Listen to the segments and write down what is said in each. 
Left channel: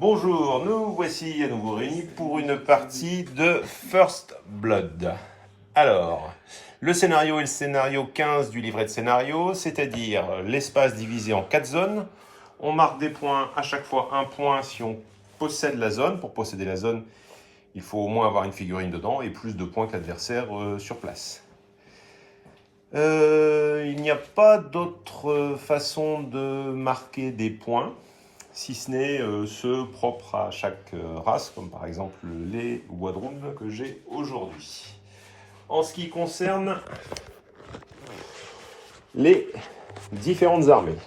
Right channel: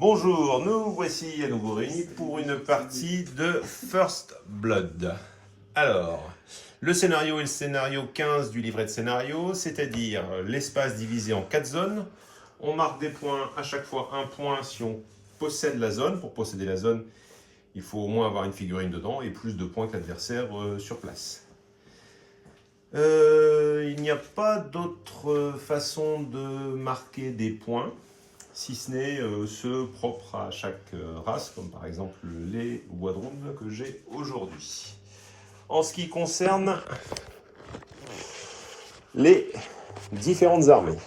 Bonjour, nous voici à nouveau réunis pour une partie de First Blood. Alors, le scénario est le scénario 15 du livret de scénario, c'est-à-dire l'espace divisé en 4 zones. On marque des points, à chaque fois un point si on possède la zone. Pour posséder la zone, il faut au moins avoir une figurine dedans et plus de points que l'adversaire sur place. Il n'y a pas d'autre façon de marquer des points, si ce n'est ceux propres à chaque race, comme par exemple les Wadroun que j'ai aujourd'hui. En ce qui concerne les différentes armées.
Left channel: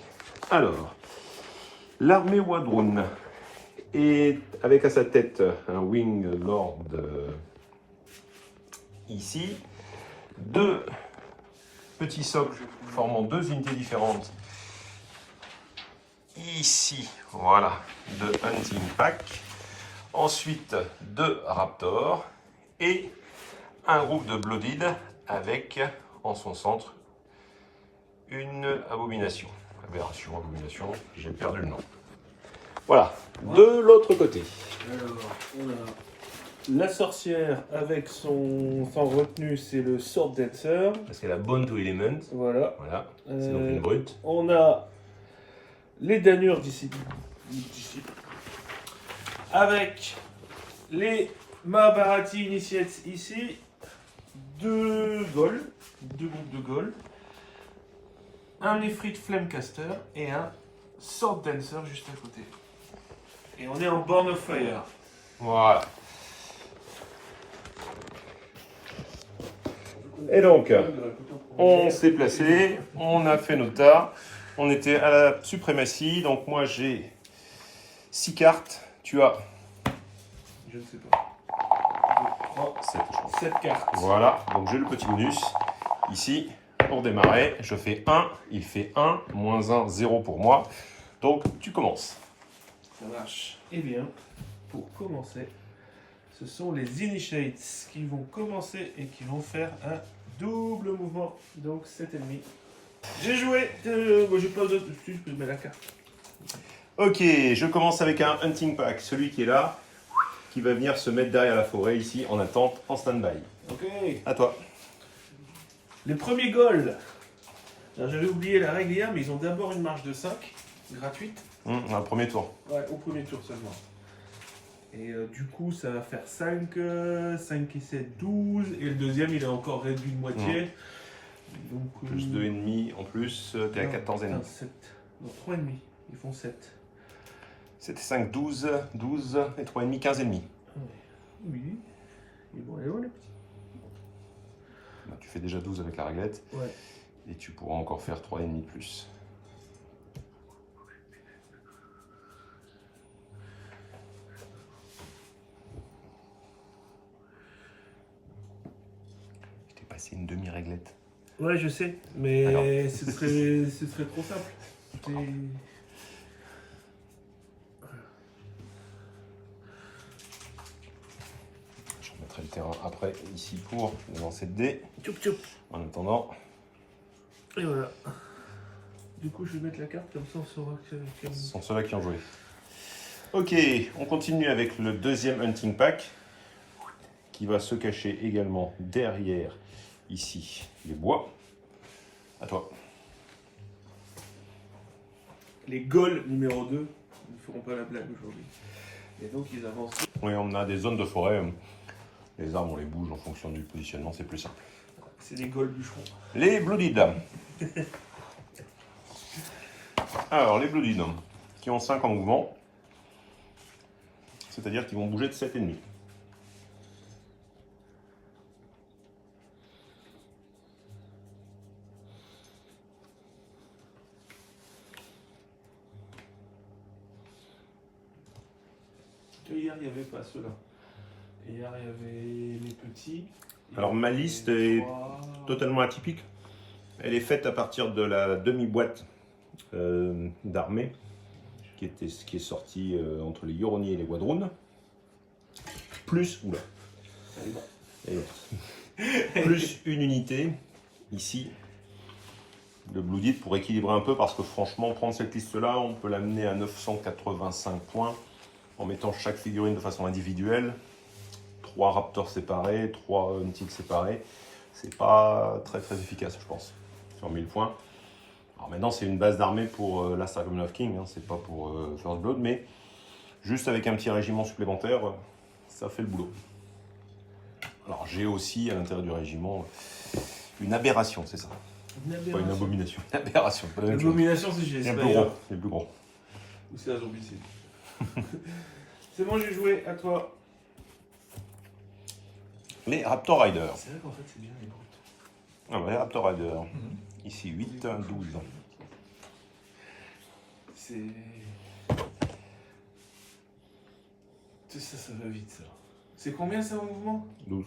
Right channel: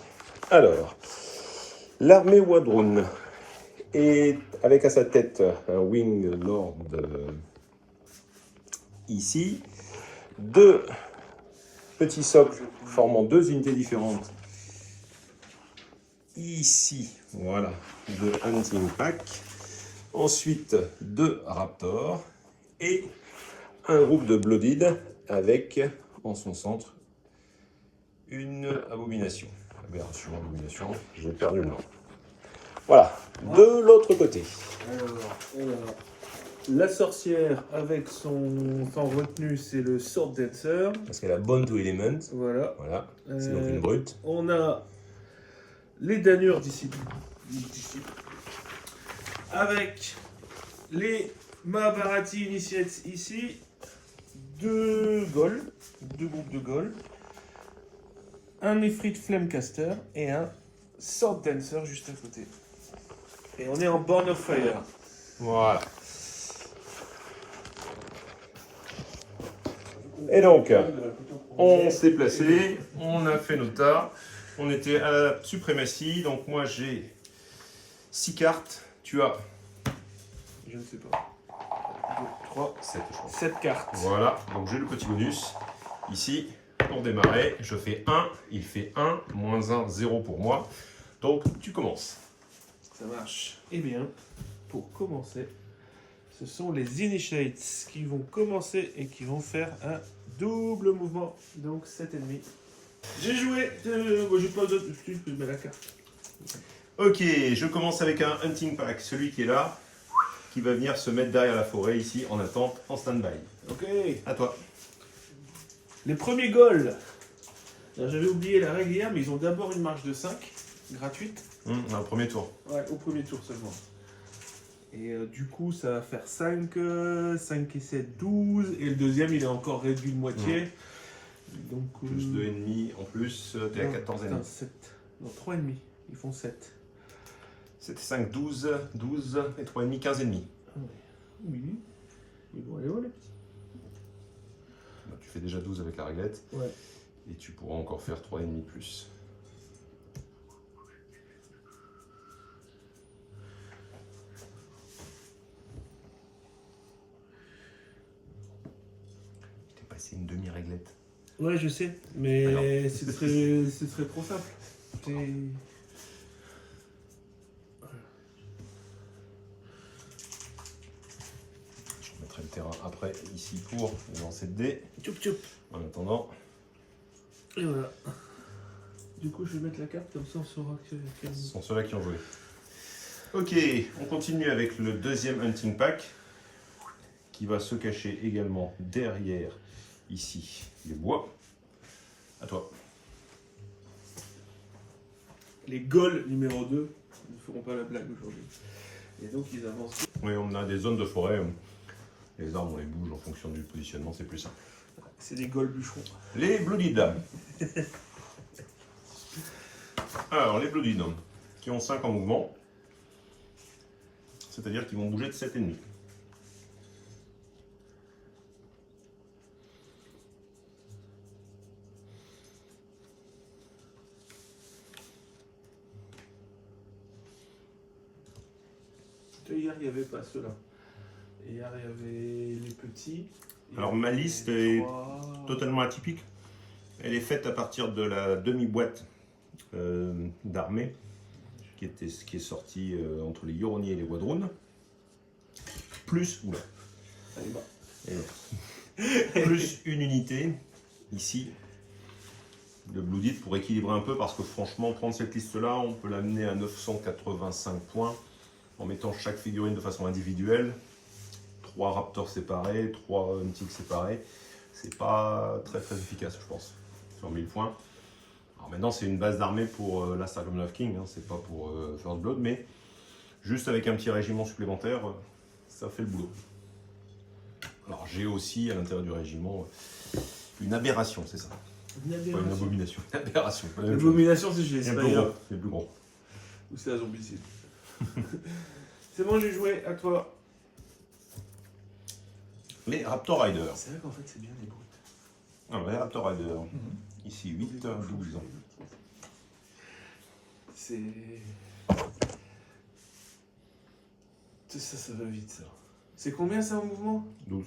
Alors, l'armée Wadroun est avec à sa tête un Wing Lord ici, deux petits socles formant deux unités différentes ici, voilà, de Hunting Pack. Ensuite, deux Raptors et un groupe de Blooded avec en son centre une abomination. Abomination, j'ai perdu le nom. Voilà, de l'autre côté. Alors, on a la sorcière avec son retenue, c'est le Sword Dancer. Parce qu'elle a Bond to Element. Voilà. Voilà, c'est donc une brute. On a les Danures d'ici. Avec les Mahabharati Initiates ici. Deux Gauls. Deux groupes de Gauls. Un Ifrit Flamecaster et un Sword Dancer juste à côté. Et on est en Born of Fire. Voilà. Et donc, on s'est placé, on a fait nos tas, on était à la suprématie, donc moi j'ai 6 cartes, tu as Je ne sais pas. 2, 3, 7, je crois. 7 cartes. Voilà, donc j'ai le petit bonus ici pour démarrer, je fais 1, il fait 1, moins 1, 0 pour moi, donc tu commences. Ça marche. Eh bien, pour commencer, ce sont les Initiates qui vont commencer et qui vont faire un double mouvement. Donc 7 ennemis. J'ai joué. J'ai pas d'autre. Je peux mettre la carte. Ok, je commence avec un Hunting Pack, celui qui est là, qui va venir se mettre derrière la forêt ici en attente, en stand-by. Ok. À toi. Les premiers goals. Alors, j'avais oublié la règle hier, mais ils ont d'abord une marge de 5, gratuite. Un premier tour. Ouais, au premier tour seulement. Et du coup, ça va faire 5, 5 et 7, 12. Et le deuxième, il est encore réduit de moitié. Donc, Plus 2 ennemis en plus, t'es à 14 ennemis. 7. Non, 3 ennemis. Ils font 7. C'était 5, 12, 12 et 3 ennemis, 15 ennemis. Oui. Ils vont aller où, les petits? Donc, tu fais déjà 12 avec la réglette. Ouais. Et tu pourras encore faire 3 ennemis de plus. Je t'ai passé une demi-réglette. Ouais, je sais. Mais Alors. ce serait trop simple. Je remettrai le terrain après, ici, pour le lancer de dés. Tchoup tchoup. En attendant, Et voilà. Du coup, je vais mettre la carte comme ça on saura quel. ce sont ceux-là qui ont joué. Ok, on continue avec le deuxième Hunting Pack, qui va se cacher également derrière, ici, les bois. À toi. Les Gauls numéro 2 ne feront pas la blague aujourd'hui. Et donc, ils avancent. Oui, on a des zones de forêt. Les arbres, on les bouge en fonction du positionnement, c'est plus simple. C'est des Gauls bûcherons. Les Blooded. Alors, les Blooded, qui ont 5 en mouvement, c'est-à-dire qu'ils vont bouger de 7 ennemis. Hier, il n'y avait pas ceux-là. Hier, il y avait les petits. Alors, ma liste est totalement atypique. Elle est faite à partir de la demi-boîte d'armée qui est sortie entre les Yoroni et les Wadroun. Plus, oula, plus une unité ici de Blooded pour équilibrer un peu parce que franchement, prendre cette liste-là, on peut l'amener à 985 points. en mettant chaque figurine de façon individuelle. 3 Raptors séparés, 3 Mythiques séparés. C'est pas très efficace, je pense, sur 1000 points. Alors maintenant, c'est une base d'armée pour Last Argument of King, hein, c'est pas pour First Blood, mais juste avec un petit régiment supplémentaire, ça fait le boulot. Alors j'ai aussi à l'intérieur du régiment une aberration, c'est ça. Une Pas une aberration. abomination. Une aberration. pas la même chose. L'abomination, c'est chez C'est le les plus Spire. gros. C'est le plus gros. Ou c'est la zombicide. C'est bon, j'ai joué, à toi. Les Raptor Riders. C'est vrai qu'en fait, c'est bien les brutes. Ah, les Raptor Riders. Ici 8, 12. C'est. Ça va vite, ça. C'est combien ça en mouvement 12.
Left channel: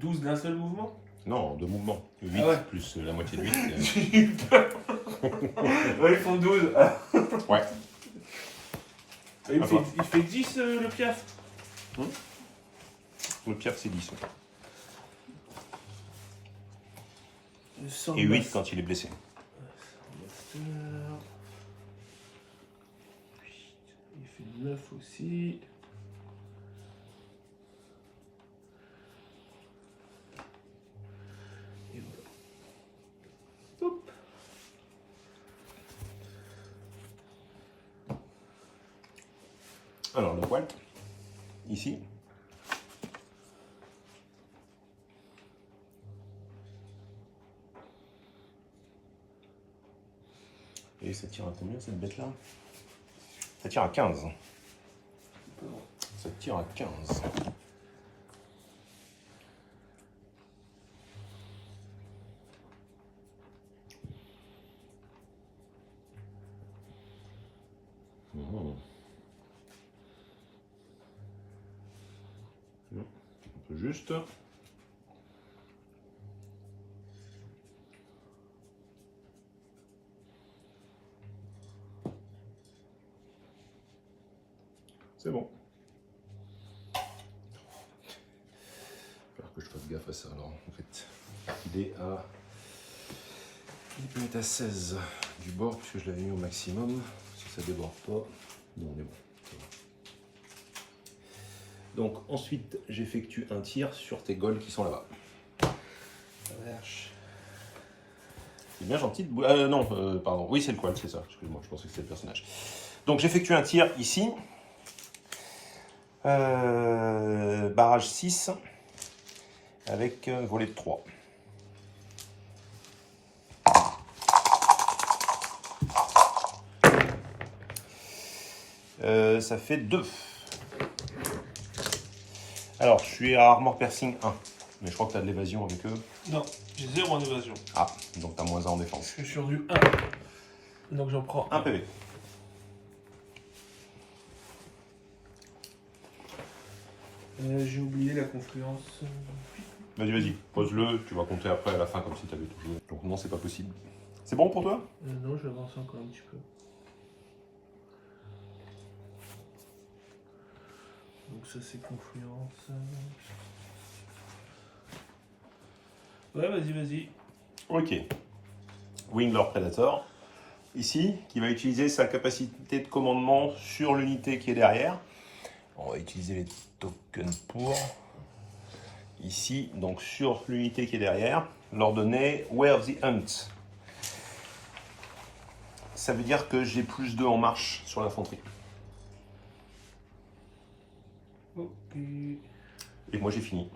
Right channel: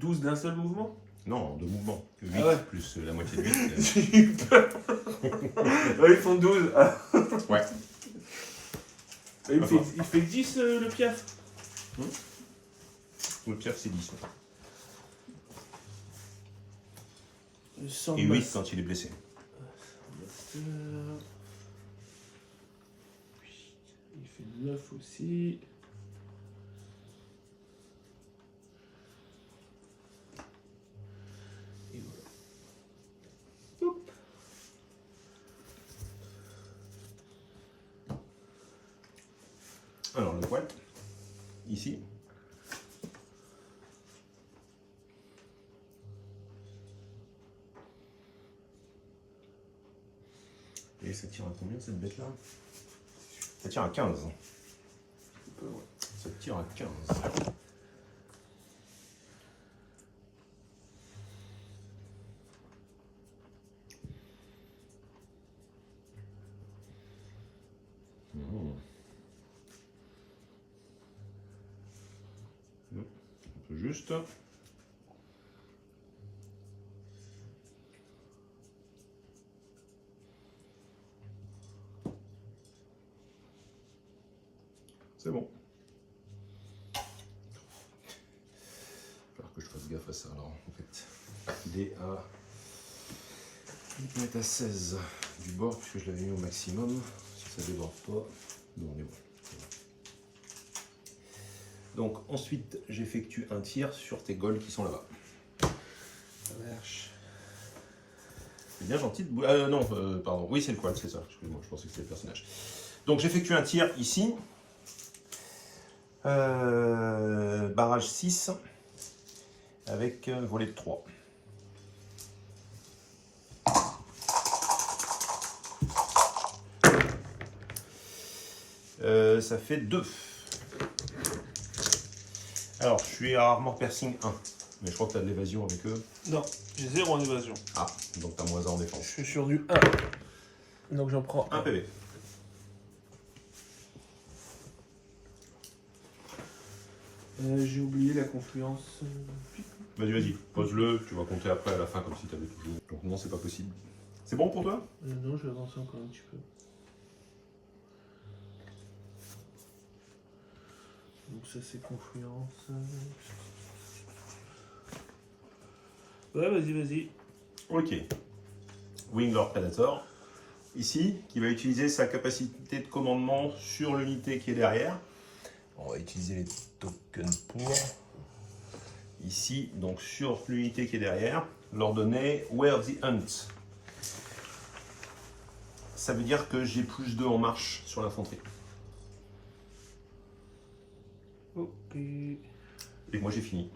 12 d'un seul mouvement Non, de mouvement. 8 Ah ouais. plus la moitié de 8. J'ai eu peur. Ouais, ils font 12. Ah. Ouais. Il fait 10 le piaf. Le piaf, c'est 10. Ouais. Sans Et 8 quand il est blessé. Il fait 9 aussi. Et voilà. Hop. Alors, le Walt, ici. Et ça tire à combien cette bête-là? Ça tire à 15. Ça tire à 15. Un peu juste. C'est bon. Il va falloir que je fasse gaffe à ça alors en fait. Il est à. Il peut être à 16 du bord puisque je l'avais mis au maximum. Si ça déborde pas. Non, on est bon. Donc ensuite j'effectue un tir sur tes goals qui sont là-bas. Ça marche. C'est bien gentil de non, pardon. Oui, c'est le quad, c'est ça. Excuse-moi, je pensais que c'était le personnage. Donc j'effectue un tir ici. Barrage 6 avec volet de 3. Ça fait 2. Alors, je suis à Armor Piercing 1. Mais je crois que tu as de l'évasion avec eux. Non, j'ai 0 en évasion. Ah, donc tu as moins 1 en Je défense. suis sur du 1. Donc j'en prends 1 PV. J'ai oublié la confluence. Vas-y, vas-y, pose-le. Tu vas compter après à la fin comme si tu avais tout joué. Donc non, c'est pas possible. C'est bon pour toi? Non, je vais avancer encore un petit peu. Donc ça c'est confluence. Ouais, vas-y. Ok. Winglord Predator. Ici, qui va utiliser sa capacité de commandement sur l'unité qui est derrière. On va utiliser les tokens pour. Ici, donc sur l'unité qui est derrière, leur donner Where the Hunt. Ça veut dire que j'ai plus 2 en marche sur l'infanterie. Ok. Et moi j'ai fini.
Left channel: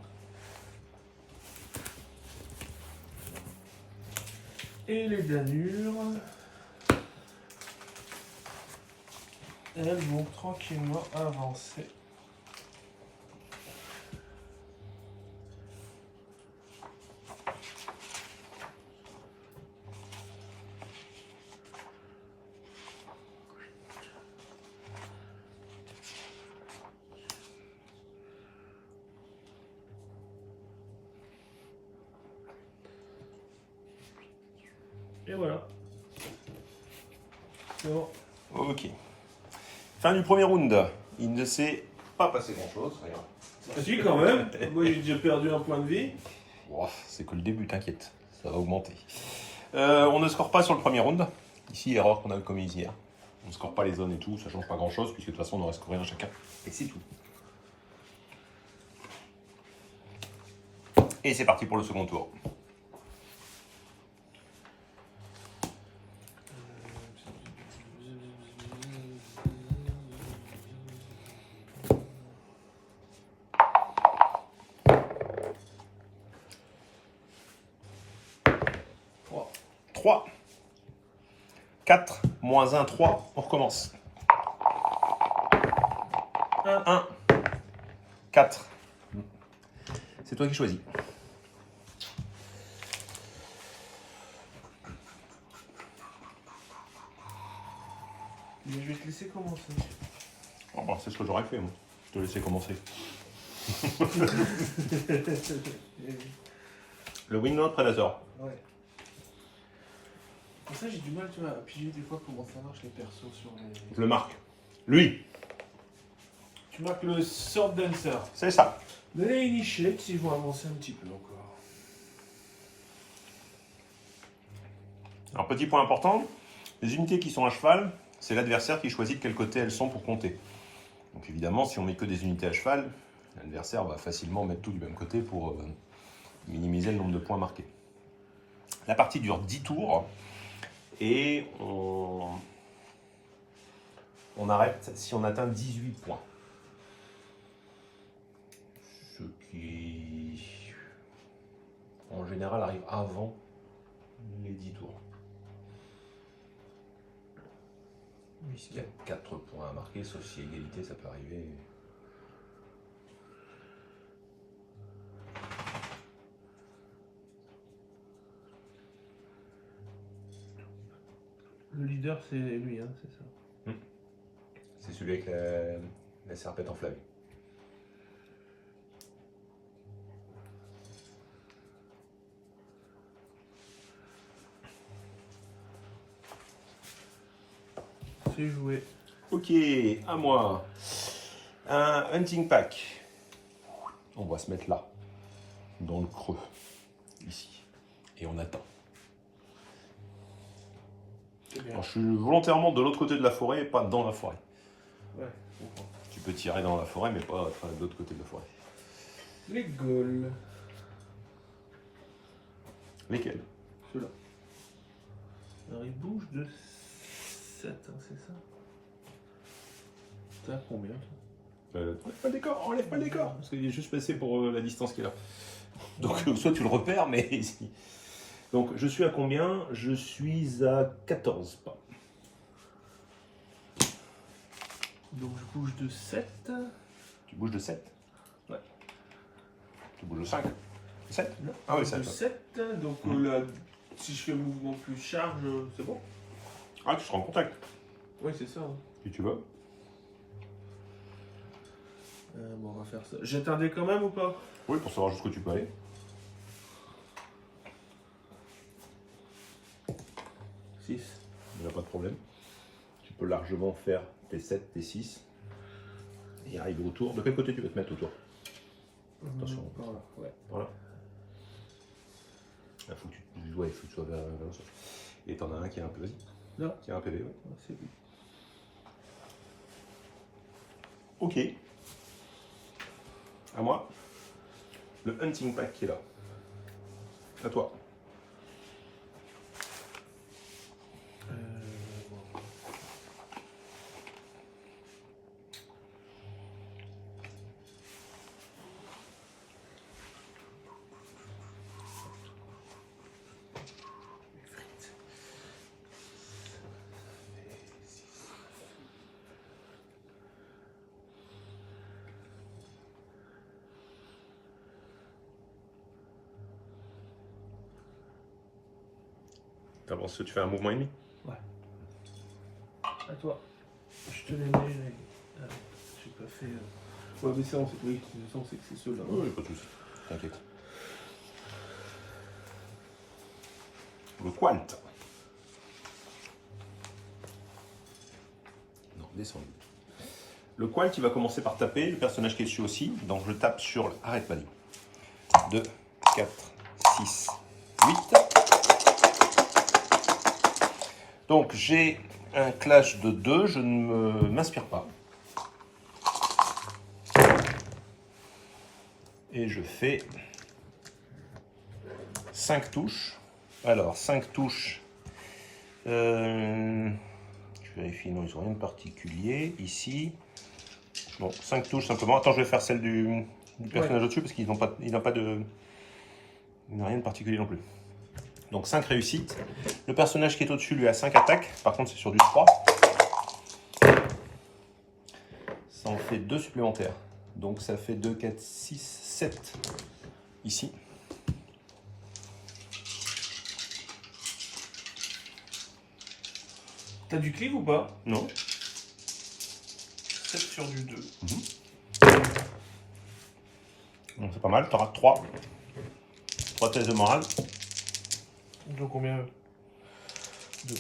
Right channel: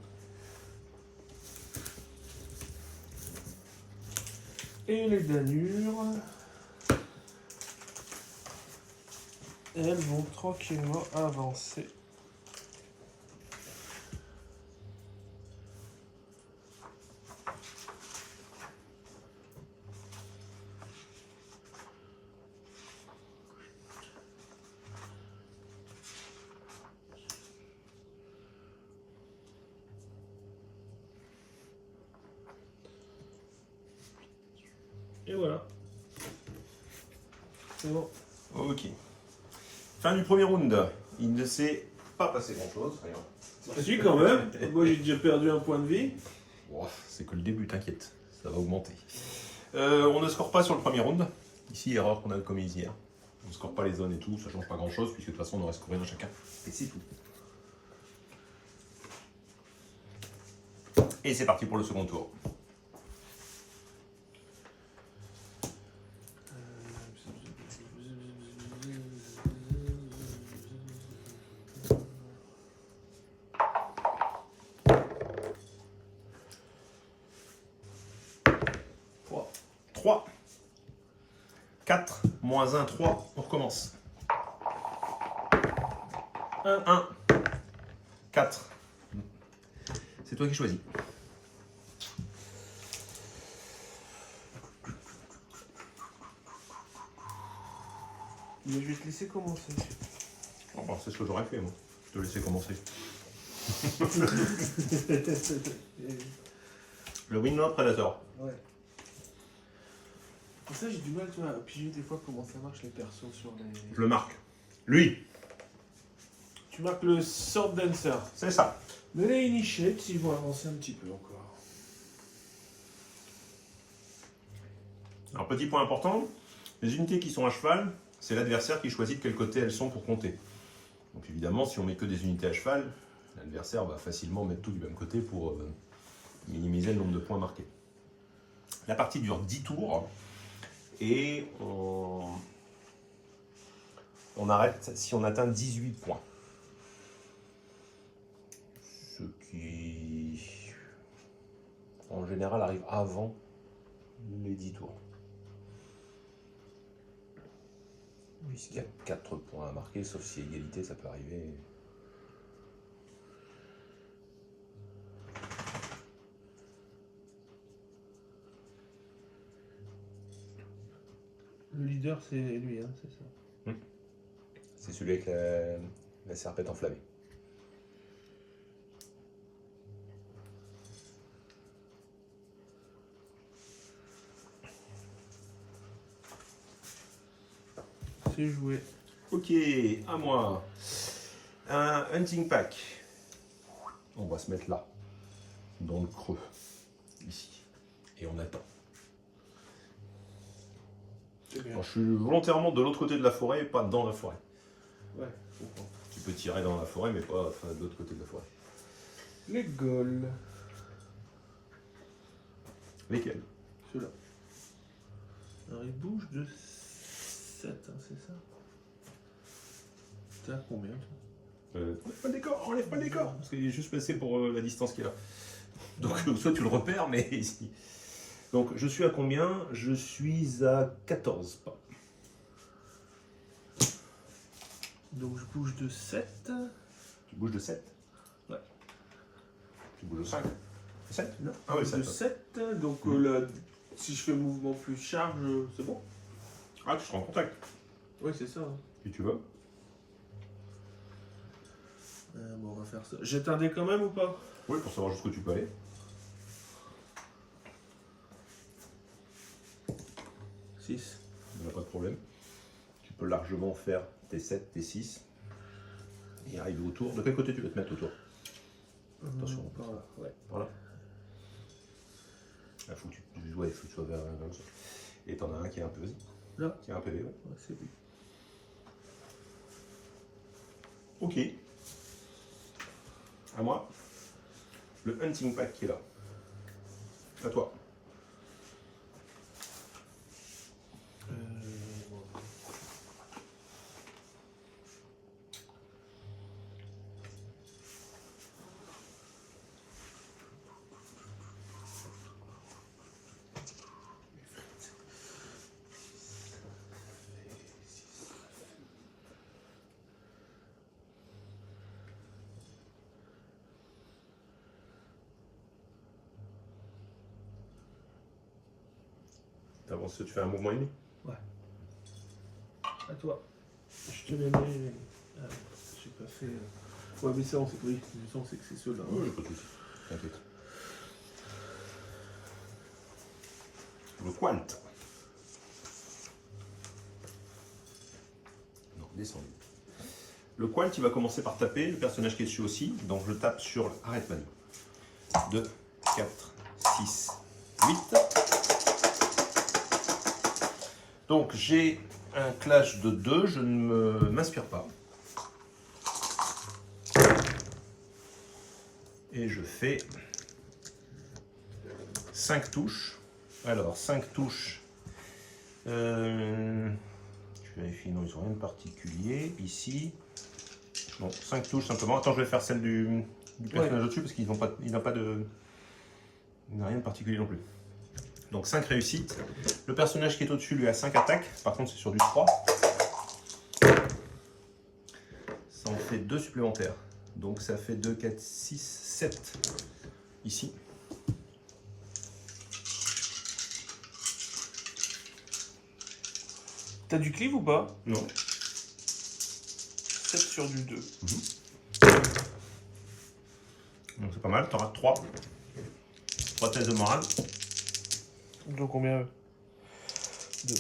Et les danures. Elles vont tranquillement avancer. Et voilà. C'est bon. Ok. Fin du premier round. Il ne s'est pas passé grand chose. Si, quand même. Moi, j'ai déjà perdu un point de vie. Bon, c'est que le début, t'inquiète. Ça va augmenter. On ne score pas sur le premier round. Ici, erreur qu'on a commise hier. On ne score pas les zones et tout, ça change pas grand chose, puisque de toute façon on aurait scoré un chacun. Et c'est tout. Et c'est parti pour le second tour. Trois. 3. 4, moins 1, 3, on recommence. 1, 4. C'est toi qui choisis. Mais je vais te laisser commencer. Oh, bah, c'est ce que j'aurais fait, moi. Je te laisser commencer. Le Windlord Predator. Ouais. Pour ça, j'ai du mal, tu vois, à piger des fois comment ça marche les persos sur les. Je le marque. Lui, Tu marques le Sword Dancer. c'est ça. Mais les Initiates, ils vont avancer un petit peu encore. Alors, petit point important, les unités qui sont à cheval, c'est l'adversaire qui choisit de quel côté elles sont pour compter. Donc évidemment, si on met que des unités à cheval, l'adversaire va facilement mettre tout du même côté pour minimiser le nombre de points marqués. La partie dure 10 tours et on arrête si on atteint 18 points. Ce qui, en général, arrive avant les 10 tours. Puisqu'il y a 4 points à marquer, sauf si égalité, ça peut arriver. Le leader, c'est lui, hein, c'est ça. C'est celui avec la serpette enflammée. C'est joué. Ok, à moi. Un hunting pack. On va se mettre là, dans le creux, ici. Et on attend. C'est bien. Alors, je suis volontairement de l'autre côté de la forêt et pas dans la forêt. Ouais, je comprends. Tu peux tirer dans la forêt, mais pas de l'autre côté de la forêt. Les Gauls. Lesquels? Ceux-là. Alors, ils bougent de 7, hein, c'est ça? T'as combien, toi? Enlève pas le décor, enlève pas le décor, parce qu'il est juste passé pour la distance qu'il a. Donc, soit tu le repères, mais ici. Donc, je suis à combien? Je suis à 14 pas. Donc, je bouge de 7. Tu bouges de 7? Ouais. Tu bouges de 5? 7? Non, Ah oui, de 7. 7. Donc, là, si je fais mouvement plus charge, c'est bon? Ah, tu seras en contact. Oui, c'est ça. Hein. Si tu veux. Bon, on va faire ça. Jette un dé quand même ou pas? Oui, pour savoir jusqu'où tu peux aller. 6. Il n'y a pas de problème. Tu peux largement faire tes 7, tes 6. Et arriver autour. De quel côté tu veux te mettre autour? Attention. Par là, ouais. Voilà. Il faut que tu sois vers ça. Et t'en as un qui est un peu. Vas-y. Là. Qui a un PV, ouais. Ouais, c'est lui. Ok. À moi. Le hunting pack qui est là. À toi. Bon. T'avances, tu fais un mouvement ennemi. À toi. Je te les mets. Ah, j'ai pas fait. Ouais, mais ça, on sait. Oui, ça, on sait que c'est ceux-là. Oui, pas de soucis. T'inquiète. Le qualt. Non, descendu. Le qualt, il va commencer par taper. Le personnage qui est dessus aussi. Donc je tape sur. Arrête, Manu. 2, 4, 6, 8. Donc j'ai un clash de 2, je ne m'inspire pas. Et je fais 5 touches. Alors, 5 touches. Je vérifie, non, ils n'ont rien de particulier. Ici. Bon, 5 touches simplement. Attends, je vais faire celle du personnage au-dessus parce qu'il n'a pas de. Il n'a rien de particulier non plus. Donc 5 réussites. Le personnage qui est au-dessus lui a 5 attaques. Par contre, c'est sur du 3. Ça en fait 2 supplémentaires. Donc ça fait 2, 4, 6, 7 ici. T'as du cleave ou pas? Non. 7 sur du 2. Donc c'est pas mal, tu auras 3. 3 tests de morale. Donc combien? 2.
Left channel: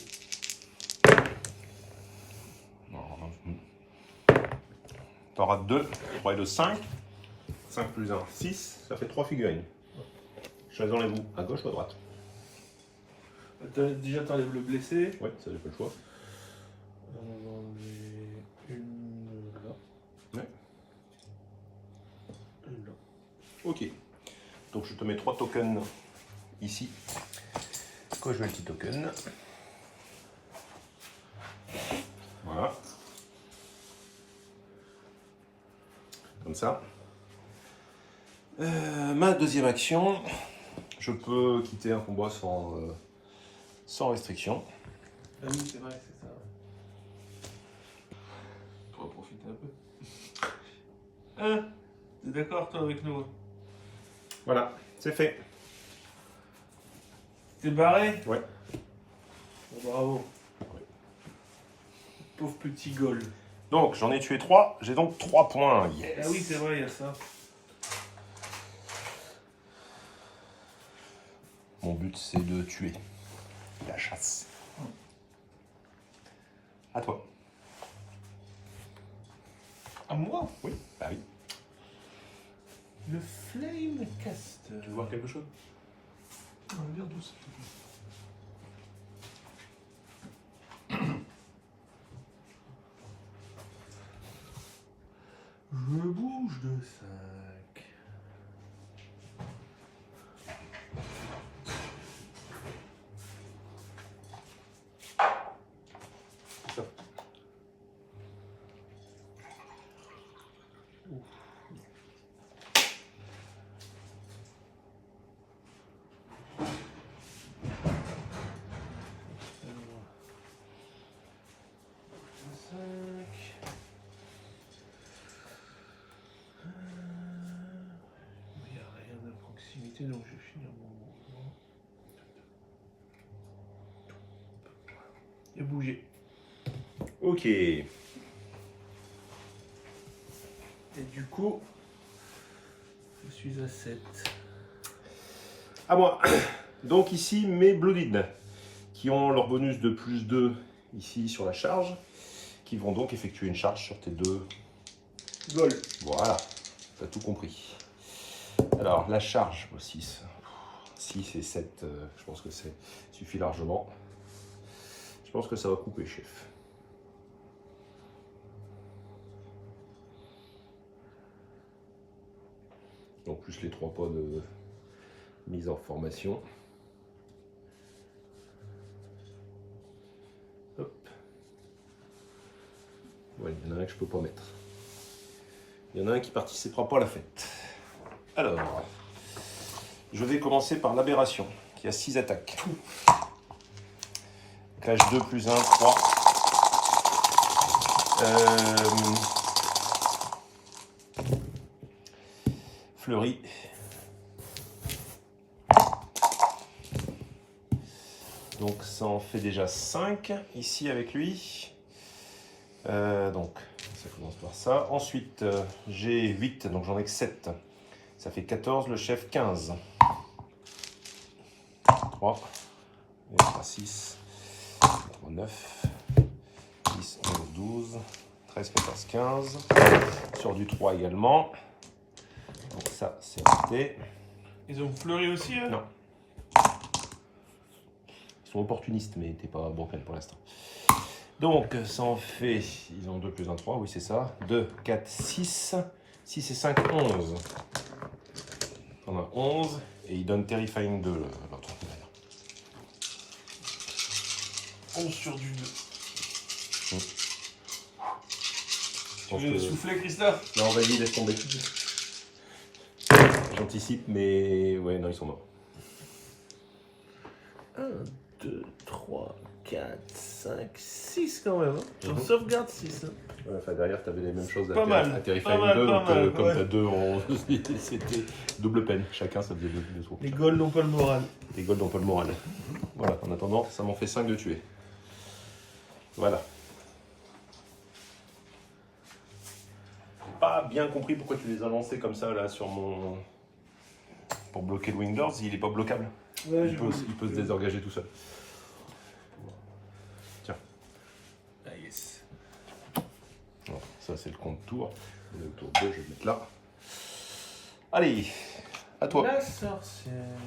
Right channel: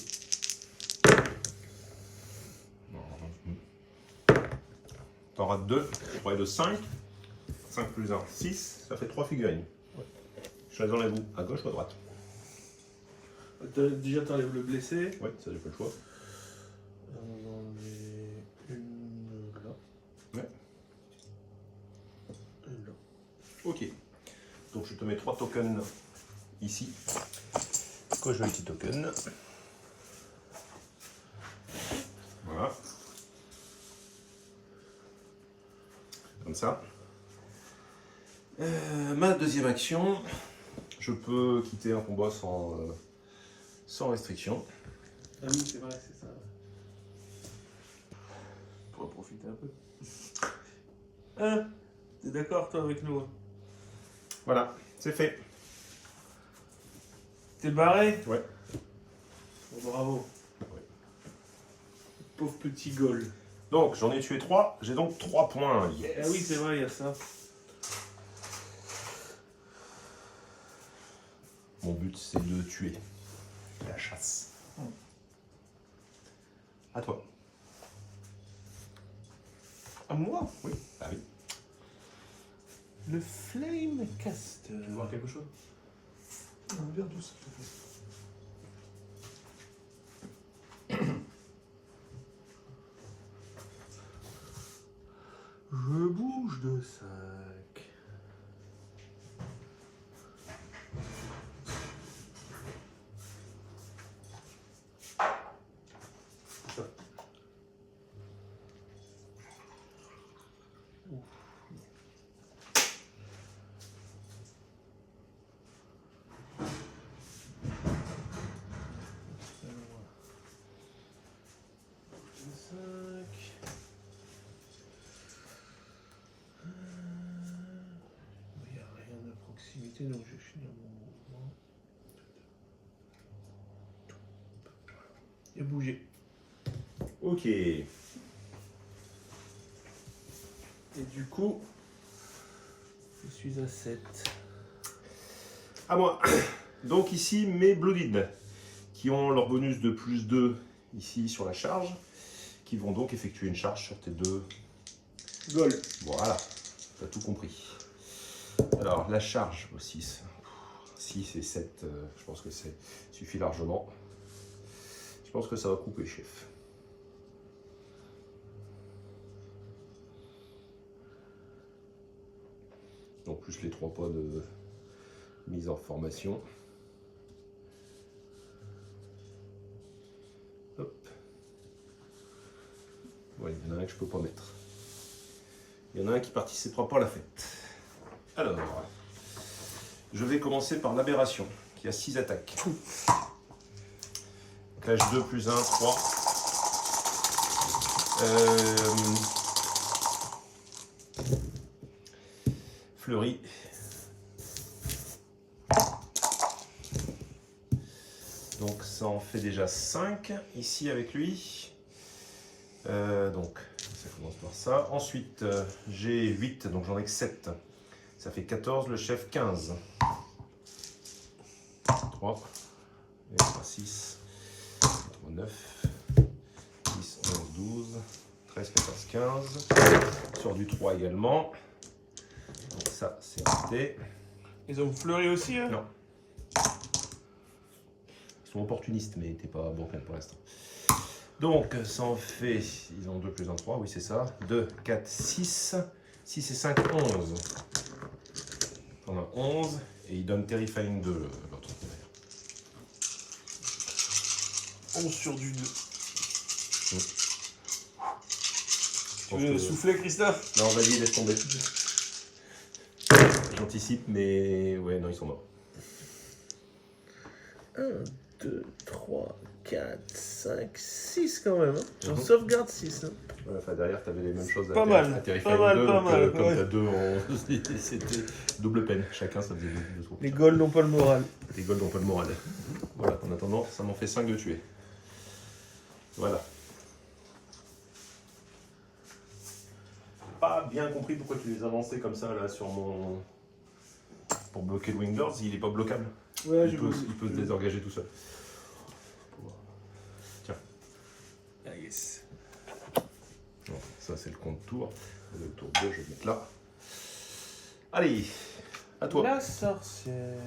Tu auras 2, 3 et 2, 5. 5 plus 1, 6. Ça fait 3 figurines. Ouais. Choisissez-vous à gauche ou à droite. Déjà, t'enlèves le blessé. Oui, ça j'ai pas le choix. On va enlever une là. Ouais. Une là. Ok. Donc je te mets 3 tokens ici. Casualty token. Voilà. Comme ça. Ma deuxième action, je peux quitter un combat sans restriction. Ah oui, c'est vrai, c'est ça. Pour profiter un peu. Hein? T'es d'accord, toi, avec nous? Voilà, c'est fait. T'es barré? Ouais. Bon, bravo. Ouais. Pauvre petit goal. Donc j'en ai tué 3, j'ai donc 3 points. Yes. Ah oui, c'est vrai, il y a ça. Mon but c'est de tuer. La chasse. À toi. À moi? Oui. Bah oui. Le Flame Caster. Tu veux voir quelque chose? Un verre douce. Je bouge de 5. Il n'y a rien à proximité, donc je vais finir mon mouvement. Et bouger. Ok. Et du coup, je suis à 7. À moi. Donc ici mes Blooded, qui ont leur bonus de plus 2 ici sur la charge, qui vont donc effectuer une charge sur tes 2. Goal. Voilà, t'as tout compris. Alors la charge, 6. 6 et 7, je pense que ça suffit largement. Je pense que ça va couper, chef. Donc plus les 3 pas de mise en formation. Hop. Ouais, il y en a un que je peux pas mettre. Il y en a un qui participera pas à la fête. Alors, je vais commencer par l'aberration, qui a 6 attaques. Clash 2 plus 1, 3. Fleury. Donc ça en fait déjà 5 ici avec lui. Donc ça commence par ça. Ensuite j'ai 8, donc j'en ai que 7. Ça fait 14, le chef 15. 3, 6, 9, 10, 11, 12, 13, 14, 15. Sur du 3 également. Donc ça c'est raté. Ils ont fleuri aussi, hein? Non. Ils sont opportunistes, mais t'es pas bancal pour l'instant. Donc, ça en fait, ils ont 2 plus 1, 3, oui c'est ça. 2, 4, 6. 6 et 5, 11. On a 11, et il donne Terrifying 2, l'autre. 11 sur du 2. Tu veux veux souffler, Christophe? Non, vas-y, laisse tomber. J'anticipe, mais ouais, non, ils sont morts. 1, 2, 3, 4, 5, 6 quand même. Hein. J'en sauvegarde 6. Hein. Ouais, enfin, derrière, t'avais les mêmes choses Pas mal, à Terrifying pas mal, 2, pas donc mal, comme ouais. t'as 2, c'était double peine. Chacun, ça faisait 2 tours. Les Gauls n'ont pas le moral. Les Golds n'ont pas le moral. Voilà, en attendant, ça m'en fait 5 de tuer. Voilà. J'ai pas bien compris pourquoi tu les as lancés comme ça, là, sur mon... Pour bloquer le Wingers, il est pas bloquable. Ouais, Il peut se désengager tout seul. Tiens. Ah yes. Bon, ça, c'est le compte tour. Le tour 2, je vais le mettre là. Allez, à toi. La sorcière.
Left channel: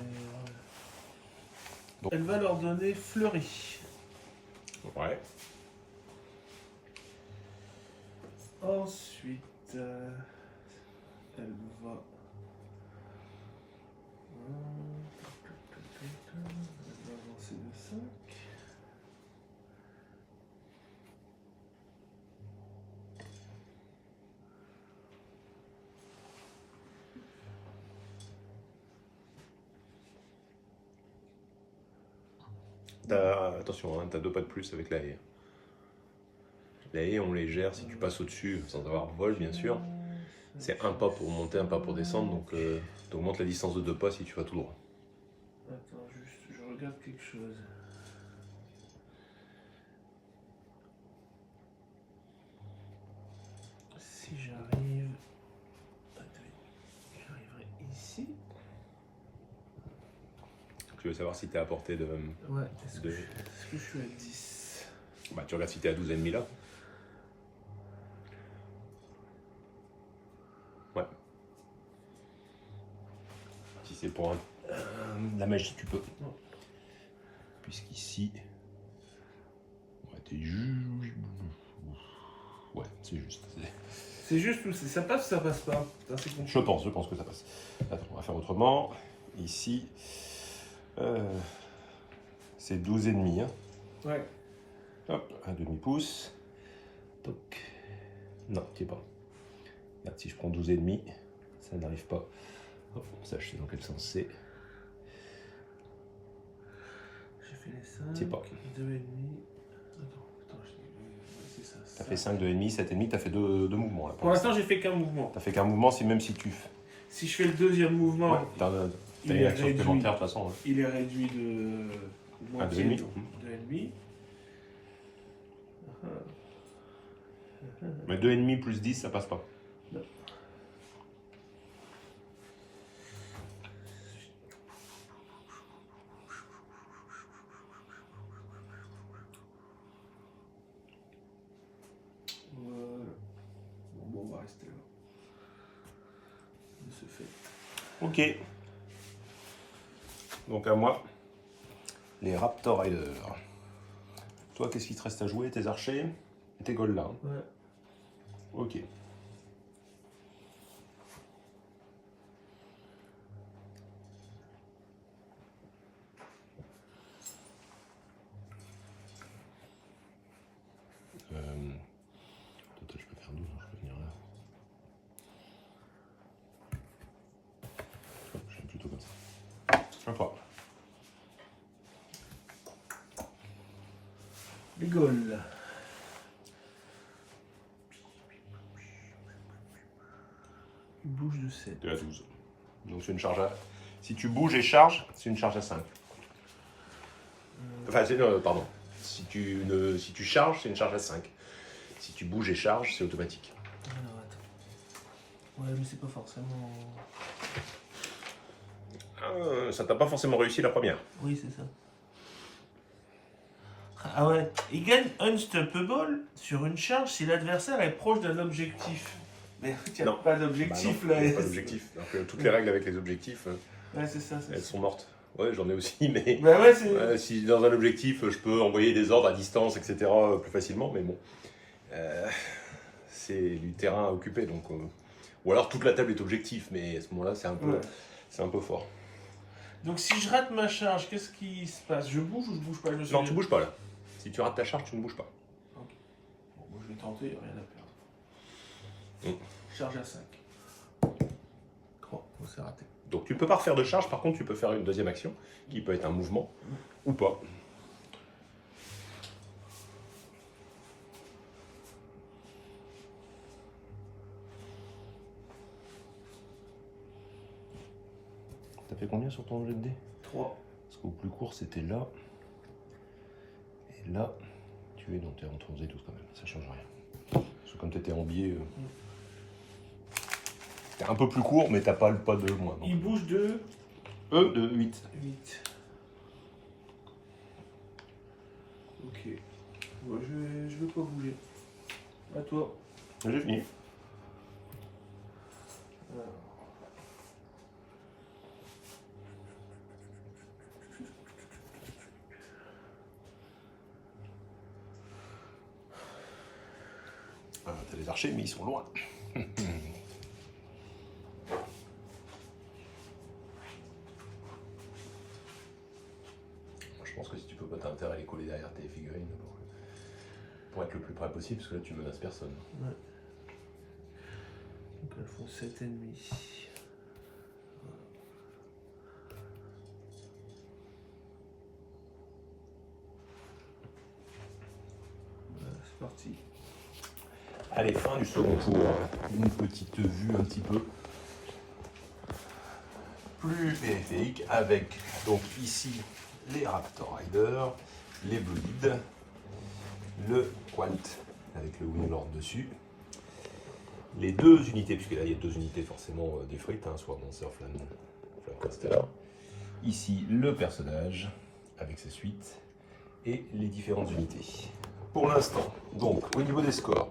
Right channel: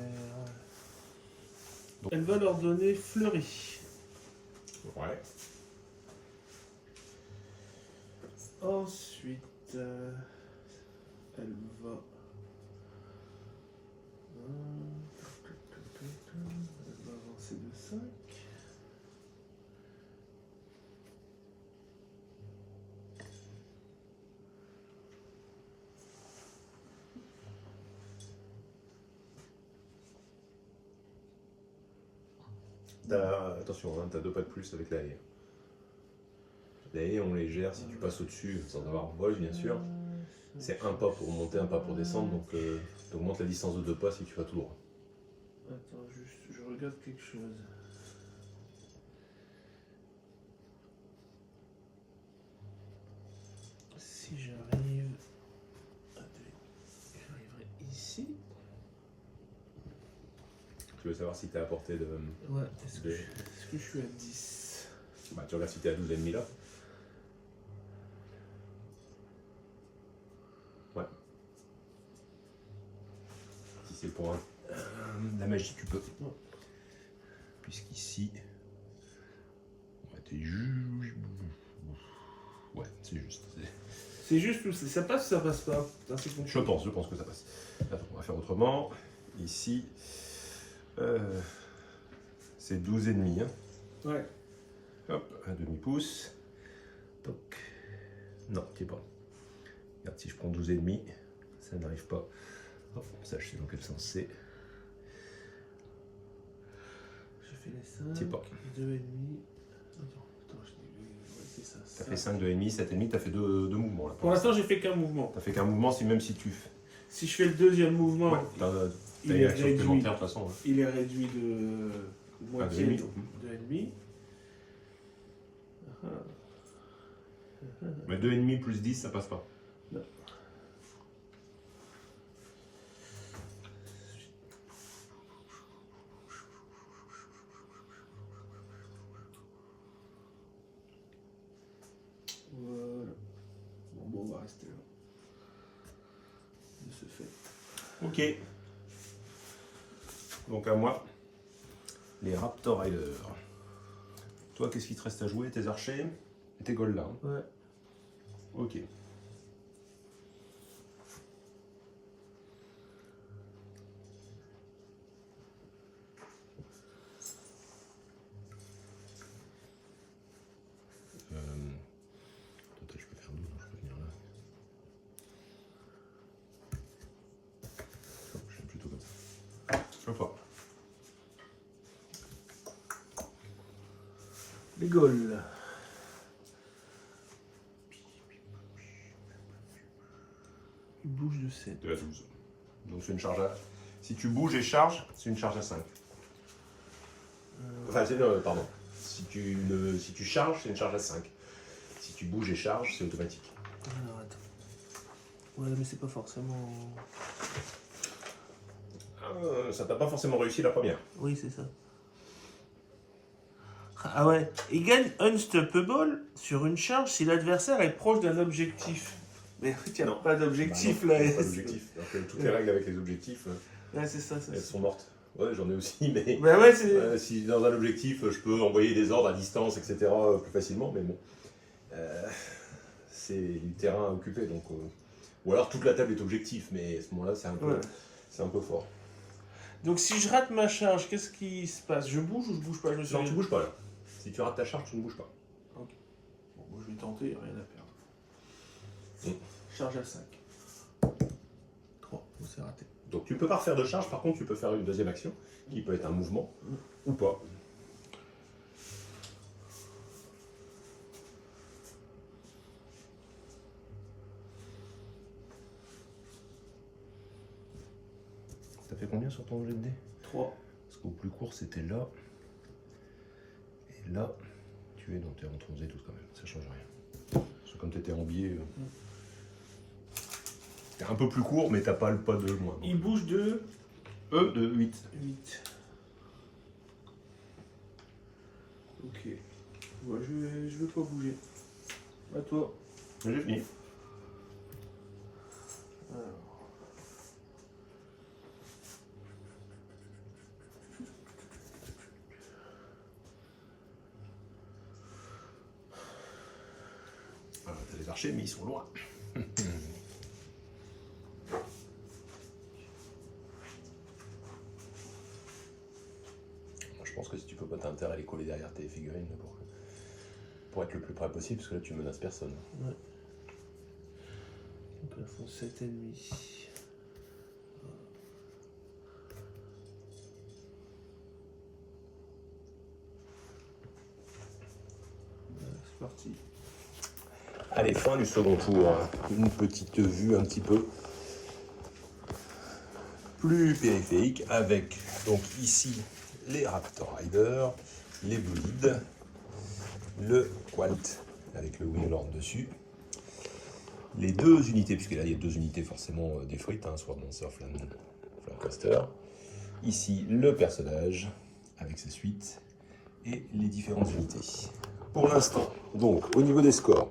Elle va leur donner Fleury. Ouais. Ensuite, elle va... Elle va avancer de 5. Attention, hein, t'as 2 pas de plus avec la haie. La haie, on les gère si tu passes au-dessus, sans avoir vol, bien sûr. C'est un pas pour monter, un pas pour descendre, donc t'augmentes la distance de 2 pas si tu vas tout droit. Attends, juste, je regarde quelque chose. Si j'arrive... J'arriverai ici. Tu veux savoir si t'es à portée de... Ouais, est-ce que je suis à 10? Bah, tu regardes si t'es à 12 ennemis là. Ouais. Si c'est pour la magie, tu peux. Puisqu'ici... Ouais, t'es juste... Ouais, c'est juste. C'est juste ou ça passe ou ça passe pas? Je pense que ça passe. Attends, on va faire autrement. Ici... c'est 12 ennemis. Hein. Ouais. Hop, un demi-pouce. Toc. Non, tu es pas. Regarde, si je prends 12 ennemis, ça n'arrive pas. Hop, ça, je sais dans quel sens c'est. J'ai fait les 5. Tu es pas. 2 ennemis. Attends, c'est ça. T'as fait 5 de ennemis, 7 ennemis, t'as fait 2 mouvements là. Pour l'instant, j'ai fait qu'un mouvement. T'as fait qu'un mouvement, même si tu. Si je fais le deuxième mouvement, Ouais, t'as il une est action réduit. supplémentaire de toute façon. Ouais. Il est réduit de moitié, demi. donc 2,5. Mais 2 ennemis plus 10, ça passe pas. Non. Voilà. Bon, on va rester là. De ce fait. Ok. Donc à moi, les Raptor Riders. Toi, qu'est-ce qui te reste à jouer? Tes archers et tes golds là. Hein. Ouais. Ok. Attends, je peux faire 12, je peux venir là. Oh, je fais plutôt comme ça. Je sais pas. Les Gauls. Il bouge de 7. De la 12. Donc c'est une charge à... Si tu bouges et charges, c'est une charge à 5. Enfin, c'est pardon. Si tu charges, c'est une charge à 5. Si tu bouges et charges, c'est automatique. Alors attends. Ouais, mais c'est pas forcément. Ça t'a pas forcément réussi la première. Oui, c'est ça. Ah ouais. Il gagne Unstoppable sur une charge si l'adversaire est proche d'un objectif. Mais il n'y a Non. pas d'objectif Bah non, là. pas d'objectif. Donc toutes les règles avec les objectifs, Ouais, c'est ça. elles sont mortes. Ouais, j'en ai aussi, mais Bah ouais, c'est... si dans un objectif, je peux envoyer des ordres à distance, etc. Plus facilement, mais bon. C'est du terrain à occuper, donc... Ou alors toute la table est objectif, mais à ce moment-là, Ouais. c'est un peu fort. Donc si je rate ma charge, qu'est-ce qui se passe? Je bouge ou je bouge pas? Je me Non, souviens. tu bouges pas là. Si tu rates ta charge, tu ne bouges pas. Ok. Bon, moi je vais tenter, rien à perdre. Charge à 5. Oh, c'est raté. Donc tu peux pas refaire de charge, par contre tu peux faire une deuxième action, qui peut être un mouvement, ou pas. T'as fait combien sur ton jet de dés? 3. Parce qu'au plus court c'était là, et là, tu es donc t'es entre 11 et 12 quand même, ça change rien. Parce que comme tu étais en biais, t'es un peu plus court, mais t'as pas le pas de moins. Il bouge de De 8. 8. Ok. Ouais, je vais pas bouger. À toi. J'ai fini. Alors. Ah, t'as des archers, mais ils sont loin. Je pense que si tu peux pas, t'as intérêt à les coller derrière tes figurines pour être le plus près possible, parce que là tu menaces personne. Ouais. Donc elles font 7,5. Voilà, c'est parti. Allez, fin du second tour. Une petite vue un petit peu plus périphérique avec donc ici les Raptor Riders, les Blooded, le Qualt avec le Winglord dessus, les deux unités, puisque là il y a deux unités forcément des frites, hein, Sword Dancer, Flamcaster. Ici le personnage avec sa suite et les différentes unités. Pour l'instant, donc au niveau des scores,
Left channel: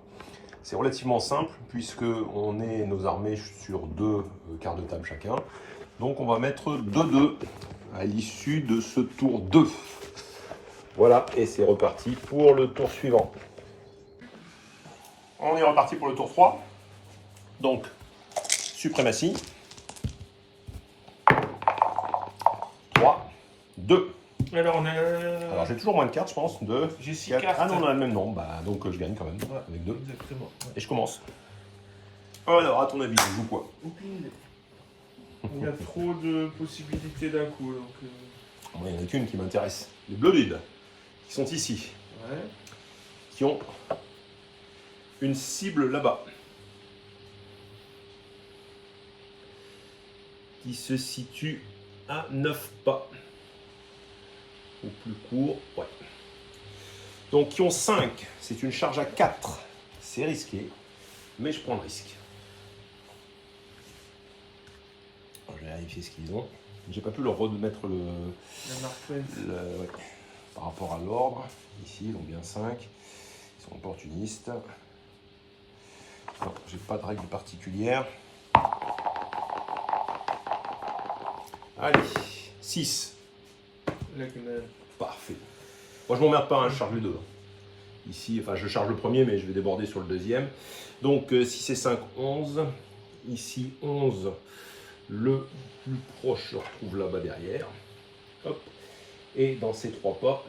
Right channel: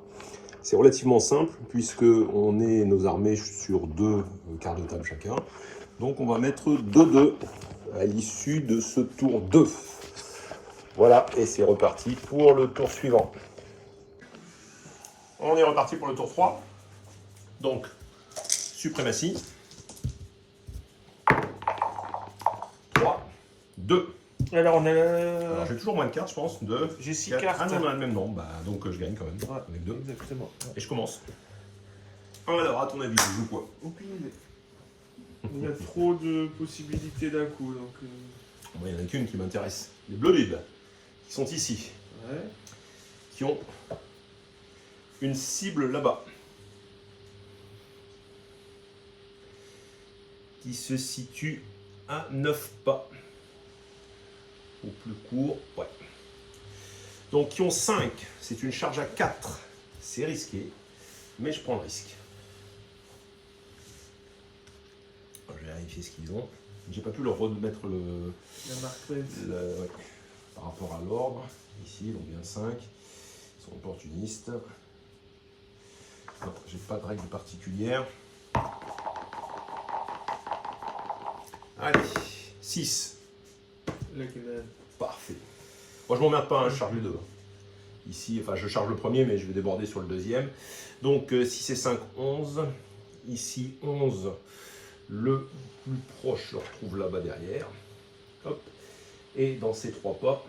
c'est relativement simple puisque on est nos armées sur 2 quarts de table chacun. Donc on va mettre 2-2 à l'issue de ce tour 2. Voilà, et c'est reparti pour le tour suivant. On est reparti pour le tour 3. Donc, suprématie. 3, 2. Alors on a... Alors j'ai toujours moins de cartes, je pense. 2, J'ai 6 4. cartes. Ah non, on a le même nombre, bah, donc je gagne quand même, Ouais, avec 2. exactement. Ouais. Et je commence. Alors, à ton avis, je joue quoi? Aucune idée. Il y a trop de possibilités d'un coup, donc... Moi, il n'y en a qu'une qui m'intéresse. Les Blooded, qui sont ici, Ouais. qui ont une cible là-bas, qui se situe à 9 pas, au plus court, ouais. Donc, qui ont 5, c'est une charge à 4, c'est risqué, mais je prends le risque. Je vais vérifier ce qu'ils ont. J'ai pas pu leur remettre La marque Pence. ouais, par rapport à l'ordre. Ici, ils ont bien 5. Ils sont opportunistes. J'ai pas de règles particulières. Allez, 6. La canal. Parfait. Moi, je m'emmerde pas, hein, je charge les deux. Ici, enfin, je charge le premier, mais je vais déborder sur le deuxième. Donc, 6 et 5, 11. Ici, 11. Le plus proche se retrouve là-bas derrière. Hop. Et dans ces 3 pas,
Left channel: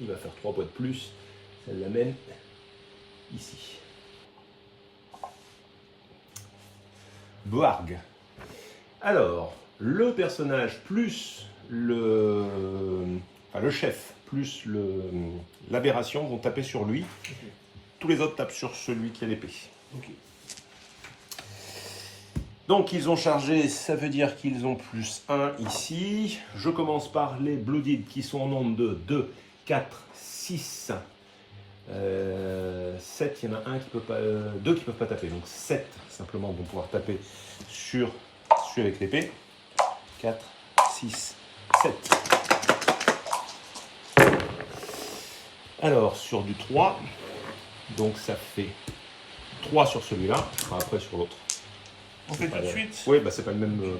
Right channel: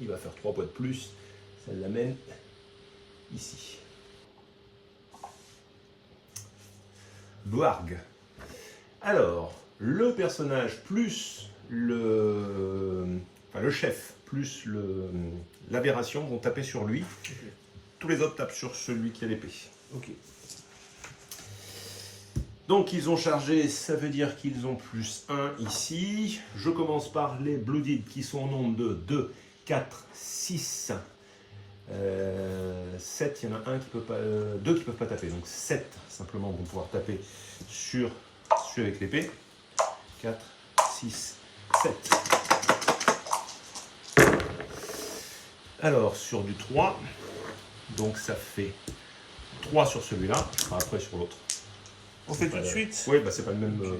il va faire 3 poids de plus. Ça l'amène ici. Boarg. Alors, le personnage plus le chef plus l'aberration vont taper sur lui. Ok. Tous les autres tapent sur celui qui a l'épée. Ok. Donc ils ont chargé, ça veut dire qu'ils ont plus 1 ici. Je commence par les Blooded qui sont au nombre de 2, 4, 6, 7. Il y en a un qui peut pas, 2 qui ne peuvent pas taper. Donc 7 simplement vont pouvoir taper sur celui avec l'épée. 4, 6, 7. Alors sur du 3, donc ça fait 3 sur celui-là, enfin, après sur l'autre. On fait tout de suite. Oui, bah c'est pas le même. Donc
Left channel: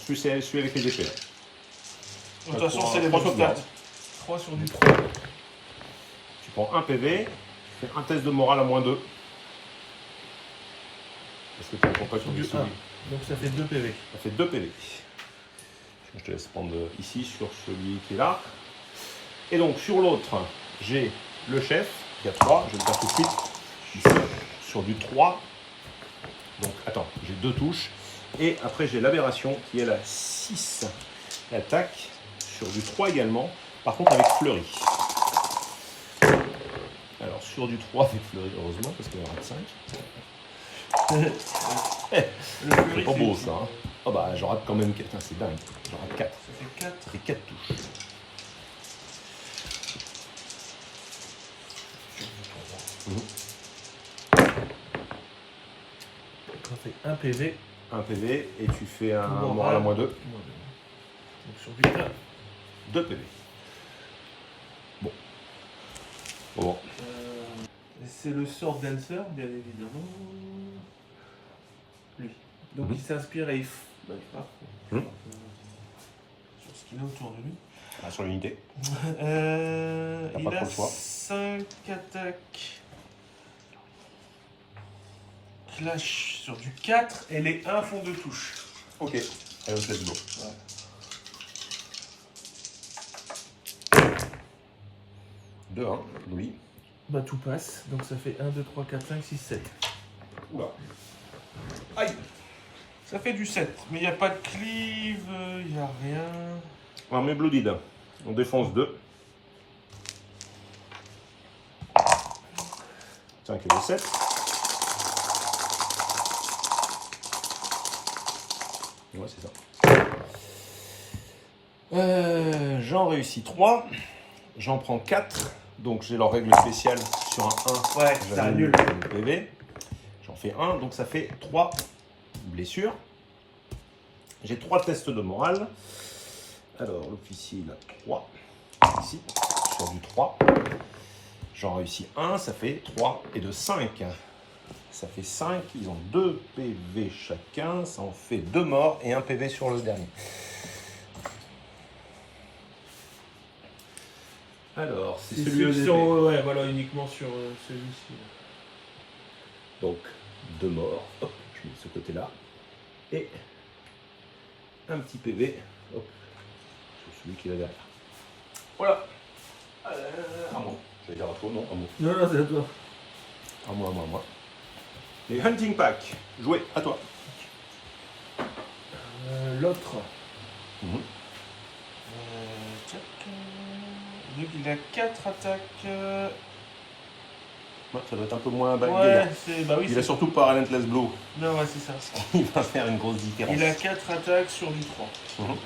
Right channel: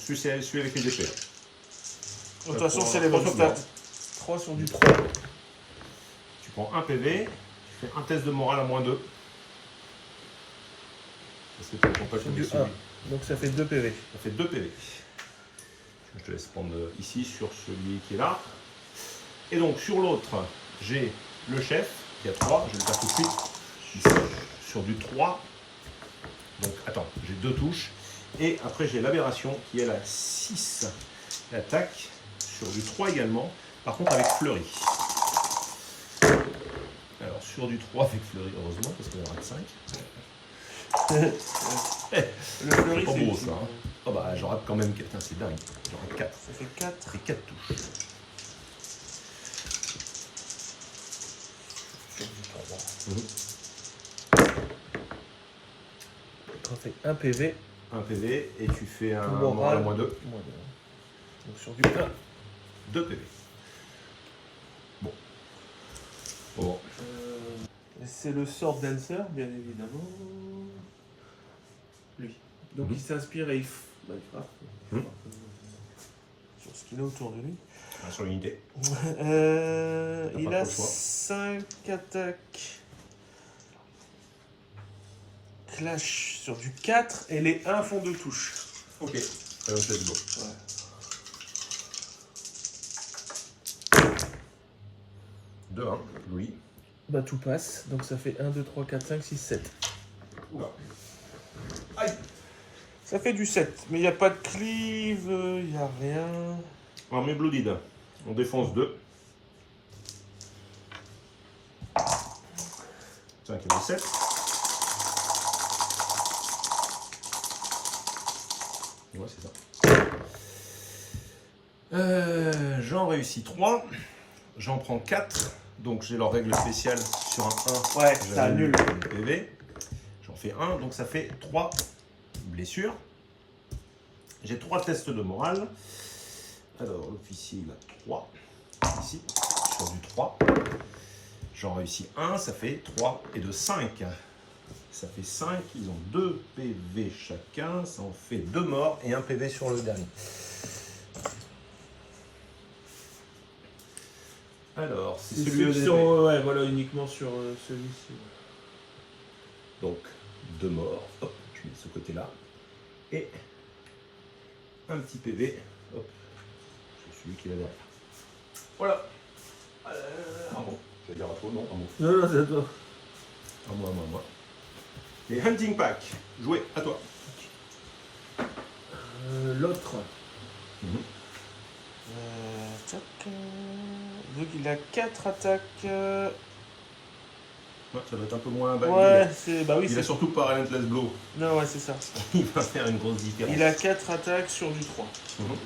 celui avec les épées. De toute façon, c'est les trois mêmes sauvegardes. stats. 3 sur du 3. Tu prends un PV, tu fais un test de morale à -2. Parce que tu ne pas sur Du du 1. Donc ça fait 2 PV. Ça fait 2 PV. Je te laisse prendre ici sur celui qui est là. Et donc sur l'autre, j'ai le chef, qui a 3, je vais le faire tout de suite. Ici, sur du 3. Donc attends, j'ai 2 touches. Et après j'ai l'aberration qui est la 6. L'attaque sur du 3 également. Par contre avec fleurie. Alors sur du 3 avec fleurie, heureusement, parce qu'il y aura de 5. C'est pas beau ça. Hein. Oh bah je rate quand même quelqu'un, c'est dingue. Je rate 4. Ça fait 4. Ça fait 4 touches. Sur du 3. Mmh. Ça fait 1 PV. Un PV et tu fais un Moral. moral à -2. Donc sur du 1. 2 PV. Bon. Bon. C'est le sort Dancer, bien évidemment. Lui. Donc il s'inspire et il frappe. Mhm. Sur ce qu'il a autour de lui. Sur l'unité. Il pas a trop le choix. 5 attaques. Clash sur du 4 et les 1 font 2 touches. Ok. Allez, let's go. Ouais. Deux, hein. Oui. Bah tout passe, donc ça fait 1, 2, 3, 4, 5, 6, 7. Oula. Aïe. Ça fait du 7, mais il n'y a pas de cleave, il n'y a rien. Armée blooded. On défonce 2. 5 et 7. Ouais, c'est ça. J'en réussis 3. J'en prends 4. Donc j'ai leur règle spéciale sur un 1. Ouais, ça annule. Le PV. J'en fais 1, donc ça fait 3 blessures. J'ai 3 tests de morale. Alors l'officier il a 3. Ici, sur du 3. J'en réussis 1, ça fait 3 et de 5. Ça fait 5, ils ont 2 PV chacun, ça en fait 2 morts et 1 PV sur le dernier. Alors, c'est celui ouais, voilà, uniquement sur celui-ci. Donc, 2 morts, hop, je mets de ce côté-là. Et un petit PV, hop, sur celui qui est là derrière. Voilà. Ah bon, je vais dire à toi, non, à moi. Non, c'est à toi. À moi. Les Hunting Pack, jouez, à toi. L'autre. Mhm. Donc il a 4 attaques. Ouais, ça doit être un peu moins bagué. Ouais, c'est. Bah oui, Il a c'est. surtout pas Relentless Blow. Non, ouais, c'est ça. Il va faire une grosse différence. Il a 4 attaques sur du 3. Mhm.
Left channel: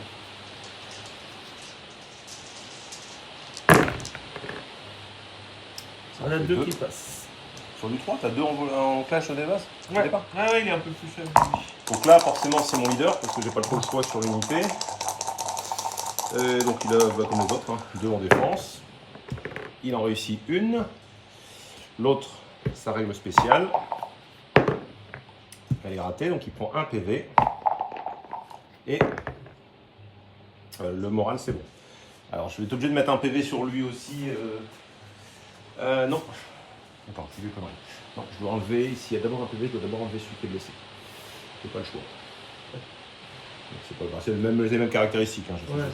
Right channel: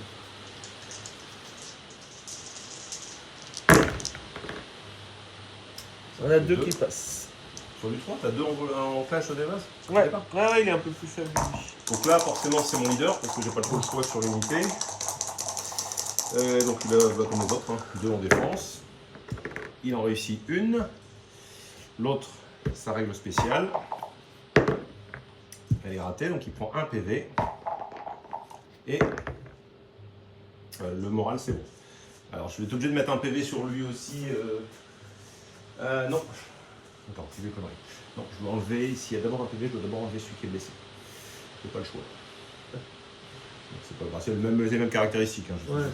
On a 2 deux. qui passent. Sur du 3, t'as 2 en clash au départ. Ouais, ouais, il est un peu plus faible. lui. Donc là, forcément, c'est mon leader parce que j'ai pas trop le choix sur l'unité. Donc il a comme les autres, 2 en défense. Il en réussit une. L'autre, sa règle spéciale. Elle est ratée, donc il prend un PV. Et le moral, c'est bon. Alors je vais être obligé de mettre un PV sur lui aussi. Non. Attends, c'est lui connerie. Non, je dois enlever, s'il y a d'abord un PV, je dois d'abord enlever celui qui est blessé. J'ai pas le choix. Donc, c'est pas grave, c'est les mêmes caractéristiques. Hein, Ouais.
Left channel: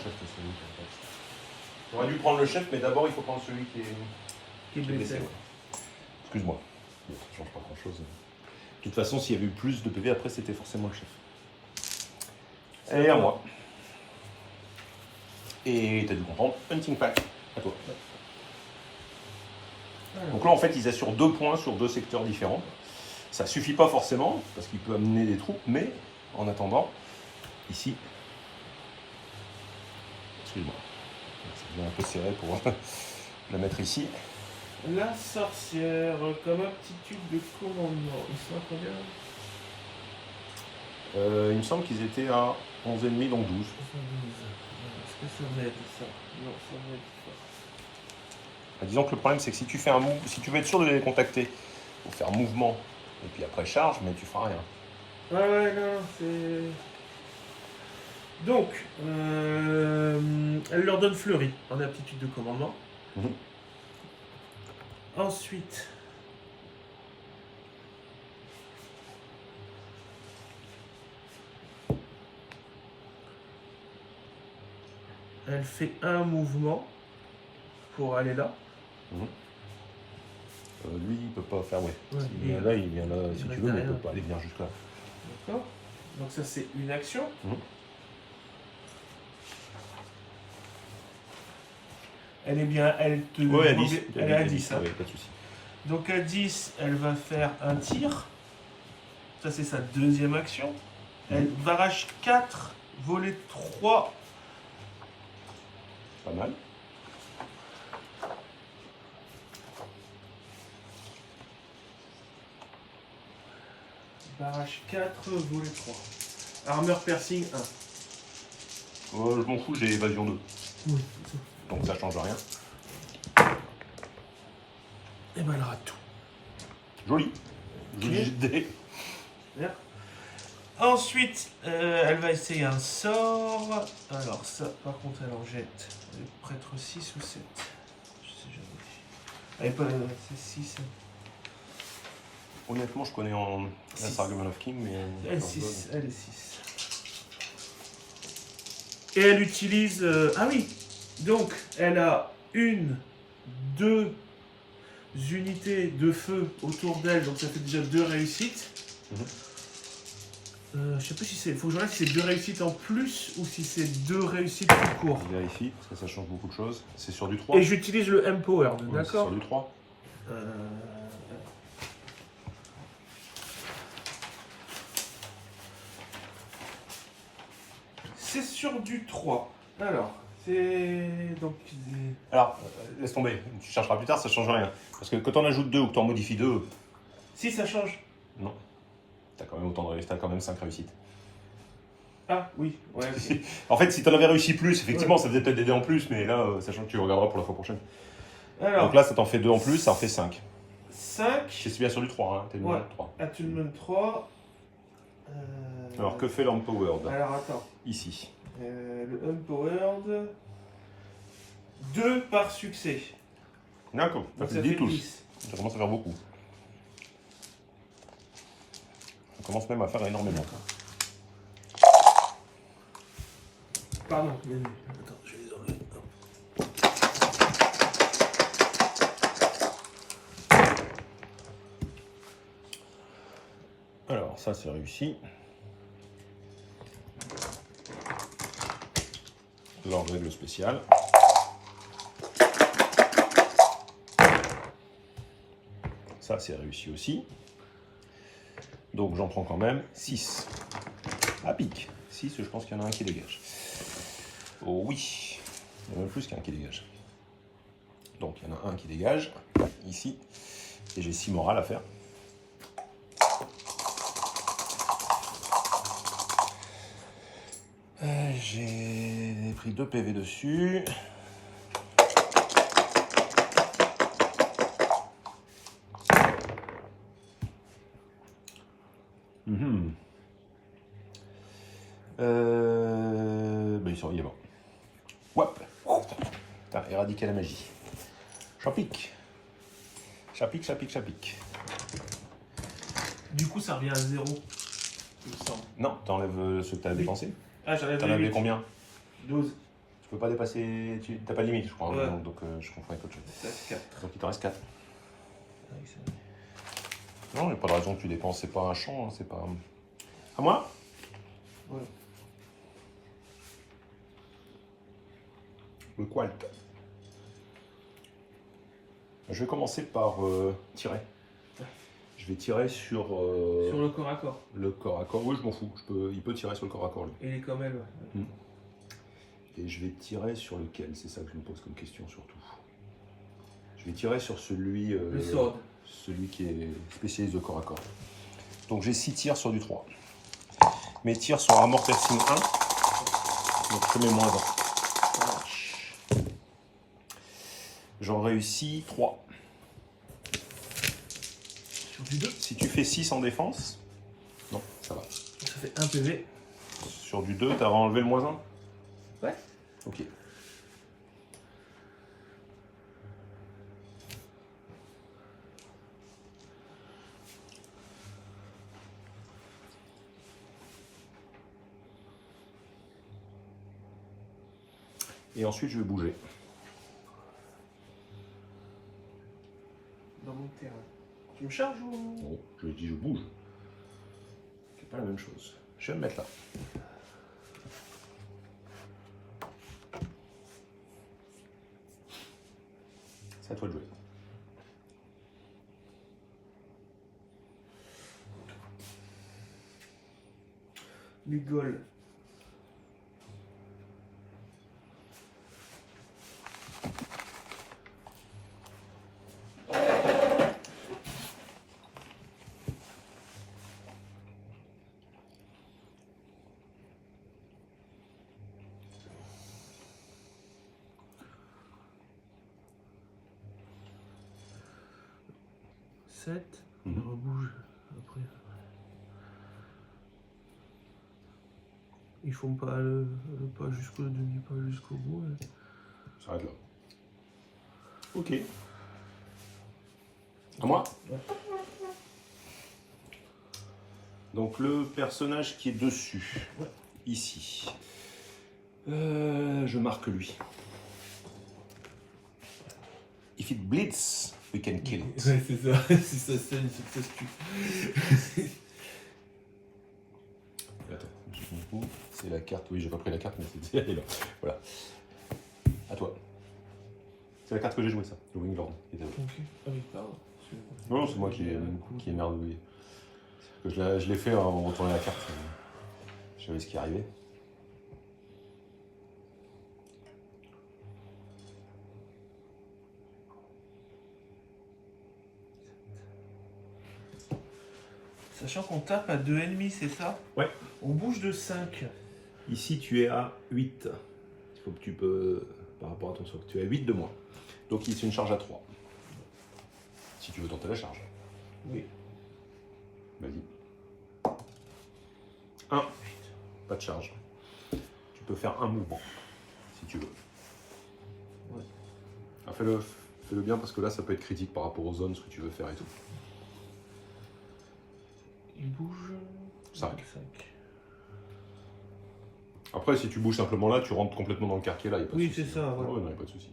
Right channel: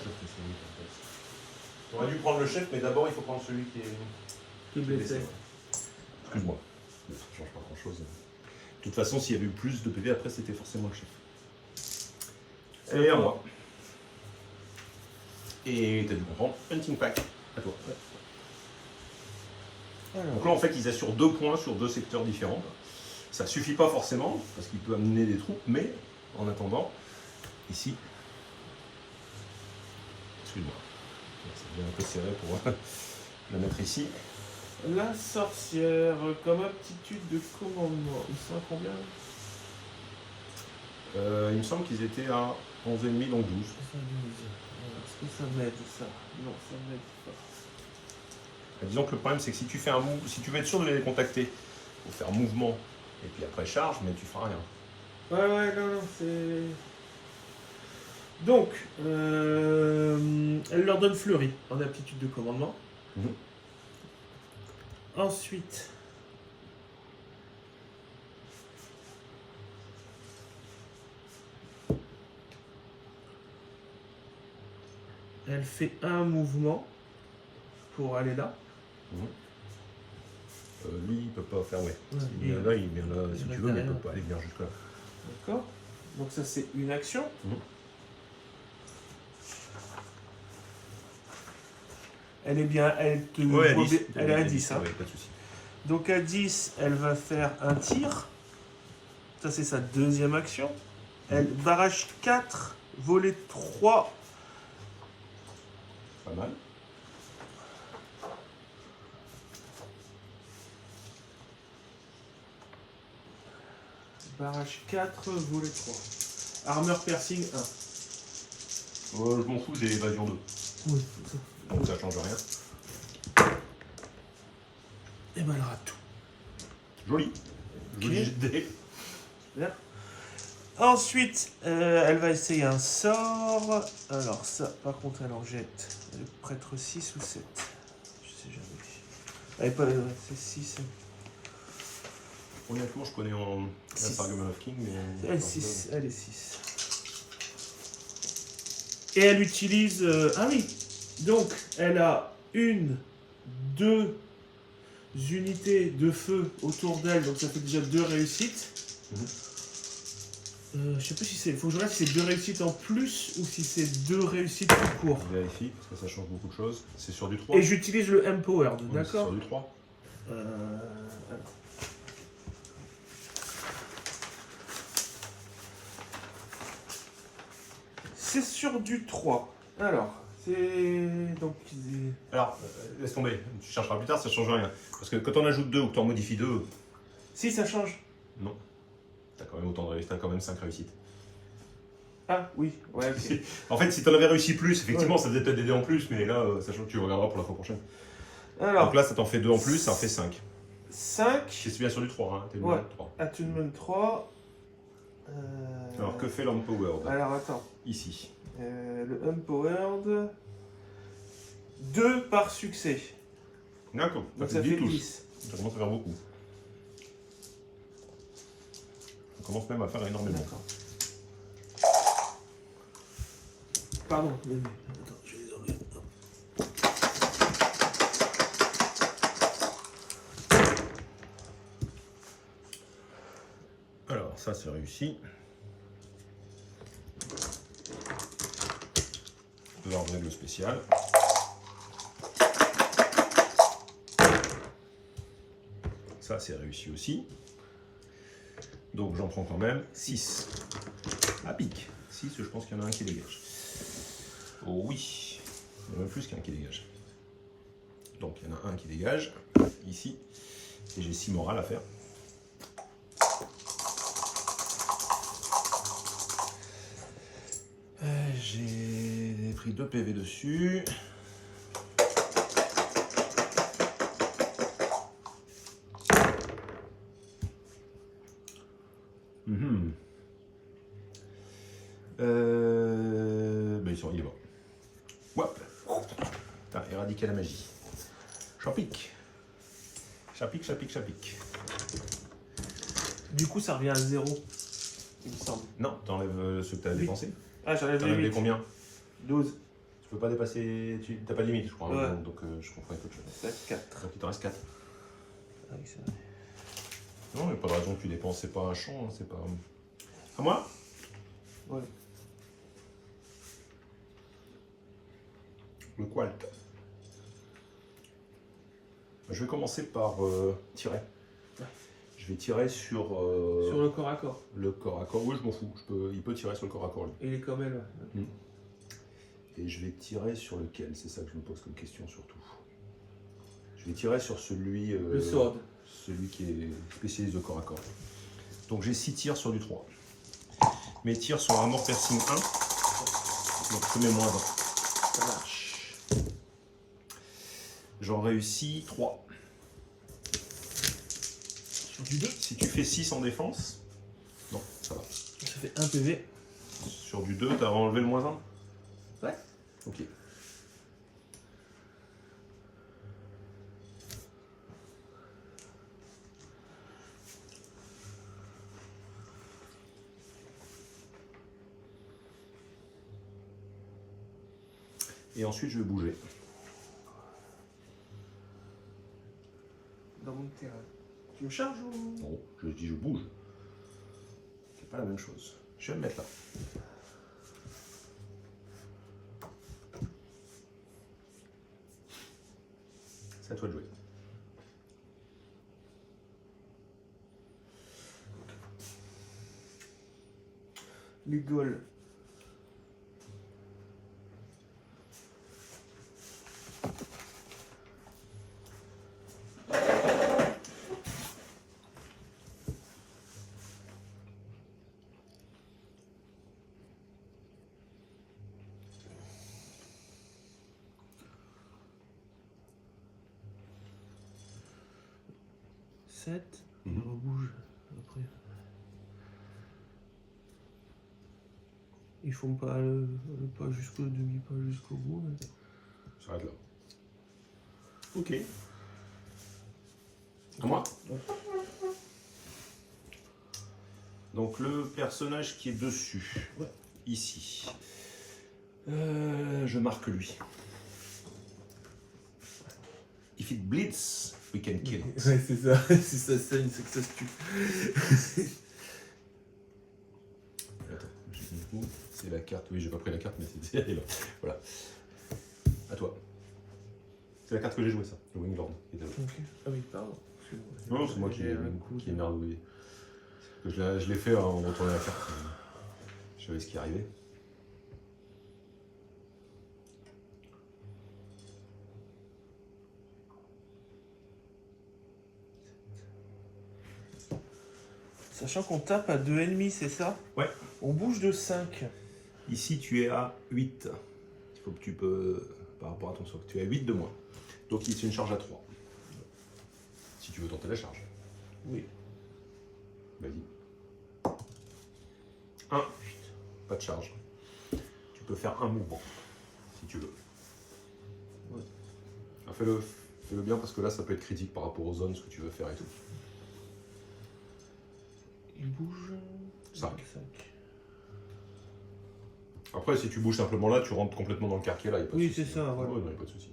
J'aurais dû prendre le chef, mais d'abord il faut prendre celui qui est blessé. Excuse-moi. Bon, ça change pas grand-chose. De toute façon, s'il y avait eu plus de PV, après c'était forcément le chef. Et à moi. Et t'as dû comprendre, Hunting Pack, à toi. Donc là, en fait, ils assurent 2 points sur 2 secteurs différents. Ça suffit pas forcément, parce qu'il peut amener des troupes, mais en attendant, ici, excuse-moi, ça devient un peu serré pour la mettre ici. La sorcière, comme aptitude de commandement, ils sont à combien? Il me semble qu'ils étaient à 11,5, donc 12. 72. Est-ce que ça m'aide ça? Non, ça m'aide pas. Disons que le problème, c'est que si tu fais un move, si tu veux être sûr de les contacter, il faut faire mouvement et puis après charge, mais tu feras rien. Ouais, non, c'est. Donc, elle leur donne Fleury en aptitude de commandement. Ensuite, elle fait un mouvement pour aller là. Lui, il peut pas faire, ouais. Ouais, Il vient là, il vient là, si reste tu veux, mais il derrière. peut pas aller venir jusque là. D'accord. Donc ça c'est une action. Elle est bien, elle te Ouais, à voit 10. bien- elle est à 10. Hein. Ouais, pas de souci. Donc à 10, elle va faire un tir. Ça c'est sa deuxième action. Elle barrage 4, volet 3. Pas mal. Barrage 4, volet 3. Armor piercing 1. Je m'en fous, j'ai évasion 2. Oui. Donc ça change rien. Et ben elle rate tout. Joli. Joli jet de dés. Bien. Ensuite, elle va essayer un sort. Alors ça, par contre, elle en jette. Elle est prêtre 6 ou 7. Je sais jamais. Elle est pas... c'est 6. Honnêtement, je connais en Six. Argument of King, mais. Elle est 6. Elle est 6. Et elle utilise... ah oui. Donc, elle a 1, 2 unités de feu autour d'elle. Donc ça fait déjà 2 réussites. Je sais pas si c'est... Il faut que je regarde si c'est 2 réussites en plus ou si c'est 2 réussites tout court. Je vérifie, parce que ça change beaucoup de choses. C'est sur du 3. Et j'utilise le Empowered, Ouais, d'accord? c'est sur du 3. C'est sur du 3. Alors, c'est... Donc... Alors, laisse tomber. Tu chercheras plus tard, ça change rien. Parce que quand on ajoute 2 ou que tu en modifies 2, Si, ça change. non. T'as quand même autant de réussites, t'as quand même 5 réussites. Ah, oui. Ouais, ok. En fait, si t'en avais réussi plus, effectivement, ça faisait peut-être des dés en plus, mais là, sachant que tu regarderas pour la fois prochaine. Alors, Donc là, ça t'en fait 2 en plus, ça en fait 5. 5. C'est bien sur du 3, hein. T'es Ouais. le 3. Ah, tu me donnes 3. Alors, que fait l'Empowered Alors, attends. ici? Le Empowered... 2 par succès. D'accord, Donc ça ça fait 10 fait touches. 10. Ça commence à faire beaucoup. Ça commence même à faire énormément. Pardon. Attends, je vais les enlever. Hop. Alors, ça c'est réussi. Leur règle spéciale. Ça c'est réussi aussi. Donc j'en prends quand même 6. À pic. 6, je pense qu'il y en a un qui dégage. Oh oui. Il y en a même plus qu'un qui dégage. Donc il y en a un qui dégage, ici. Et j'ai 6 morales à faire. J'ai pris 2 PV dessus. Ben, il est mort. Hop. Putain, éradiquer la magie. Chapic. Chapic, chapic, chapic. Du coup, ça revient à 0. Il me semble. Non, t'enlèves ceux que t'as Oui. dépensé. Ah, j'enlève T'en les avais 8. combien? 12. Tu peux pas dépasser. T'as pas de limite, je crois. Ouais. Donc je confonds avec autre chose. Ça fait 4. Donc il t'en reste 4. Ah oui, c'est vrai. Non, il n'y a pas de raison que tu dépenses. C'est pas un champ, hein, c'est pas. À moi? Ouais. Le qualt. Je vais commencer par tirer. Je vais tirer sur, Sur le corps à corps. le corps à corps. Oui, je m'en fous. Il peut tirer sur le corps à corps, lui. Il est comme elle, ouais. Et je vais tirer sur lequel? C'est ça que je me pose comme question surtout. Je vais tirer sur celui, Le sword. celui qui est spécialiste de corps à corps. Donc j'ai 6 tirs sur du 3. Mes tirs sont armor piercing 1. Donc je mets moins 1. Ça marche. J'en réussis 3. Sur du 2. Si tu fais 6 en défense, non, ça va. Ça fait 1 PV. sur du 2, t'as enlevé le -1? Ouais. Ok. Et ensuite, je vais bouger. Dans mon terrain. Tu me charges ou... Non, je dis je bouge. C'est pas la même chose. Je vais me mettre là. C'est à toi de jouer. Les Gauls. Il rebouge après. Ils font pas le pas jusqu'au demi, pas jusqu'au bout. Mais... Ça arrête là. Ok. À moi? Ouais. Donc le personnage qui est dessus, Ouais. ici. Je marque lui. If it bleeds, we can kill it. Ouais, c'est ça. Si ça saigne, c'est que ça se tue. Attends, c'est la carte. Oui, j'ai pas pris la carte, mais c'est elle est là. Voilà. À toi. C'est la carte que j'ai jouée, ça. Le Winglord. Ok. Ah oui, pardon. Non, c'est moi qui ai merdouillé. Je l'ai fait en retournant la carte. Je savais ce qui arrivait. Sachant qu'on tape à 2 ennemis, c'est ça? Ouais. On bouge de 5. Ici, tu es à 8. Il faut que tu peux, par rapport à ton socle, tu es à 8 de moins. Donc, c'est une charge à 3. Si tu veux tenter la charge. Oui. Vas-y. 1. Pas de charge. Tu peux faire un mouvement, si tu veux. Ouais. Ah, fais-le bien, parce que là, ça peut être critique par rapport aux zones, ce que tu veux faire et tout. Il bouge... 5. Après, si tu bouges simplement là, tu rentres complètement dans le quartier là. Y a pas de Oui, souci. c'est ça. Ouais. Ouais, non, y a pas de souci.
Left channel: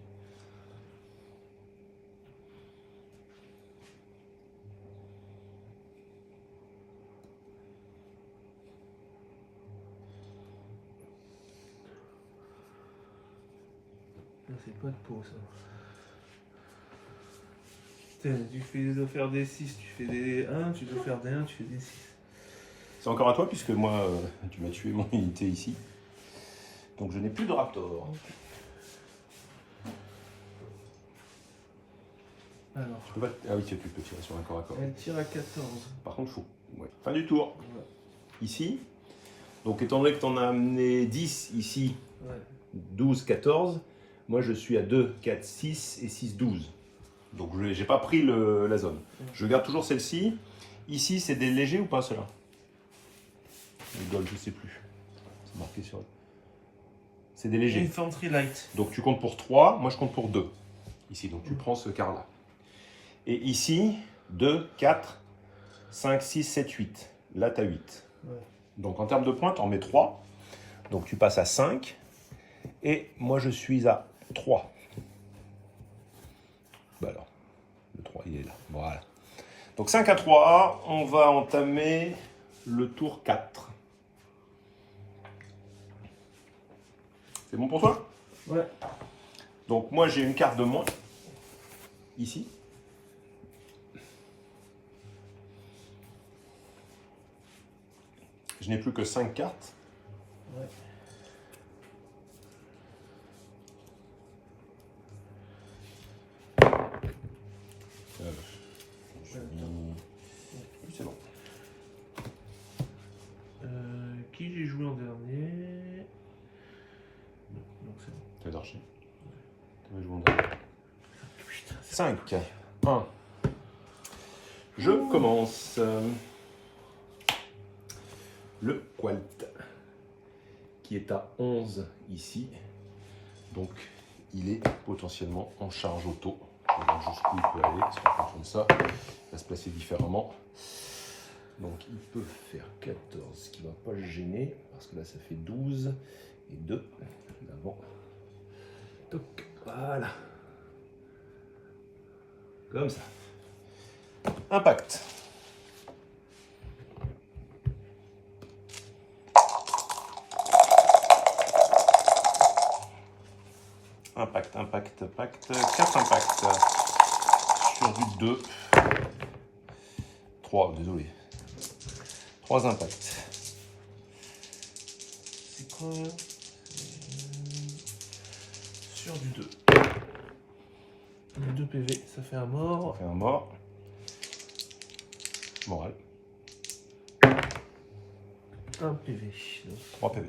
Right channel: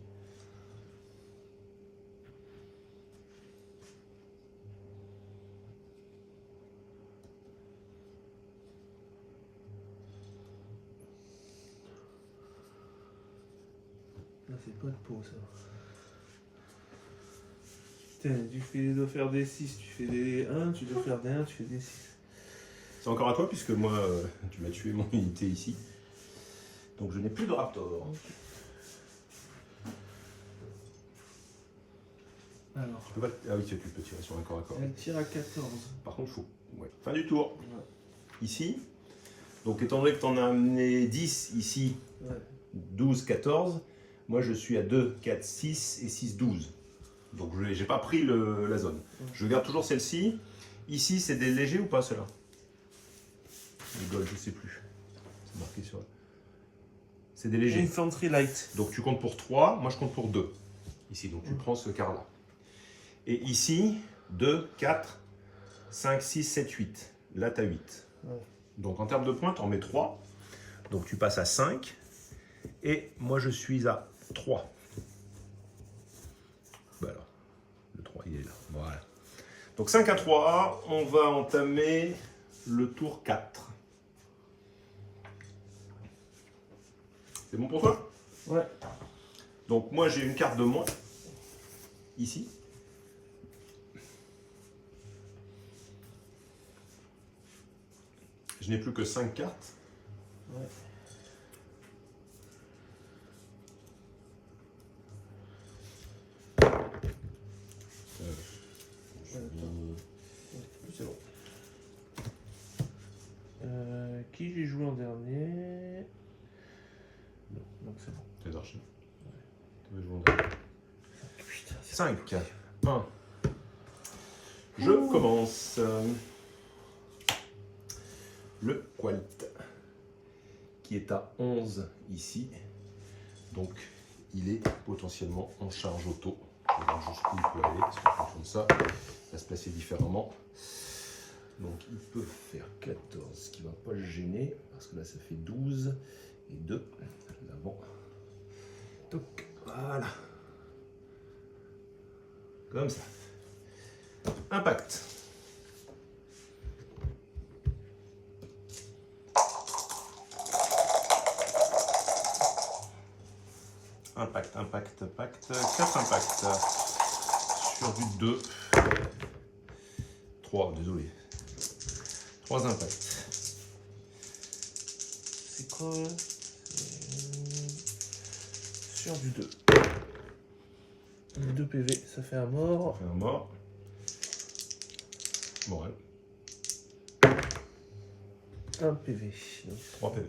Là, c'est pas de peau, ça. Putain, tu dois faire des 6, tu fais des 1, tu dois faire des 1, tu fais des 6. C'est encore à toi, puisque moi, tu m'as tué mon unité ici. Donc je n'ai plus de raptor. Alors, Tu peux pas... Ah oui, tu peux tirer sur un corps à corps. elle tire à 14. Par contre, faut... Ouais. Fin du tour. Ouais. Ici. Donc étant donné que tu en as amené 10 ici, Ouais. 12, 14, moi je suis à 2, 4, 6 et 6, 12. Donc je n'ai pas pris la zone. Je garde toujours celle-ci. Ici, c'est des légers ou pas ceux-là? Les golds, je sais plus. C'est marqué sur... C'est des légers. Infantry light. Donc tu comptes pour 3, moi je compte pour 2. Ici, donc tu prends ce quart-là. Et ici, 2, 4, 5, 6, 7, 8. Là, tu as 8. Ouais. Donc en termes de points, tu en mets 3. Donc tu passes à 5. Et moi, je suis à 3. Bah alors, le 3, il est là. Voilà. Donc 5 à 3, on va entamer le tour 4. C'est bon pour toi? Ouais. Donc moi, j'ai une carte de moins. Ici. Je n'ai plus que 5 cartes. Ouais. C'est bon. Qui j'ai joué en dernier? Non, donc c'est bon. C'est d'archi. Ouais. 5. 1. Je commence. Le Qualt. qui est à 11 ici. Donc il est potentiellement en charge auto. Je vais voir jusqu'où il peut aller, parce qu'en fonction de ça, il va se placer différemment. Donc il peut faire 14, ce qui ne va pas le gêner, parce que là ça fait 12 et 2. L'avant. Toc, voilà. Comme ça. Impact. Impact, impact, impact. 4 impacts. Sur du 2. 3, désolé. 3 impacts. C'est quoi sur du 2. 2 PV, ça fait un mort. Ça fait un mort. Moral. 1 PV. Donc, 3 PV.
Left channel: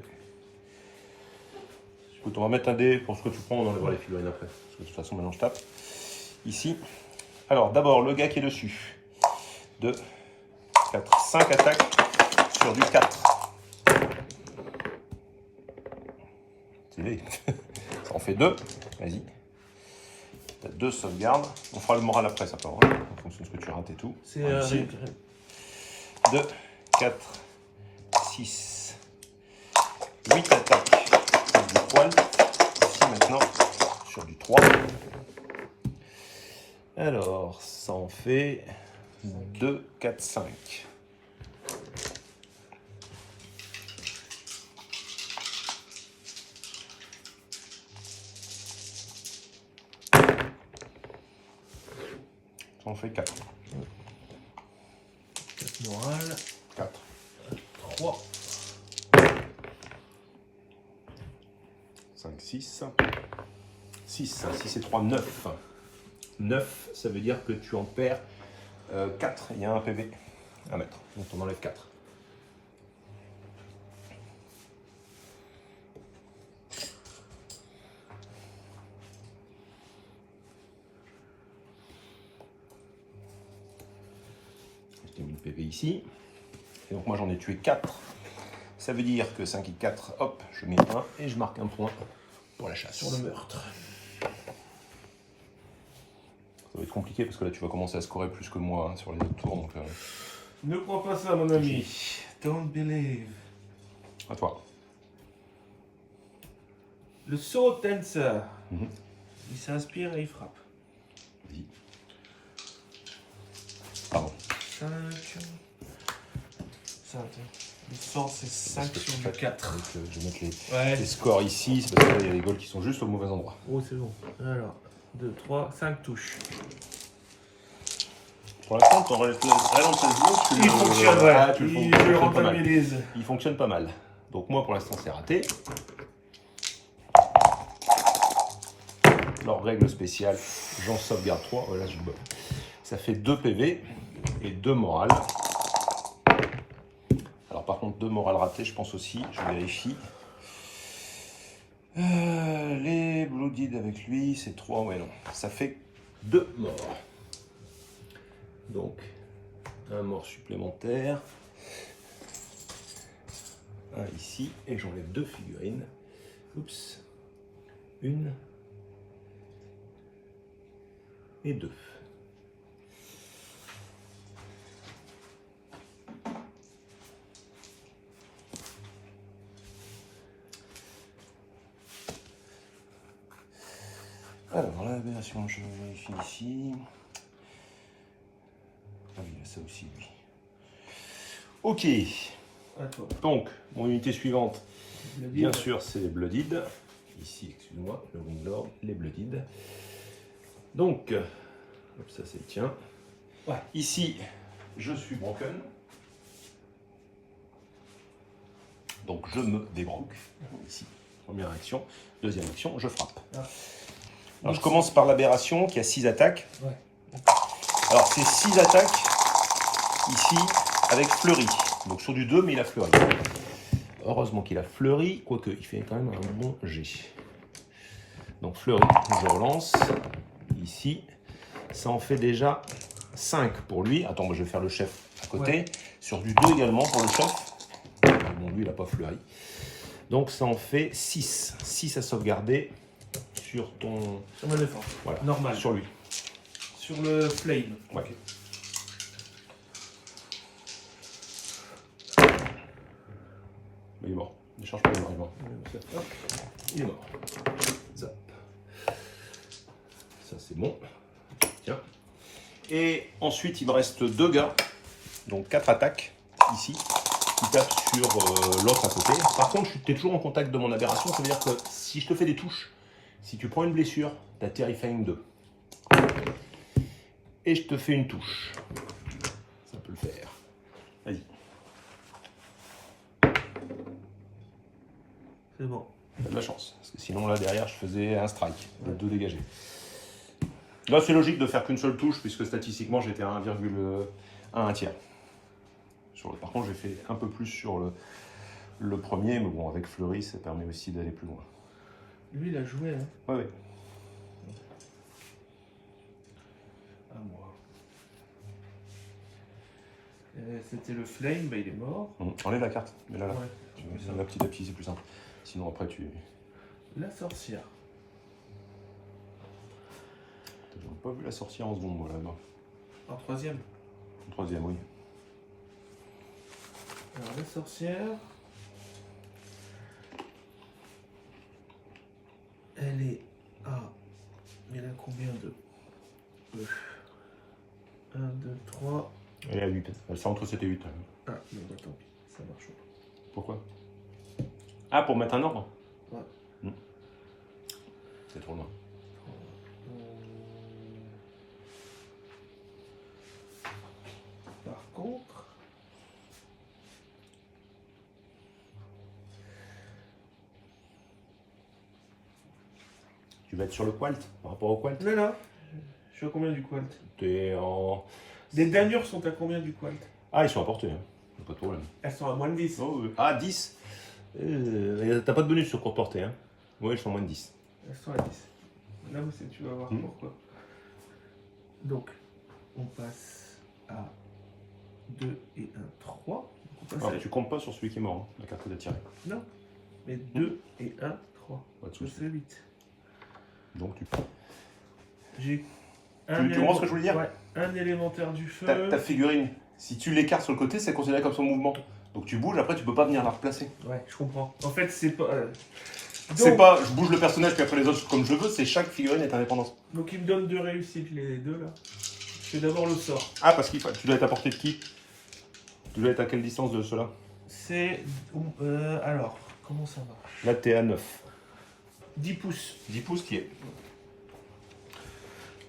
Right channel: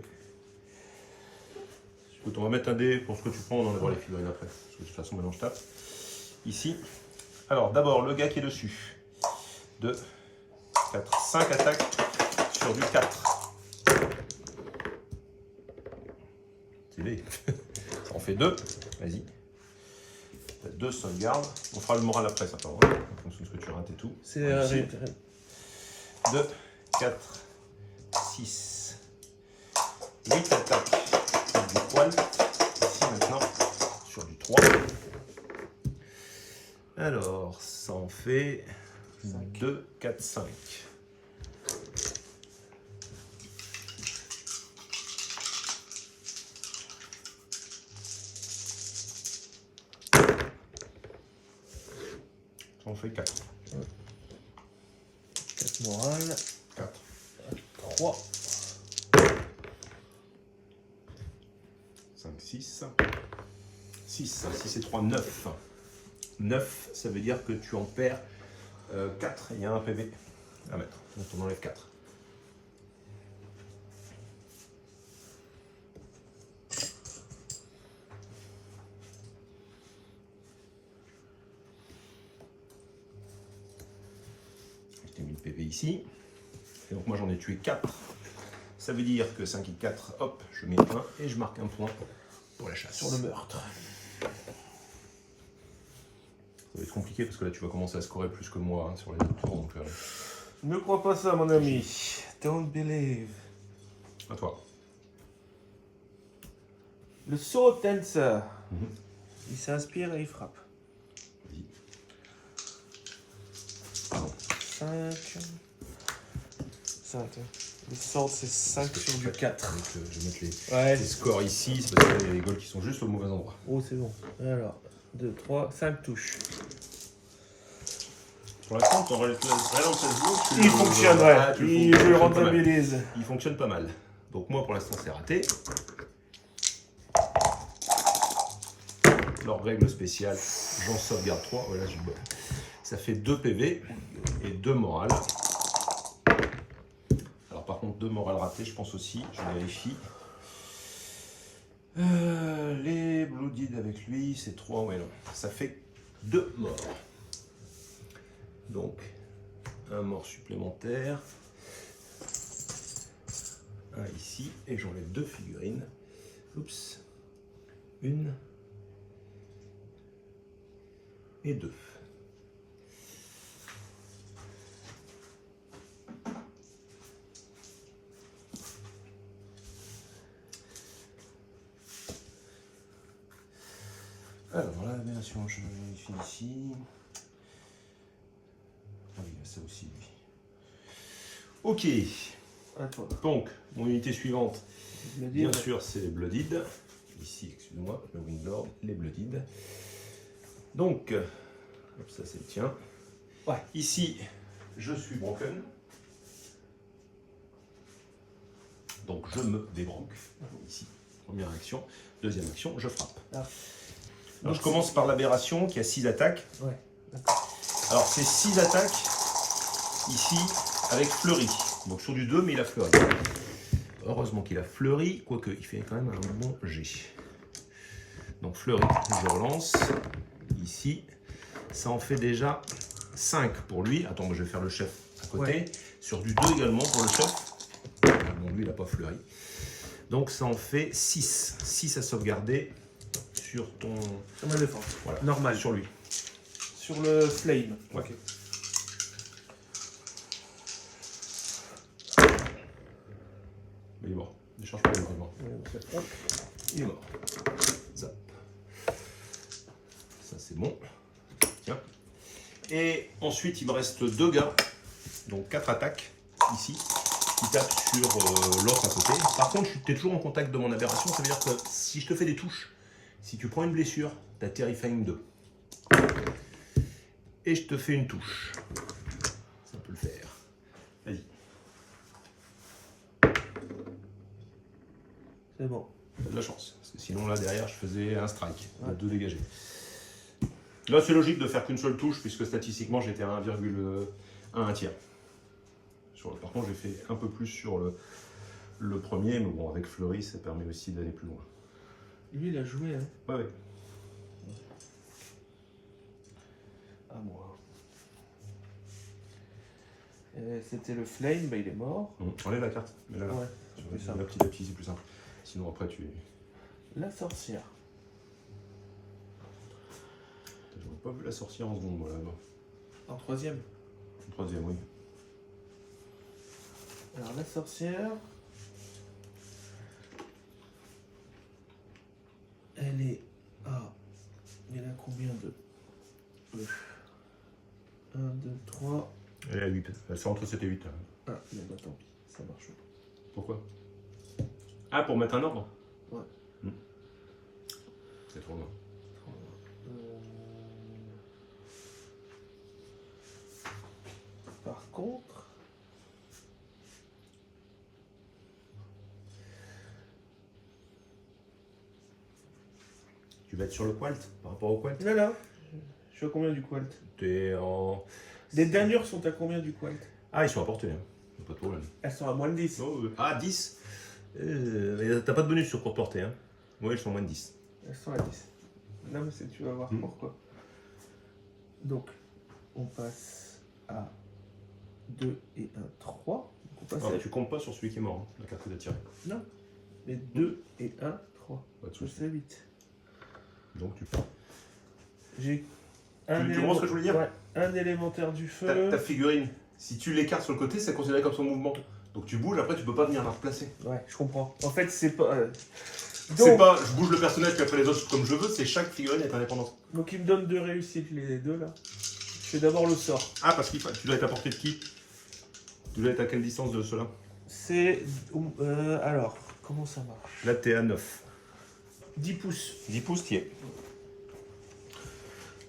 Écoute, on va mettre un dé pour ce que tu prends, on enlèvera les figurines après. Parce que de toute façon, maintenant je tape. Ici. Alors, d'abord, le gars qui est dessus. 2, 4, 5 attaques sur du 4. Ça en fait 2. Vas-y. Tu as 2 sauvegardes. On fera le moral après, ça part. En fonction de ce que tu rates et tout. c'est 2, 4, 6, 8 attaques sur du poil. Ici maintenant sur du 3. Alors, ça en fait 2, 4, 5. Ça en fait 4. 4 morale. 4. 3. 5, 6. 6, 6 et 3, 9. 9, ça veut dire que tu en perds 4. Il y a un PV à mettre. Donc on enlève 4. J'ai mis le PV ici. Et donc moi j'en ai tué 4. Ça veut dire que 5 et 4, hop, je mets 1 et je marque un point pour la chasse. Sur le meurtre. Ça va être compliqué parce que là tu vas commencer à scorer plus que moi hein, sur les autres tours. Donc, Ne crois pas ça, mon ami. Don't believe. à toi. Le Sword Dancer. Mhm. Il s'inspire et il frappe. Vas-y. Pardon. 5. 5. Le Sword, c'est 5 sur du 4. Donc, je vais mettre Ouais. les scores ici, c'est parce que là il y a les goals qui sont juste au mauvais endroit. Oh, c'est bon. Alors, 2, 3, 5 touches. Pour l'instant, ton réel Il fonctionnerait. Je le rentabilise. Il fonctionne pas mal. Donc moi pour l'instant c'est raté. Leur règle spéciale, j'en sauvegarde 3. Voilà, ça fait 2 PV et 2 morales. Alors par contre 2 morales ratées, je pense aussi, je vérifie. Les Blooded avec lui, c'est 3, ouais non. Ça fait 2 morts. Donc, un mort supplémentaire. Un ici, et j'enlève 2 figurines. Oups. 1 et 2. Alors, l'aberration, je vérifie ici. Ah oui, il y a ça aussi, lui. Ok. À toi. Donc, mon unité suivante, Blooded. bien sûr, c'est les Blooded. Ici, excuse-moi, le Winglord, les Blooded. Donc, hop, ça c'est le tien. Ouais. Ici, je suis broken. Donc, je me débroque. Ici, première action. Deuxième action, je frappe. Ah. Alors, je commence par l'aberration qui a 6 attaques. Ouais. Alors, c'est 6 attaques ici avec fleuri. Donc, sur du 2, mais il a fleuri. Heureusement qu'il a fleuri, quoique il fait quand même un bon G. Donc, fleuri, je relance. Ici, ça en fait déjà 5 pour lui. Attends, moi je vais faire le chef à côté. Ouais. Sur du 2 également pour le chef. Bon, lui, il n'a pas fleuri. Donc ça en fait 6. 6 à sauvegarder sur ton... Sur ma défense. Voilà, Normal. sur lui. Sur le flame. Ouais. Ok. Il est mort. Ne change pas, il est mort. Hop, il est mort. Zap. Ça c'est bon. Tiens. Et ensuite il me reste 2 gars. Donc 4 attaques ici. Qui tapent sur l'autre à côté. Par contre, tu es toujours en contact de mon aberration. Ça veut dire que si je te fais des touches, si tu prends une blessure, tu as Terrifying 2. Et je te fais une touche. Ça peut le faire. Vas-y. C'est bon. T'as de la chance. Parce que sinon, là, derrière, je faisais un strike. De 2 dégagés. Là, c'est logique de faire qu'une seule touche, puisque statistiquement, j'étais à 1,1 tiers. Par contre, j'ai fait un peu plus sur le premier, mais bon, avec Fleury, ça permet aussi d'aller plus loin. Lui, il a joué, hein. Ouais. À moi. C'était le flame, bah il est mort. Enlève la carte. Mais là, Ouais, tu c'est vas ça. là petit à petit, c'est plus simple. Sinon, après, tu La sorcière. n'as pas vu la sorcière en seconde, moi, là. En troisième. En troisième, oui. Alors la sorcière. Elle est à... Il a combien de... 1, 2, 3... Elle est à 8. Elle fait entre 7 et 8. Ah, non, bah tant pis, ça marche pas. Pourquoi? Ah, pour mettre un ordre? Ouais. C'est trop loin. Par contre... Tu vas être sur le qualt par rapport au qualt? Non, non. Je suis à combien du qualt? T'es en... Les damiures sont à combien du qualt? Ah, ils sont à portée, hein. Pas de problème. Elles sont à moins de 10. Oh, ah, 10. T'as pas de bonus sur courte portée, hein. Oui, ils sont moins de 10. Elles sont à 10. Là, tu vas voir pourquoi. Donc, on passe à 2 et 1, 3. Donc, on passe Ah, à... tu comptes pas sur celui qui est mort, hein. La carte est attirée. Non, mais 2 et 1, 3. Pas de Ça soucis. c'est 8. Donc tu... J'ai Tu comprends ce que je voulais dire? Ouais, un élémentaire du feu. Ta figurine, si tu l'écartes sur le côté, c'est considéré comme son mouvement. Donc tu bouges, après tu peux pas venir la replacer. Ouais, je comprends. En fait, c'est pas... C'est pas je bouge le personnage puis après les autres comme je veux, c'est chaque figurine est indépendante. Donc il me donne 2 réussites, les deux là. Je fais d'abord le sort. Ah, parce qu'il tu dois être à portée de qui? Tu dois être à quelle distance de cela? C'est... alors, comment ça marche? Là, t'es à 9. 10 pouces. 10 pouces, qui est.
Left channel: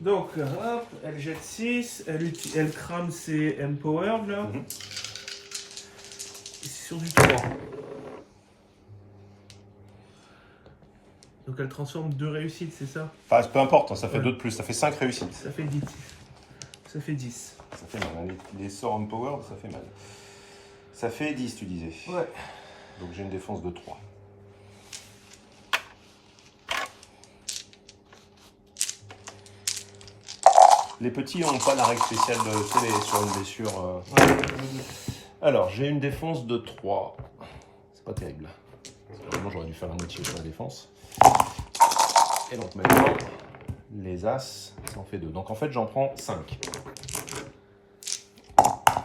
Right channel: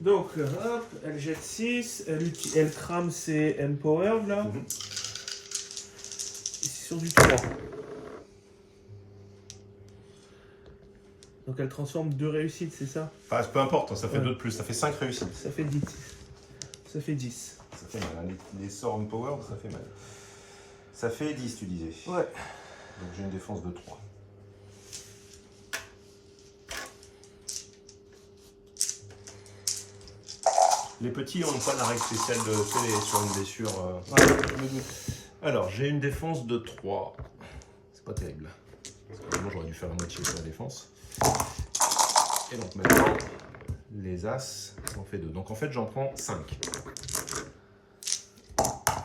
Donc, hop, elle jette 6, elle crame ses Empowered là. Mhm. Et c'est sur du 3. Donc elle transforme 2 réussites, c'est ça? Enfin, peu importe, ça fait Ouais. 2 de plus, ça fait 5 réussites. Ça fait 10. Ça fait 10. Ça fait mal, hein. Les sorts empowered, ça fait mal. Ça fait 10, tu disais. Ouais. Donc j'ai une défense de 3. Les petits n'ont pas la règle spéciale de télé sur une blessure. Alors, j'ai une défense de 3. C'est pas terrible. Vraiment, j'aurais dû faire la moitié sur la défense. Et donc maintenant, les As, ça en fait 2. Donc en fait, j'en prends 5.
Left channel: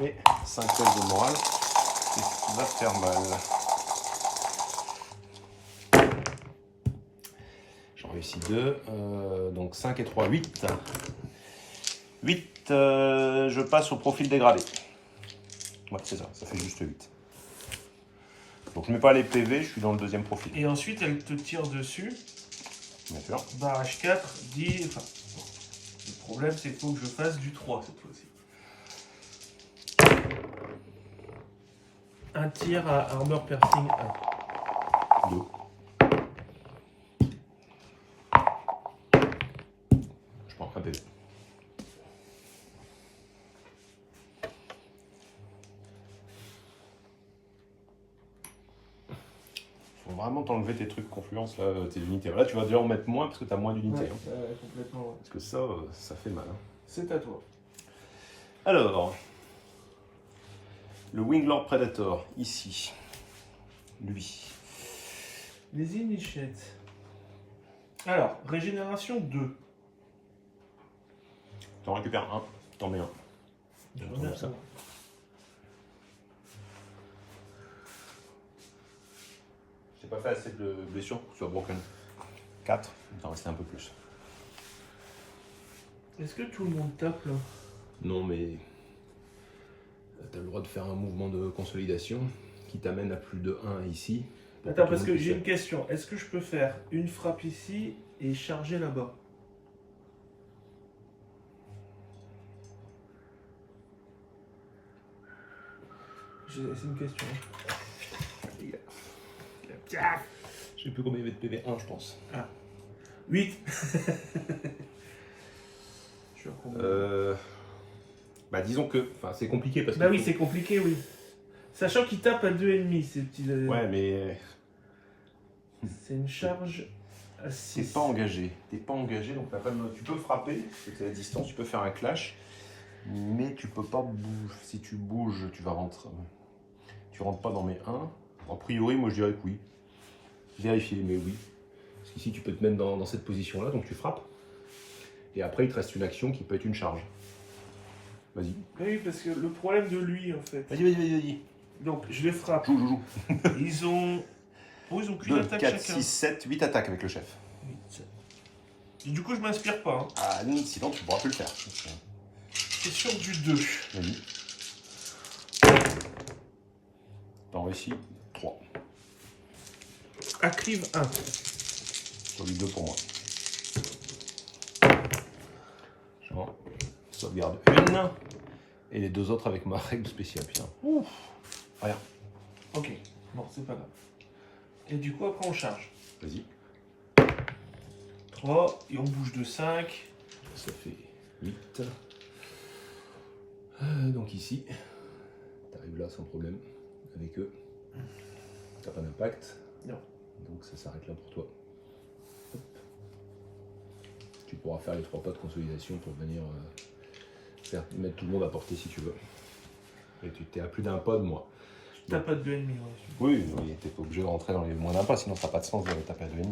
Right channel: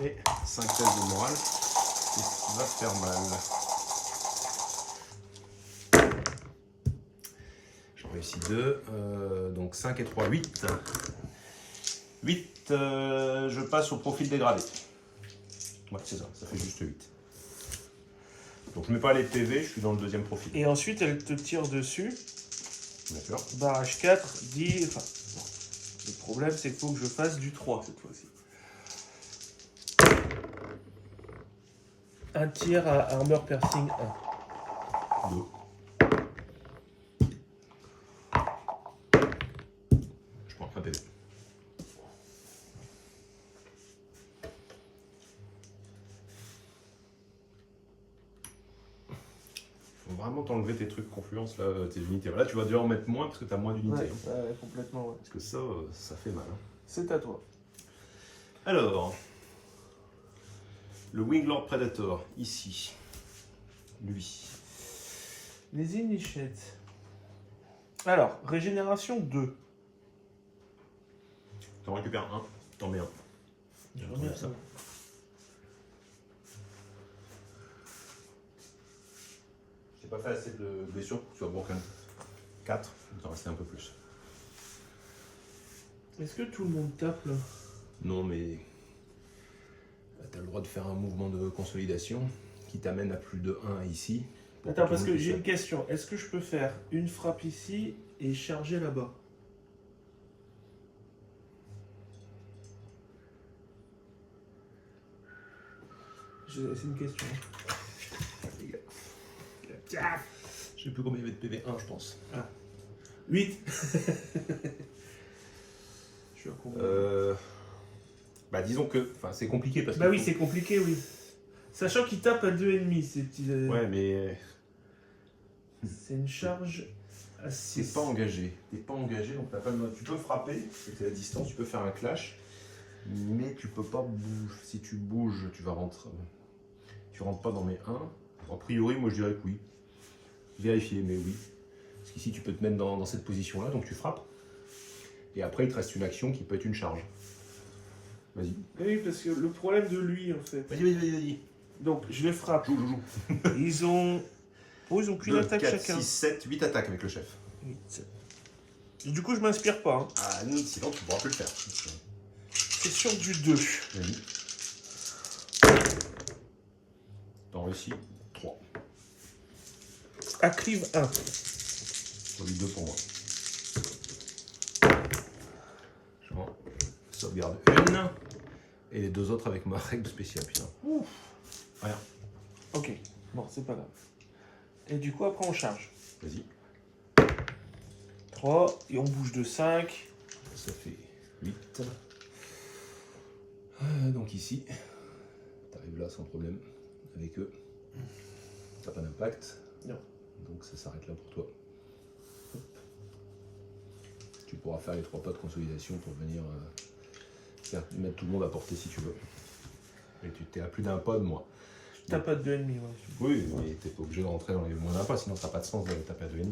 Et 5 tests de morale, ce qui va faire mal. J'en réussis 2. Donc 5 et 3, 8. 8, je passe au profil dégradé. Ouais, c'est ça, ça fait juste 8. Donc je mets pas les PV, je suis dans le deuxième profil. Et ensuite, elle te tire dessus. Bien sûr. Barrage 4, 10. Enfin, le problème, c'est qu'il faut que je fasse du 3 cette fois-ci. Un tir à Armor Piercing 1. 2. Je prends un PV. Faut vraiment t'enlever tes trucs confluence là, tes unités. Là, tu vas déjà en mettre moins parce que tu as moins d'unités. Ouais, Hein. complètement, ouais. Parce que ça fait mal. Hein. C'est à toi. Alors, le Winglord Predator, ici. Lui. Les initiates. Alors, régénération 2. T'en récupères un, t'en mets un. Je retrouve remets ça. un. J'ai pas fait assez de blessures pour que tu sois broken. 4, il t'en restait un peu plus. Est-ce que tout le monde tape là? Non, mais tu as le droit de faire un mouvement de consolidation qui t'amène à plus de 1 ici. Attends, parce que j'ai une question. Est-ce que je peux faire une frappe ici et charger là-bas? C'est une question. Je sais plus combien il y avait de PV, 1 je pense. 8. Je suis à combien? Bah disons que c'est compliqué parce que. Bah oui, c'est compliqué, oui. Sachant qu'il tape à 2,5, ces petits. Ouais, mais C'est une charge à 6. t'es pas engagé. T'es pas engagé, donc t'as pas de... tu peux frapper, c'est à distance, tu peux faire un clash, mais tu peux pas bouger. Si tu bouges, tu vas rentrer. Tu rentres pas dans mes 1. A priori, moi je dirais que oui. Vérifier, mais oui. Parce qu'ici, tu peux te mettre dans cette position-là, donc tu frappes. Et après, il te reste une action qui peut être une charge. Vas-y. Oui, parce que le problème de lui, en fait. Vas-y. Donc, je les frappe. Joue. Ils ont. Oh, ils ont qu'une 2, attaque 4, chacun. 6, 7, 8 attaques avec le chef. 8. Et du coup, je m'inspire pas. Hein. Ah, sinon, tu pourras plus le faire. C'est sur du 2. Vas-y. T'en réussis 3. Active 1. Sur les 2 pour moi. J'en sauvegarde une. Et les 2 autres avec ma règle spéciale. Putain. Ouf. Rien. Ok. Bon, c'est pas grave. Et du coup, après, on charge. Vas-y. 3. Et on bouge de 5. Ça fait 8. Donc ici, t'arrives là sans problème avec eux. T'as pas d'impact. Non. Donc ça s'arrête là pour toi. Hop. Tu pourras faire les 3 pas de consolidation pour venir mettre tout le monde à portée si tu veux. Et tu t'es à plus d'un pas de moi. T'as pas de 2,5, ouais. Oui, mais t'es pas obligé de rentrer dans les moins d'un pas, sinon ça n'a pas de sens de taper à 2,5. Tu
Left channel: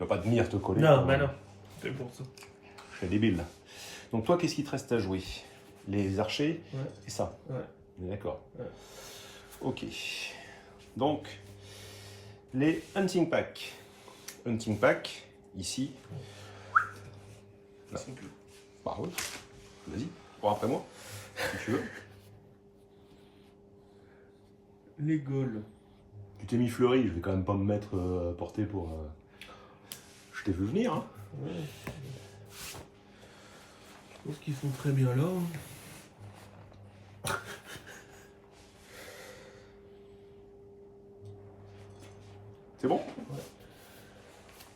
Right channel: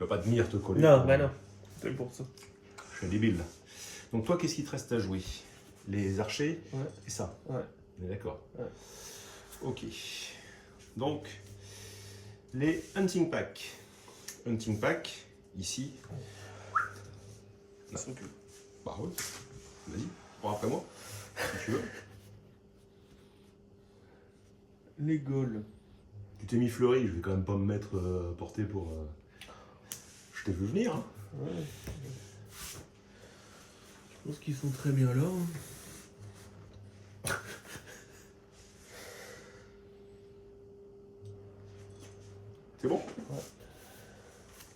vas pas venir te coller. Non, bah non. C'est pour ça. Je fais débile là. Donc toi, qu'est-ce qui te reste à jouer? Les archers et ça. Ouais. On est d'accord. Ouais. Ok. Donc, les hunting pack. Hunting pack, ici. Là. Bah oui. Vas-y, prends après moi, si tu veux. Les Gauls. Tu t'es mis fleuri, je vais quand même pas me mettre à portée pour... Je t'ai vu venir, hein. Ouais. Je pense qu'ils font très bien là. C'est bon?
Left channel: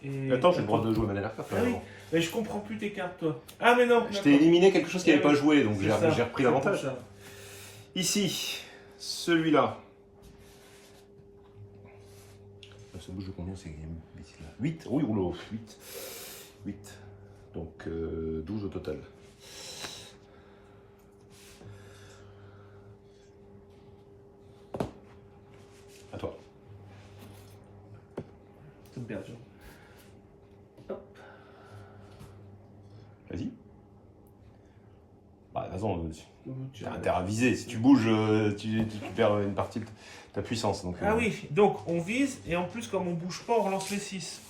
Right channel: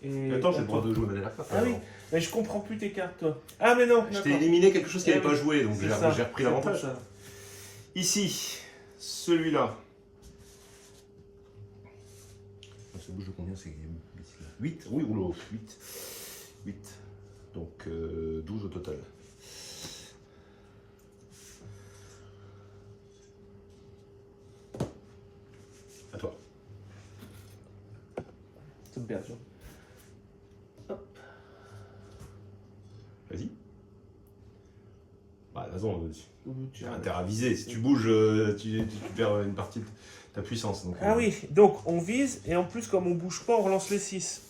Et... Attends, j'ai le droit de jouer ma dernière carte. Ah oui, mais je comprends plus tes cartes, toi. Ah, mais non. Je t'ai éliminé quelque chose qui n'avait Ah pas oui, joué, donc c'est j'ai ça, repris c'est l'avantage. pour ça. Ici, celui-là. Ça bouge de combien c'est 8? Oui, rouleau, 8. 8. Donc 12 au total. À toi. C'est bien, bien. Hop. Vas-y. Bah, de toute façon, Tu as intérêt à viser. Si tu bouges, tu perds une partie de ta puissance. Donc, Ah oui, donc on vise, et en plus, comme on bouge pas, on relance les 6.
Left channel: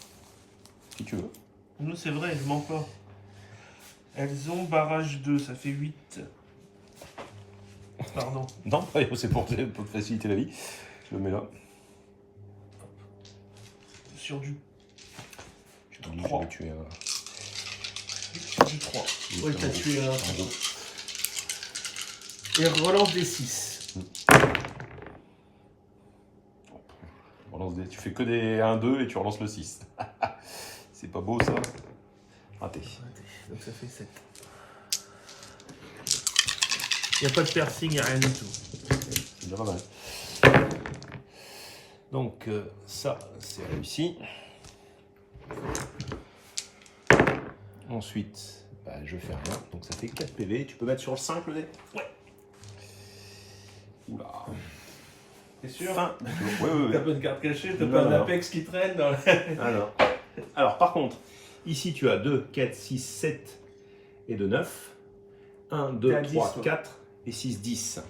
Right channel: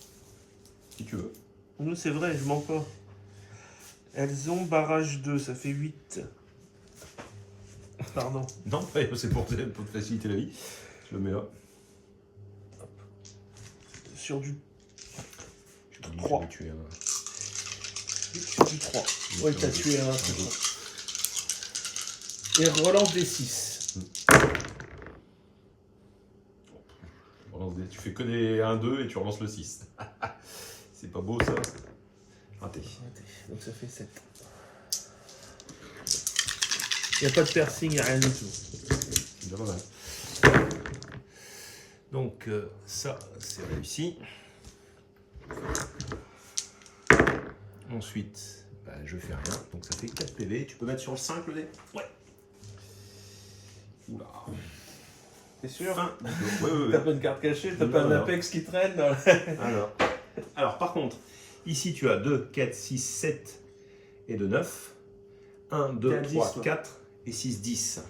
Si tu veux. Nous, c'est vrai, je mens pas. Elles ont barrage 2, ça fait 8. Pardon. Non, c'est pour te faciliter la vie. Je le mets là. Sur du Je te dis, 3. je vais tuer un. Sur du 3. Oui, Ouais, c'est t'as un tué un. deux. Et relance des 6. Tu fais que des 1-2 et tu relances le 6. C'est pas beau ça. Raté. Donc ça fait 7. Il n'y a pas de piercing, il n'y a rien du tout. C'est déjà pas mal. Donc ça, c'est réussi. Ensuite, bah, je fais rien. Donc ça fait 4 PV. Tu peux mettre sur le 5 le dé? Ouais. Oula. T'es sûr? fin du tour. Oui, oui, oui. T'as pas une carte cachée, t'as Non, pas un non. Apex qui traîne dans Alors, par contre, ici tu as 2, 4, 6, 7 et 2, 9. 1, 2, T'es à 3, 10, toi. 4 et 6, 10.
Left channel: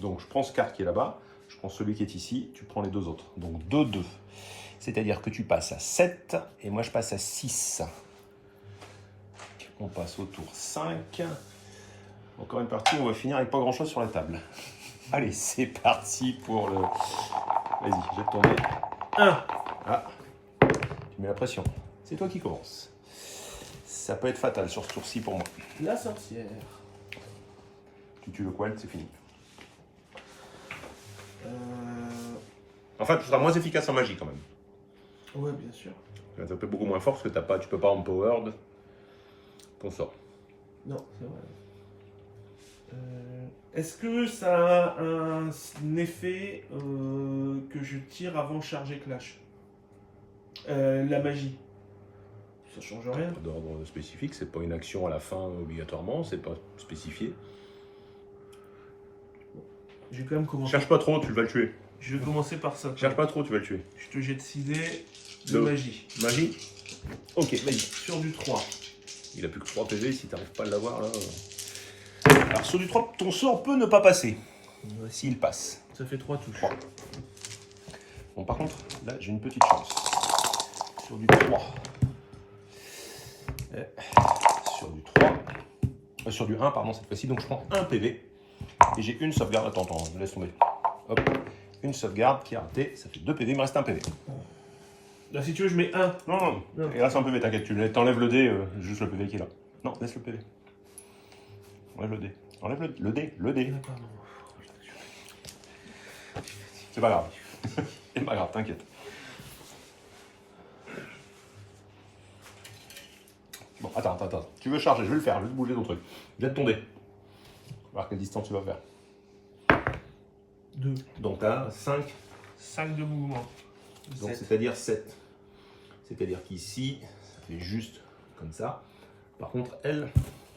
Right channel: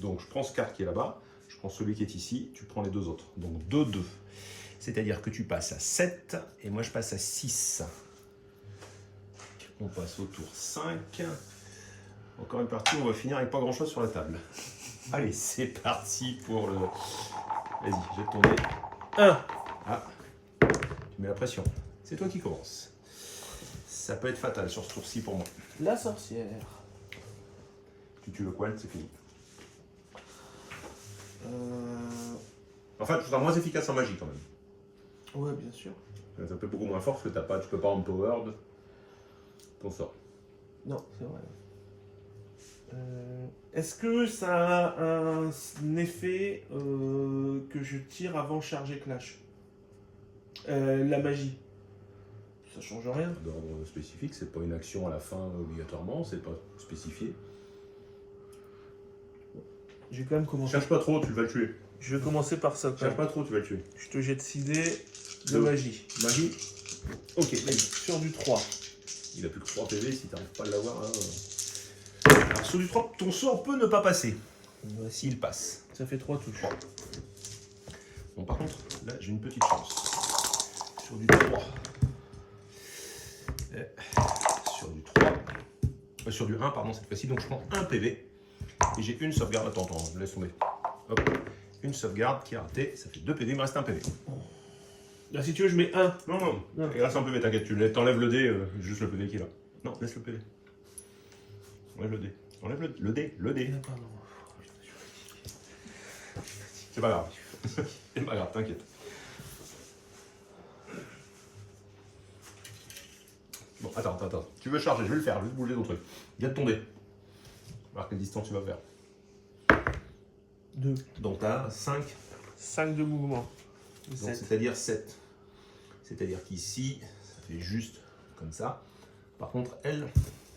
Donc je prends ce carte qui est là-bas, je prends celui qui est ici, tu prends les deux autres. Donc 2, 2. C'est-à-dire que tu passes à 7 et moi je passe à 6. On passe au tour 5. Encore une partie, on va finir avec pas grand-chose sur la table. Allez, c'est parti pour le... Vas-y, jette ton dé. 1. Ah, tu mets la pression. C'est toi qui commence. Ça peut être fatal sur ce tour-ci pour moi. La sorcière. Tu tues le qual, c'est fini. En fait, tu seras moins efficace en magie quand même. Ouais, bien sûr. Ça peut être beaucoup moins fort parce que tu peux pas empowered ton sort. Non, c'est vrai. Est-ce que ça a un effet que je tire avant charger Clash? La magie. Ça change rien. D'ordre spécifique, c'est pas une action à la fin obligatoirement, c'est pas spécifié. Je vais quand même commencer. Cherche pas trop, tu vas le tuer. Je vais commencer par ça. Cherche pas trop, tu vas le tuer. Je te jette 6 dés de Deux. magie. Magie. Ok, vas-y. Sur du 3. Il a plus que 3 PV si t'arrives pas à l'avoir là. Alors sur du 3, ton sort peut ne pas passer. S'il passe. Ça fait 3 touches. 3. Bon, par contre, là, j'ai une petite chance. Sur du 3. Sur du 3. Sur du 1, pardon, cette fois-ci. Donc, je prends 1 PV. Et j'ai une sauvegarde. Attends, laisse tomber. Hop. Une sauvegarde qui a raté. Ça fait 2 PV, il me reste 1 PV. Là, si tu veux, je mets 1. Non. Non. Il reste un PV, t'inquiète. Tu t'enlèves le dé, juste le PV qui est là. Non, laisse le PV. Enlève le dé. Enlève le dé. Le dé. Pardon. C'est pas grave. C'est pas grave, t'inquiète. Bon, attends. Tu veux charger, je vais le faire, juste bouger ton truc. Jette ton dé. On va voir quelle distance tu vas faire. 2. Donc t'as 5, 5 de mouvement. donc 7. c'est-à-dire 7. C'est-à-dire qu'ici, ça fait juste comme ça. Par contre, elle,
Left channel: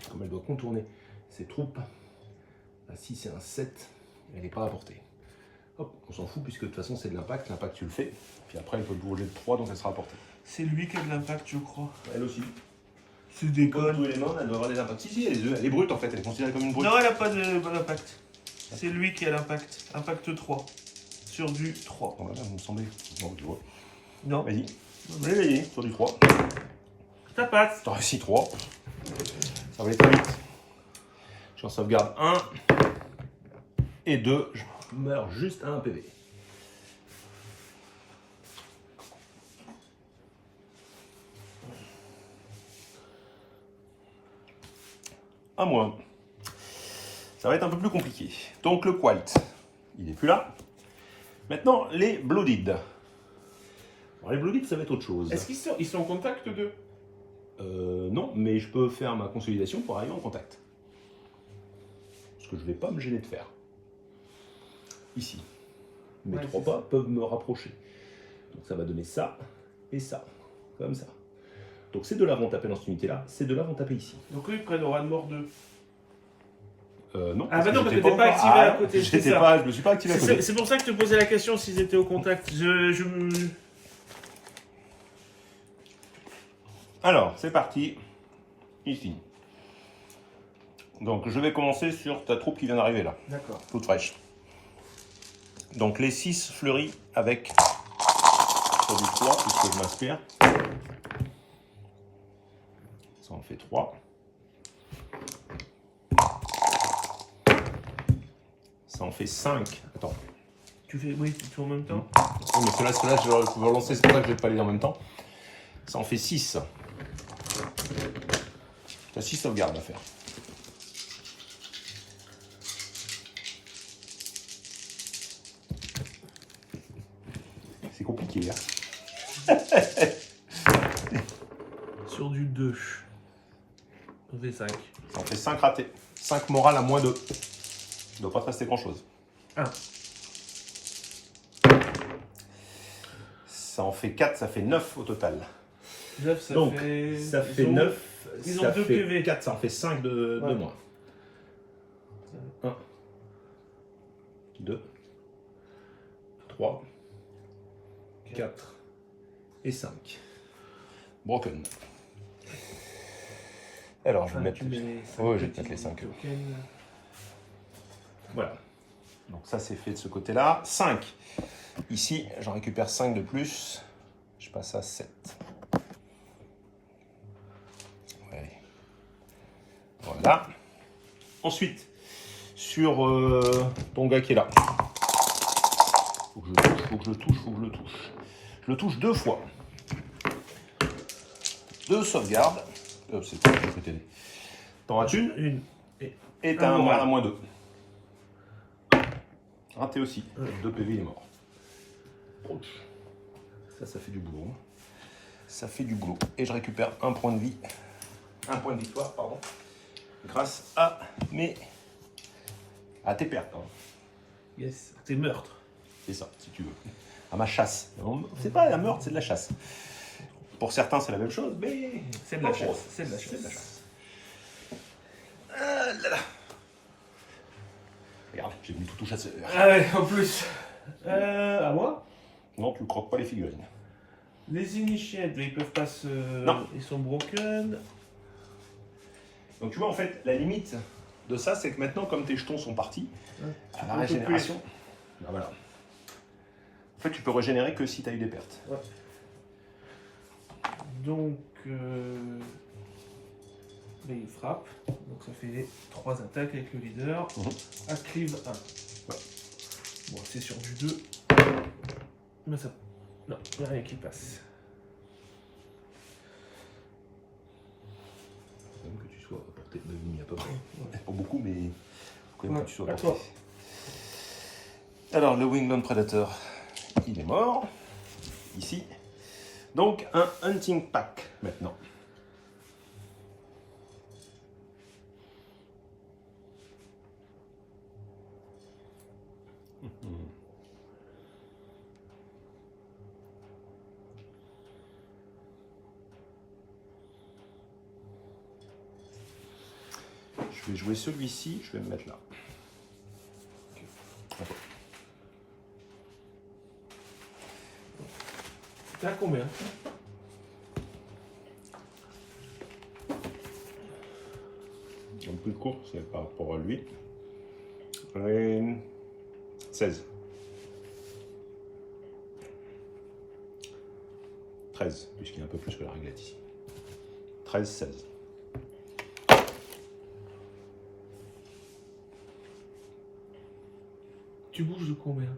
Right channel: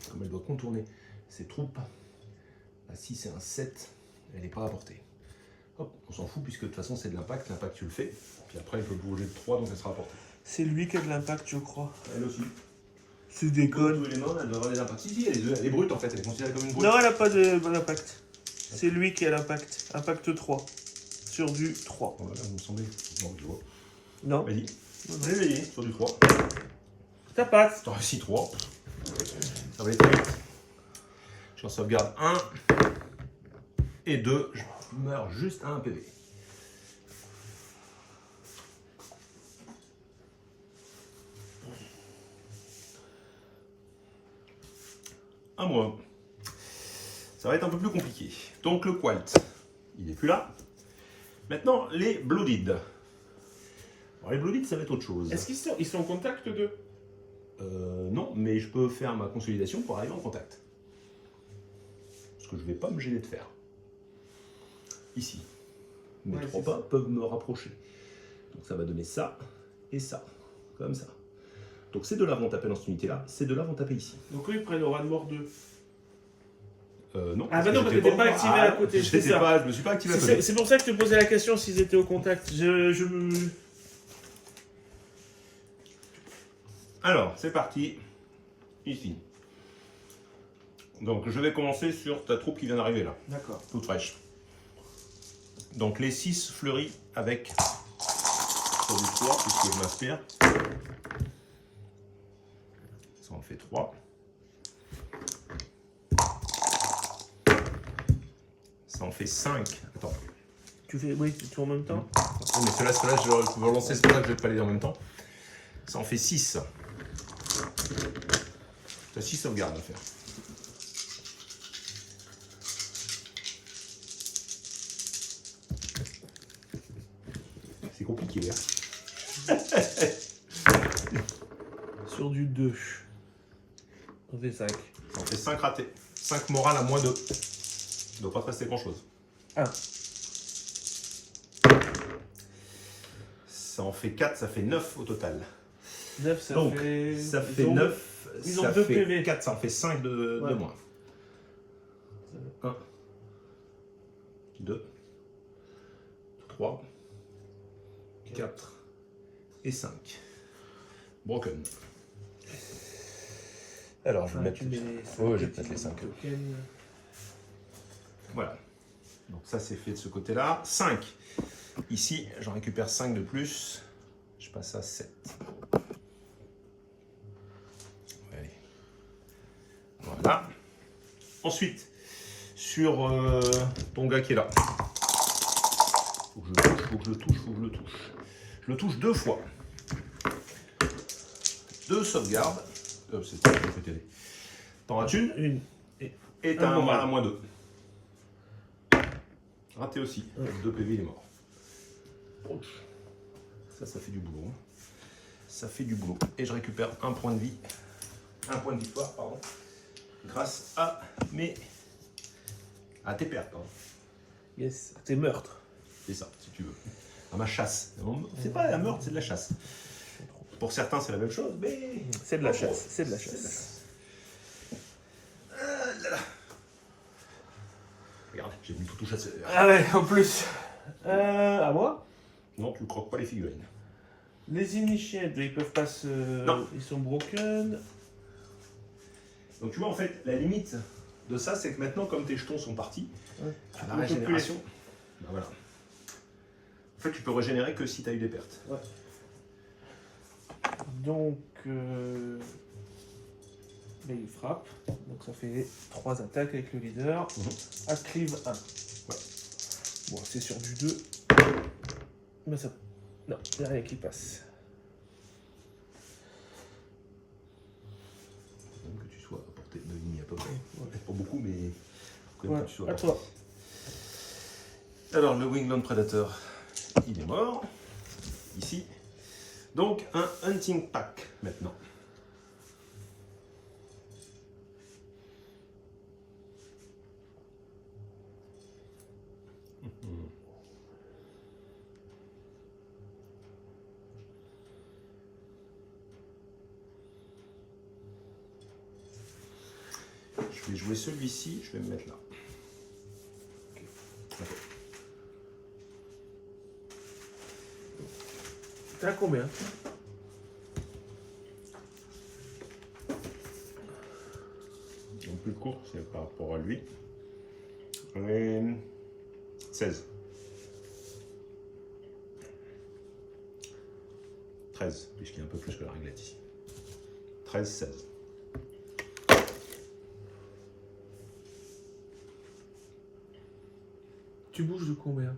comme elle doit contourner ses troupes, là, si c'est un 7, elle n'est pas à portée. Hop, on s'en fout puisque de toute façon c'est de l'impact. L'impact tu le fais. Puis après elle peut bouger de 3 donc elle sera à portée. C'est lui qui a de l'impact, je crois. Elle aussi. C'est des Comme tous connes. les noms, elle doit avoir des impacts. Si, elle est brute en fait, elle est considérée comme une brute. Non, elle a pas de bon impact. C'est lui qui a l'impact. Impact 3. Sur du 3. Voilà, ça me semblait. Non, je vois. Non. Vas-y. Vas-y, sur du 3. Ça passe. T'as réussi 3. Ça va aller très vite. J'en sauvegarde 1. Et 2. Je meurs juste à 1 PV. À moi. Ça va être un peu plus compliqué. Donc le Qualt, il est plus là. Maintenant, les Blooded. Alors, les Blooded, ça va être autre chose. Est-ce qu'ils sont en contact d'eux? Non, mais je peux faire ma consolidation pour arriver en contact. Ce que je ne vais pas me gêner de faire. Ici. Mes Ouais, 3 c'est pas ça. peuvent me rapprocher. Donc ça va donner ça et ça. Comme ça. Donc ces deux-là vont taper dans cette unité-là. Ces deux-là vont taper ici. Donc eux, ils prennent aura de mort 2. Non. Ah bah non, parce que t'es pas activé à côté, c'est J'étais ça. pas, je me suis pas activé à côté. C'est pour ça que je te posais la question s'ils étaient au contact. Alors, c'est parti. Ici. Donc, je vais commencer sur ta troupe qui vient d'arriver là, D'accord. toute fraîche. Donc, les 6 fleuris avec sur du 3, puisque je m'inspire. Ça en fait 3. Ça en fait 5. Attends. Tu fais, oui, tu fais en même temps. Oui, mais ceux-là, je vais relancer, c'est pour ça que je vais pas les dire en même temps. Ça en fait 6. Tu as 6 sauvegardes à faire. C'est compliqué, hein. Sur du 2. On fait 5. Ça en fait 5 ratés. 5 morales à moins 2. Il ne doit pas te rester grand-chose. 1. Ça en fait 4, ça fait 9 au total. 9, ça Donc, fait. ça fait ils ont- 9, ils ont ça 2 fait PV. 4, ça en fait 5 de Ouais. moins. 1, 2, 3, 4 et 5. Broken. Alors, je vais mettre je vais mettre les 5. Voilà. Donc ça, c'est fait de ce côté-là. 5. Ici, j'en récupère 5 de plus. Je passe à 7. Ouais. Voilà. Ensuite, sur ton gars qui est là. Faut que je le touche. Je le touche 2 fois. 2 sauvegardes. C'est pas ce côté. T'en rates une. Et t'as un moins 2. Raté aussi. 2 PV, il est mort. Ça fait du boulot. Ça fait du boulot. Et je récupère un point de vie. Un point de victoire, pardon. Grâce à tes pertes. Pardon. Yes, tes meurtres. C'est ça, si tu veux. À ma chasse. C'est pas la meurtre, c'est de la chasse. Pour certains, c'est la même chose, mais... C'est de la chasse. C'est de la chasse. Ah là là. Regarde, j'ai mis tout chasseur. Ah ouais, en plus. À moi? Non, tu ne croques pas les figurines. Les initiates, ils peuvent pas se... Non. Ils sont broken. Donc tu vois, en fait, la limite de ça, c'est que maintenant, comme tes jetons sont partis, à la peux régénération... Ben voilà. En fait, tu peux régénérer que si tu as eu des pertes. Ouais. Donc... Là, il frappe. Donc ça fait 3 attaques avec le leader. Acclive 1. Ouais. Bon, c'est sur du 2. Mais ça... Non, il n'y a rien qui passe. Que tu sois à portée de ligne à peu près. Ouais. Pas beaucoup, mais faut quand même que tu sois à portée. Toi. Alors, le Wingland Predator, il est mort. Ici. Donc, un Hunting Pack maintenant. Je vais jouer celui-ci, je vais me mettre là. Okay. T'es à combien? Un peu court, c'est par rapport à lui. 16. 13, puisqu'il y a un peu plus que la réglette ici. 13, 16. Tu bouges de combien?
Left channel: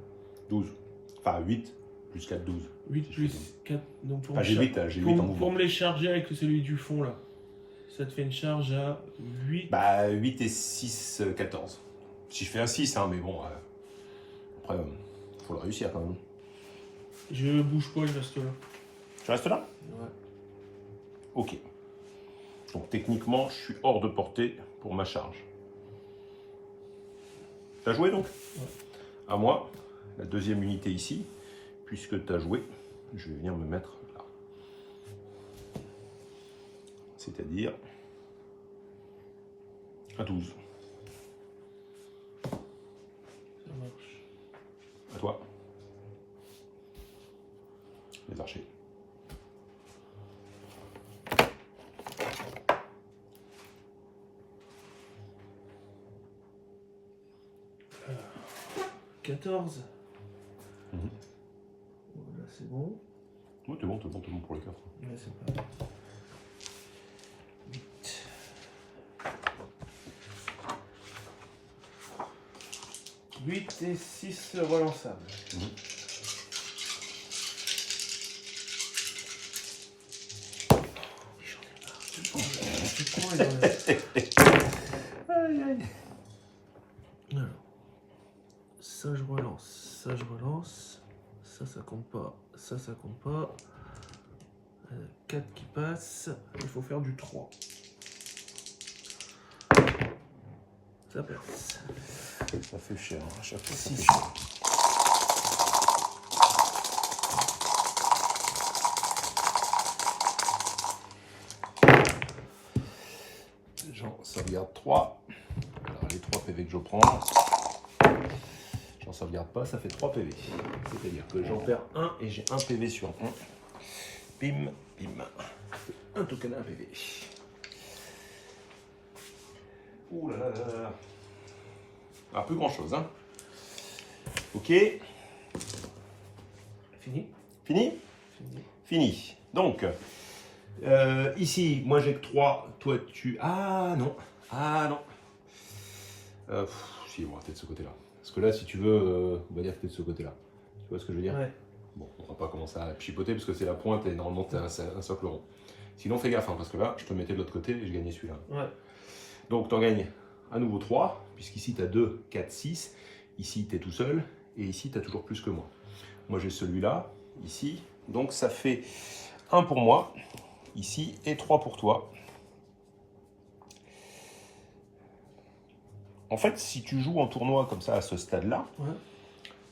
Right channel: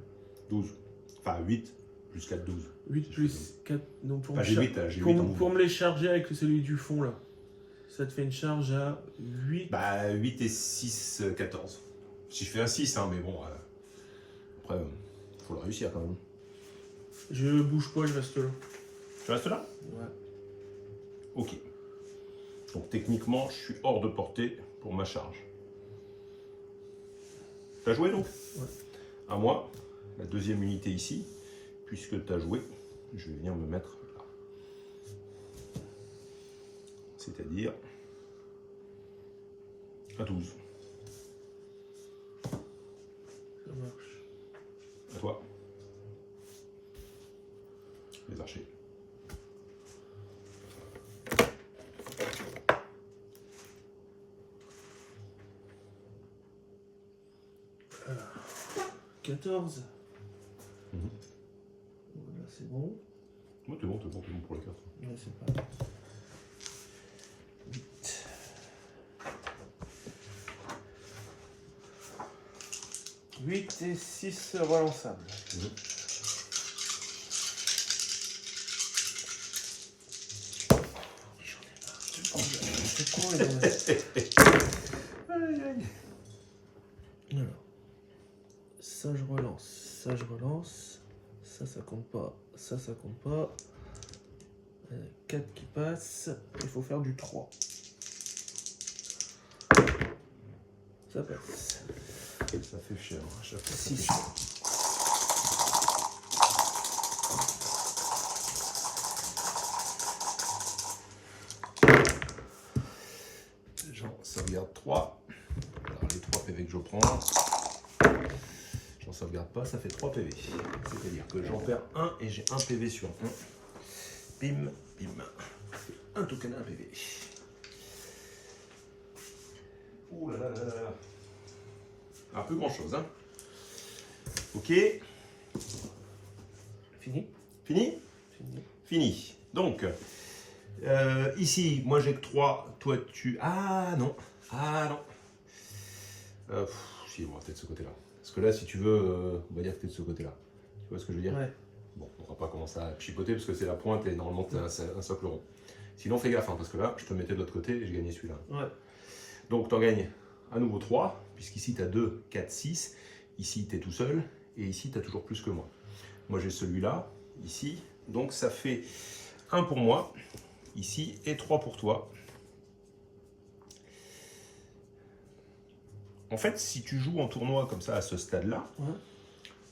12. Enfin 8 plus 4, 12. 8 plus 4. Donc pour, j'ai 8 en mouvement. Pour me les charger avec celui du fond là, ça te fait une charge à 8. Bah 8 et 6, 14. Si je fais un 6, hein, mais bon. Après, faut le réussir quand même. Je bouge pas, je reste là. Tu restes là? Ouais. Ok. Donc techniquement, je suis hors de portée pour ma charge. T'as joué donc? Ouais. À moi, la deuxième unité ici, puisque tu as joué, je vais venir me mettre là. C'est-à-dire à 12. Ça marche. À toi. Les archers. Alors, 14. Là, c'est bon. Oui, t'es bon pour les 4. Là, c'est pas. 8. 8 et 6 relançables. C'est quoi, Aïe, aïe. Alors, ça je relance, ça je relance, ça compte pas, ça compte pas. 4 qui passent, il faut faire du 3. Ça passe. Ça fait cher, à chaque fois. 6. J'en sauvegarde 3. Alors les 3 PV que je prends. J'en sauvegarde pas, ça fait 3 PV. C'est-à-dire que j'en perds 1 et j'ai 1 PV sur 1. Bim, bim. Un token, un PV. Ouh là là là là. Ah, plus grand chose, hein. Ok. Fini. Fini? Fini. Fini. Donc, ici, moi j'ai que 3. Toi, tu... Ah non. Ah non. Si, on va peut-être de ce côté-là. Parce que là, si tu veux, on va dire que tu es de ce côté-là. Tu vois ce que je veux dire? Ouais. Bon, on va pas commencer à chipoter parce que c'est la pointe et normalement tu as un socle rond. Sinon, fais gaffe, hein, parce que là, je te mettais de l'autre côté et je gagnais celui-là. Ouais. Donc, tu en gagnes à nouveau 3, puisqu'ici tu as 2, 4, 6. Ici, tu es tout seul. Et ici, tu as toujours plus que moi. Moi, j'ai celui-là, ici. Donc, ça fait 1 pour moi, ici, et 3 pour toi. En fait, si tu joues en tournoi comme ça, à ce stade-là, Ouais.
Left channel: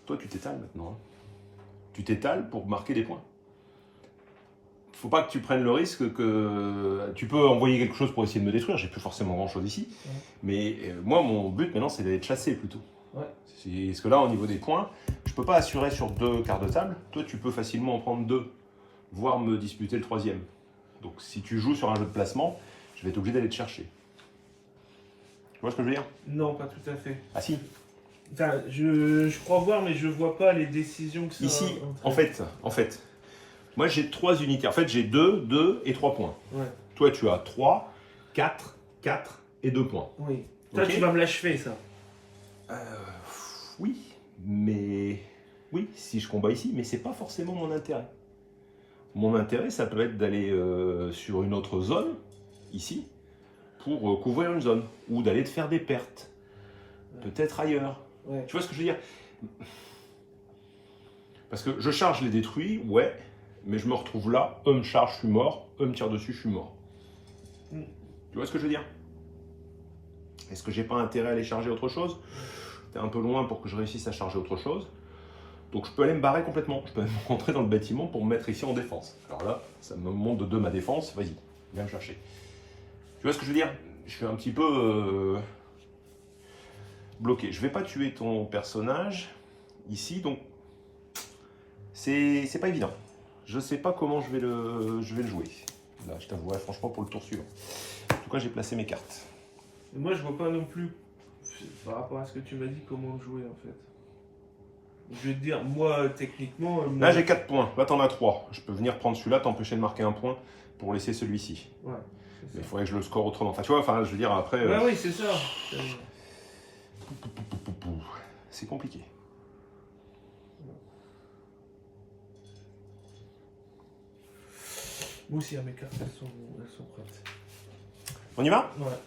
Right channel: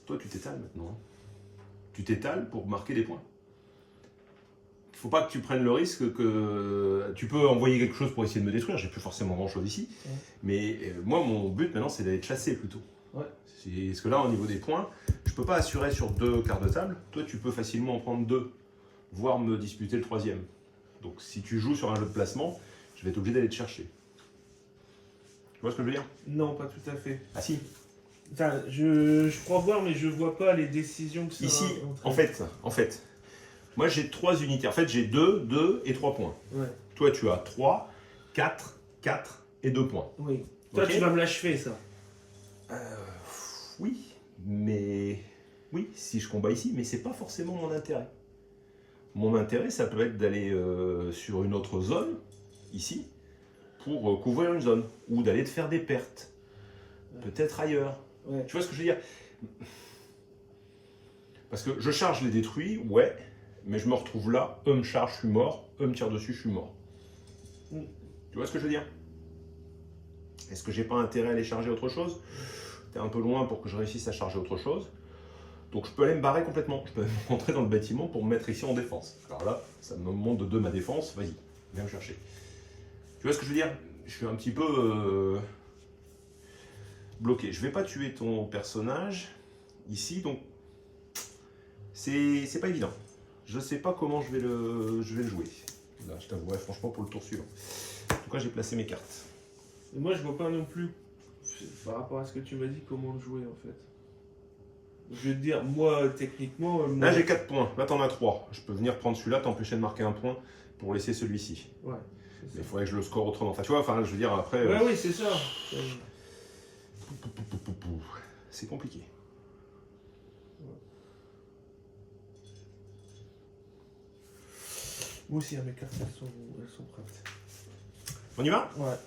toi, tu t'étales maintenant. Hein. Tu t'étales pour marquer des points. Il ne faut pas que tu prennes le risque que... Tu peux envoyer quelque chose pour essayer de me détruire, j'ai plus forcément grand-chose ici. Ouais. Mais moi, mon but maintenant, c'est d'aller te chasser plutôt. Ouais. Parce que là, au niveau des points, je ne peux pas assurer sur 2 quarts de table. Toi, tu peux facilement en prendre 2, voire me disputer le 3e. Donc, si tu joues sur un jeu de placement, je vais être obligé d'aller te chercher. Tu vois ce que je veux dire? Non, pas tout à fait. Ah si. Enfin, je crois voir, mais je vois pas les décisions que ça ici, entraîne. en fait, moi j'ai 3 unités. En fait, j'ai 2, 2 et 3 points. Ouais. Toi, tu as 3, 4, 4 et 2 points. Oui. Toi, Okay. tu vas me l'achever, ça. Oui, mais... Oui, si je combats ici, mais c'est pas forcément mon intérêt. Mon intérêt, ça peut être d'aller sur une autre zone, ici, pour couvrir une zone, ou d'aller te faire des pertes. Ouais. Peut-être ailleurs. Ouais. Tu vois ce que je veux dire? Parce que je charge les détruits, ouais, mais je me retrouve là, eux me chargent, je suis mort, eux me tirent dessus, je suis mort. Tu vois ce que je veux dire? Est-ce que j'ai pas intérêt à aller charger autre chose? T'es un peu loin pour que je réussisse à charger autre chose. Donc je peux aller me barrer complètement. Je peux même rentrer dans le bâtiment pour me mettre ici en défense. Alors là, ça me monte de 2 ma défense. Vas-y, viens me chercher. Tu vois ce que je veux dire? Je suis un petit peu bloqué. Je vais pas tuer ton personnage ici, donc c'est pas évident. Je sais pas comment je vais le jouer. Là, je t'avouerai franchement pour le tour suivant. En tout cas, j'ai placé mes cartes. Et moi, je vois pas non plus, par rapport à ce que tu m'as dit, comment le jouer en fait. Je vais te dire, moi, techniquement... Là, j'ai 4 points. Là, t'en as 3. Je peux venir prendre celui-là, t'empêcher de marquer un point pour laisser celui-ci. Ouais. Mais il faudrait que je le score autrement. Enfin, tu vois, enfin, je veux dire, après... Ouais, oui, c'est ça. C'est compliqué. Moi aussi, mes cartes, elles sont prêtes. On y va? Ouais.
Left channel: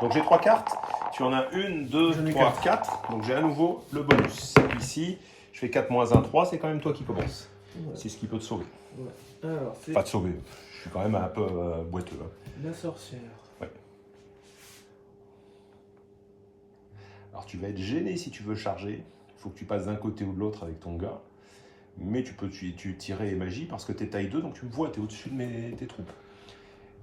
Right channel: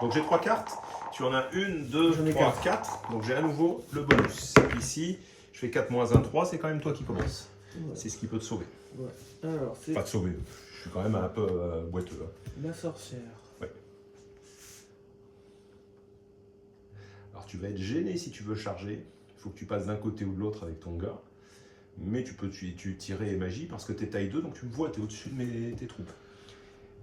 Donc, j'ai 3 cartes. Tu en as 1, 2, 3, 4. Donc, j'ai à nouveau le bonus. Ici, je fais 4 moins 1, 3. C'est quand même toi qui commences. Ouais. C'est ce qui peut te sauver. Ouais. Alors, c'est... Pas te sauver. Je suis quand même un peu boiteux. Hein. La sorcière. Ouais. Alors, tu vas être gêné si tu veux charger. Il faut que tu passes d'un côté ou de l'autre avec ton gars. Mais tu peux tirer magie parce que tu es taille 2, donc tu me vois, tu es au-dessus de tes troupes.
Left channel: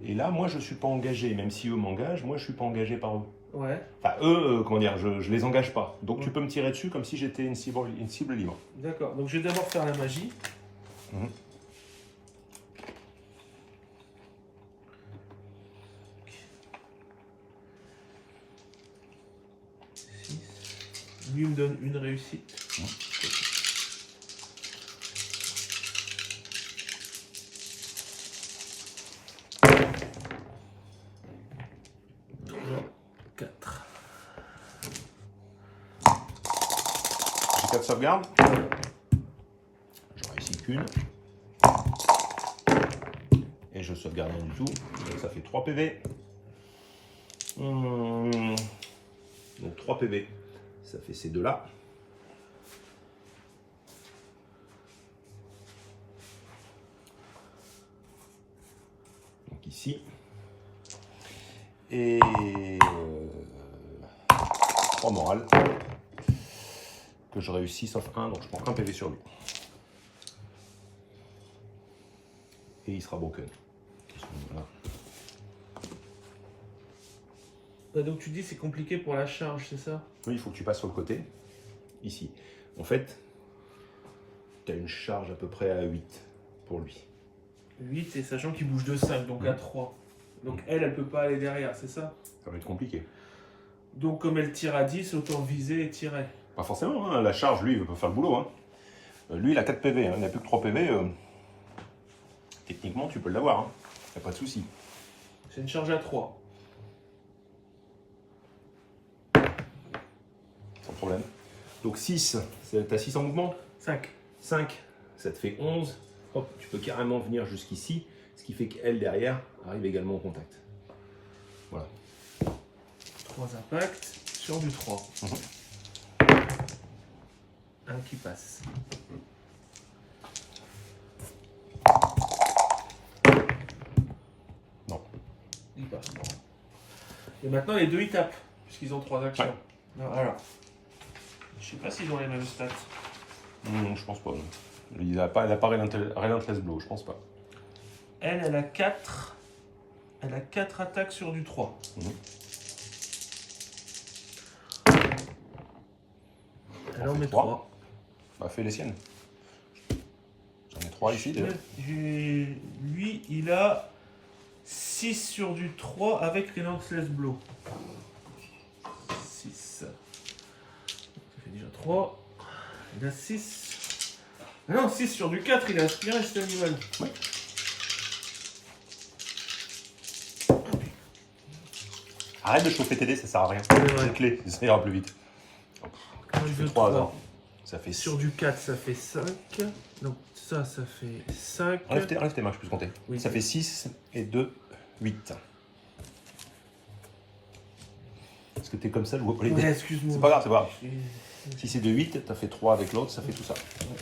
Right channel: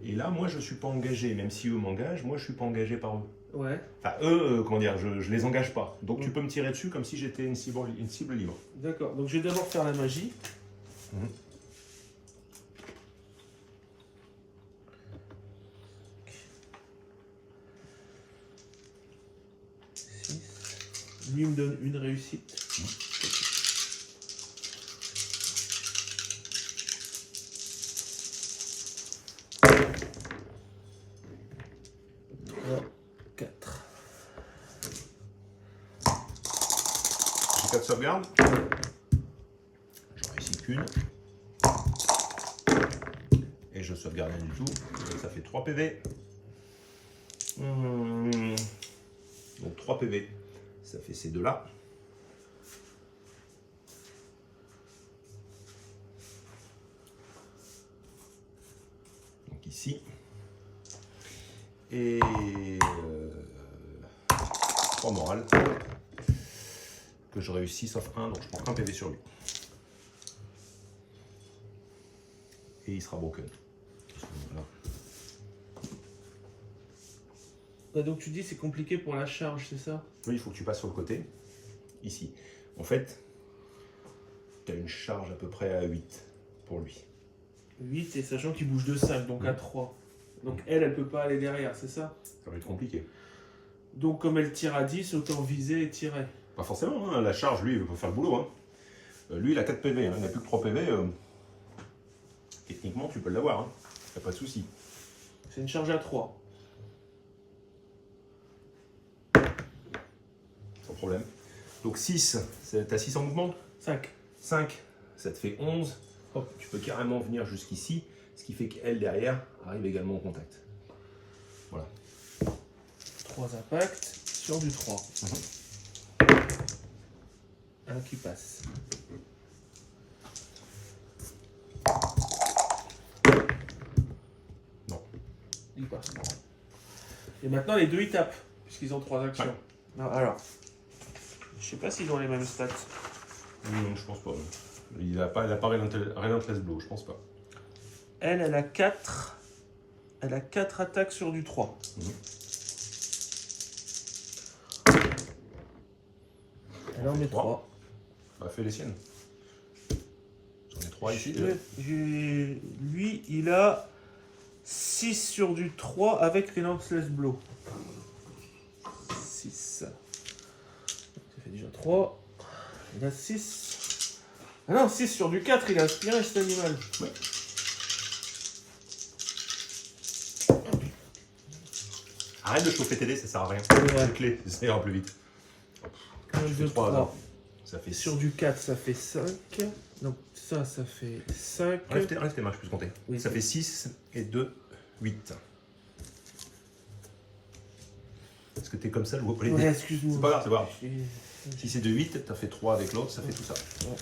Et là, moi, je ne suis pas engagé. Même si eux m'engagent, moi, je ne suis pas engagé par eux. Ouais. Enfin, eux, comment dire, je les engage pas. Donc, tu peux me tirer dessus comme si j'étais une cible libre. D'accord. Donc, je vais d'abord faire la magie. Mmh. Lui me donne une réussite. Mmh. 4. J'ai 4 sauvegardes. J'en réussis qu'une. Et je sauvegarde rien du tout. Donc ça fait 3 PV. Donc 3 PV. Ça fait ces deux-là. Donc ici. Et 3 morales. Que je réussis sauf 1, donc je prends 1 PV sur lui. Et il sera broken. Voilà. Donc tu dis c'est compliqué pour la charge, c'est ça? Oui, il faut que tu passes sur le côté. ici. En fait, tu as une charge à peu près à 8 pour lui. 8 et sachant qu'il bouge de 5, donc à 3. Donc elle peut pas aller derrière, c'est ça? Ça va être compliqué. Donc comme elle tire à 10, autant viser et tirer. Pas forcément, hein. La charge, lui, il peut faire le boulot. Hein. Lui, il a 4 PV, hein. Il n'a plus que 3 PV. Techniquement, tu peux l'avoir, hein. Y a pas de souci. C'est une charge à 3. Sans problème. Donc 6, t'as 6 en mouvement. 5. 5, ça te fait 11. Hop, tu peux carrément venir jusqu'ici, ce qui fait qu'elle, derrière, arrive également au contact. Voilà. 3 impacts sur du 3. Un qui passe. Non. Il passe. Et maintenant les deux ils tapent, puisqu'ils ont 3 actions. Ouais. Non, alors, je sais pas s'ils ont les mêmes stats. Non, je pense pas. Il n'a pas Relentless Blow, je pense pas. Elle a 4. Elle a 4 attaques sur du 3. Elle en met 3. Bah, fais les siennes. J'en ai 3 ici déjà. Lui, il a 6 sur du 3 avec Relentless Blow. 6. Ça fait déjà 3. Il a 6. Ah non, 6 sur du 4, il a aspiré cet animal. Ouais. Arrête de chauffer tes dés, ça sert à rien. C'est clé, ça ira plus vite. Tu fais 3. Ça fait 6. Sur du 4, ça fait 5. Donc ça fait 5. Enlève tes mains, je peux compter. Oui, ça fait 6 et 2, 8. Est-ce que t'es comme ça, je vois pas les dés. Ouais, excuse-moi. C'est pas grave, c'est pas grave. Si c'est de 8, t'as fait 3 avec l'autre, ça fait tout ça. Ouais.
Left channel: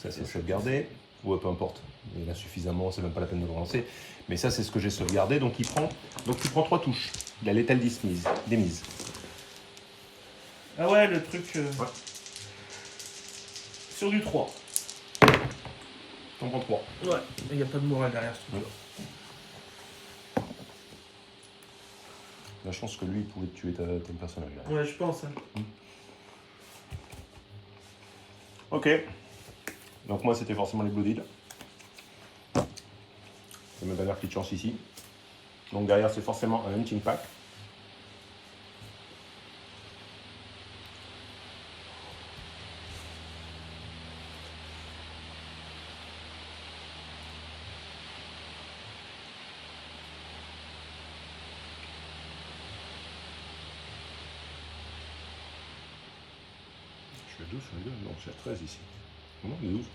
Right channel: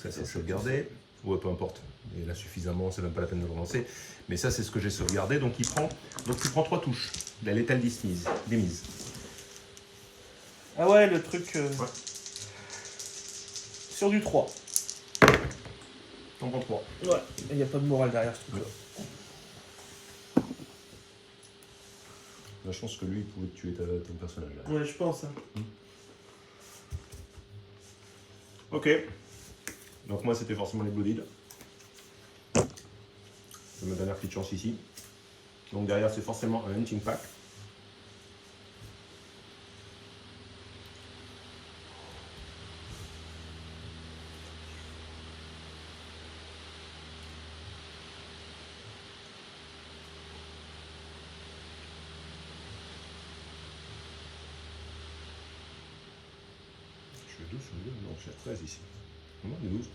Ça, c'est sauvegardé. Ouais, peu importe. Il y en a suffisamment, c'est même pas la peine de le relancer. Mais ça, c'est ce que j'ai sauvegardé. Donc, tu prends 3 touches. La létale démise. Ah ouais, le truc... Ouais. Sur du 3. T'en prends 3. Ouais, il n'y a pas de morale derrière ce truc-là. Là, je pense que lui, il pouvait tuer ton personnage. Là. Ouais, je pense. Hein. Ok. Donc, moi, c'était forcément les Blooded. C'est ma dernière petite chance ici. Donc, derrière, c'est forcément un Hunting Pack. Je fais 12 sur les deux. Non, je suis à 13 ici. Non, il y a 12.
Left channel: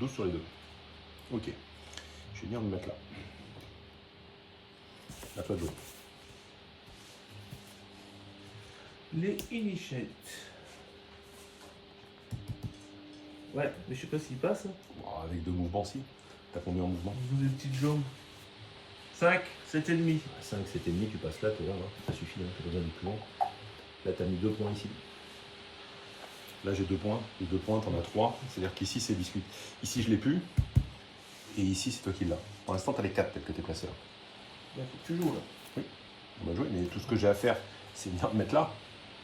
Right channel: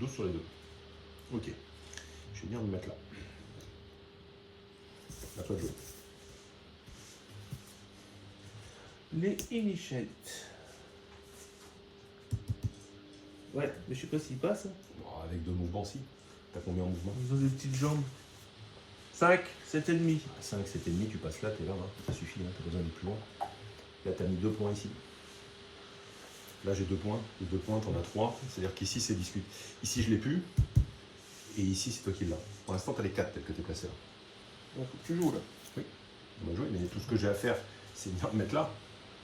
12 sur les deux. Ok. Je vais venir me mettre là. À toi de jouer. Les Initiates. Ouais, mais je sais pas s'il passe. Hein. Bon, avec 2 mouvements, si. T'as combien en mouvement? Ils ont des petites jambes. 5, 7 et demi. 5, 7 et demi, tu passes là, t'es là, ça suffit, hein, t'as besoin d'aller plus loin. Là, t'as mis 2 points ici. Là, j'ai 2 points. Les 2 points, t'en as 3. C'est-à-dire qu'ici, c'est discute. Ici, je l'ai plus. Et ici, c'est toi qui l'as. Pour l'instant, t'as les 4 tels que t'es placé là. Il faut que tu joues là. Oui, on va jouer, mais tout ce que j'ai à faire, c'est venir me mettre là.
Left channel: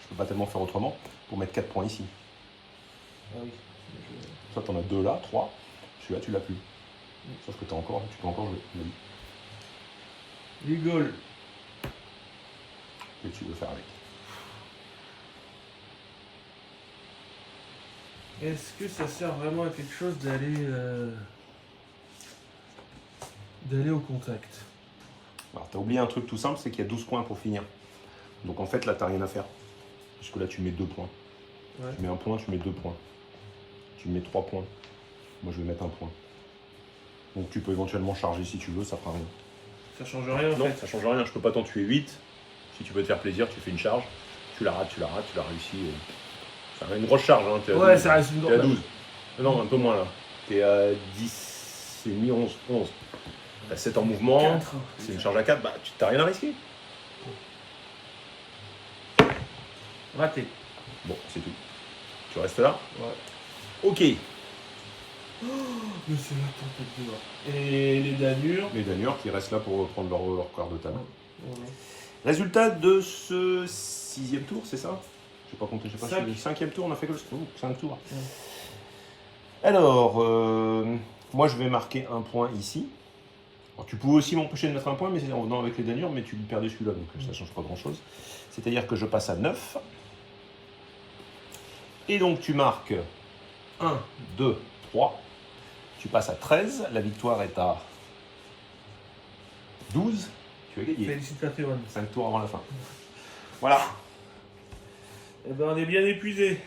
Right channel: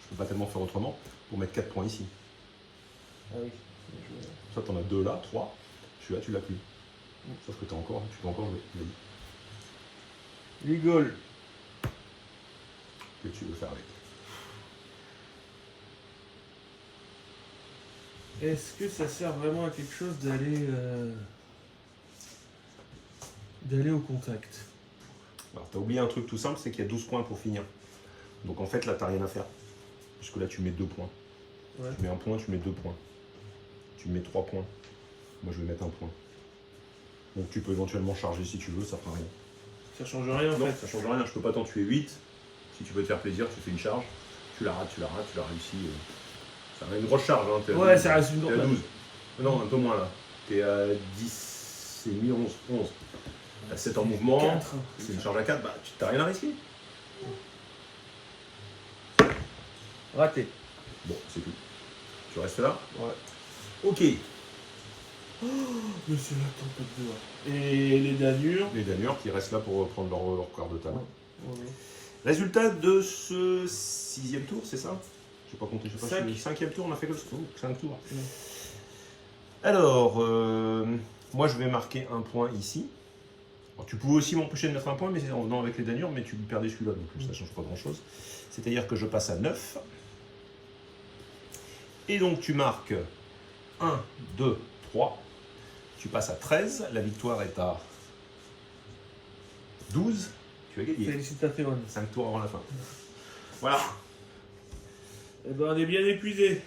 Je peux pas tellement faire autrement pour mettre 4 points ici. Ah oui. Soit t'en as 2 là, 3. Celui-là, tu l'as plus. Sauf que tu peux encore jouer. Vas-y. Rigole. Que tu veux faire avec. Est-ce que ça sert vraiment à quelque chose d'aller au contact? Alors, t'as oublié un truc tout simple, c'est qu'il y a 12 points pour finir. Donc en fait, là, t'as rien à faire. Parce que là, tu mets 2 points. Ouais. Tu mets 1 point, tu mets 2 points. Tu mets 3 points. Moi, je vais mettre 1 point. Donc tu peux éventuellement charger si tu veux, ça fera rien. Ça change rien en Non, fait. ça change rien, je peux pas t'en tuer 8. Si tu veux te faire plaisir, tu fais une charge. Tu la rates, tu l'as réussi. Ça va une grosse charge, hein. T'es à Ouais, 12. ça reste une T'es à grosse. 12. Non, un peu moins là. T'es à 10, c'est mi 11. T'as 7 en mouvement. 4. C'est une charge à 4, bah tu t'as rien à risquer. Raté. Bon, c'est tout. Tu restes là. Ouais. Ok. Mais c'est la tempête dehors. Et les Danures. Les Danures qui restent là pour prendre leur quart de table. Voilà. Résultat de ce 6e tour, c'est ça? Je n'ai pas compté, je sais pas Cinq. si le 5e tour, on a fait que le 5 tours. Ouais. Alors, moi je vais marquer un point ici. Alors, tu pouvais aussi m'empêcher de mettre un point mais c'est en venant avec les Danures, mais tu perdais celui-là, donc ça ne change pas grand-chose. C'est-à-dire que je passe à 9. Et donc tu marques 1, 2, 3. Tu passes à 13. La victoire est à 12. Tu as gagné. Félicitations. 5 tours avant la fin. Voilà. Eh ben, on est bien épuisé.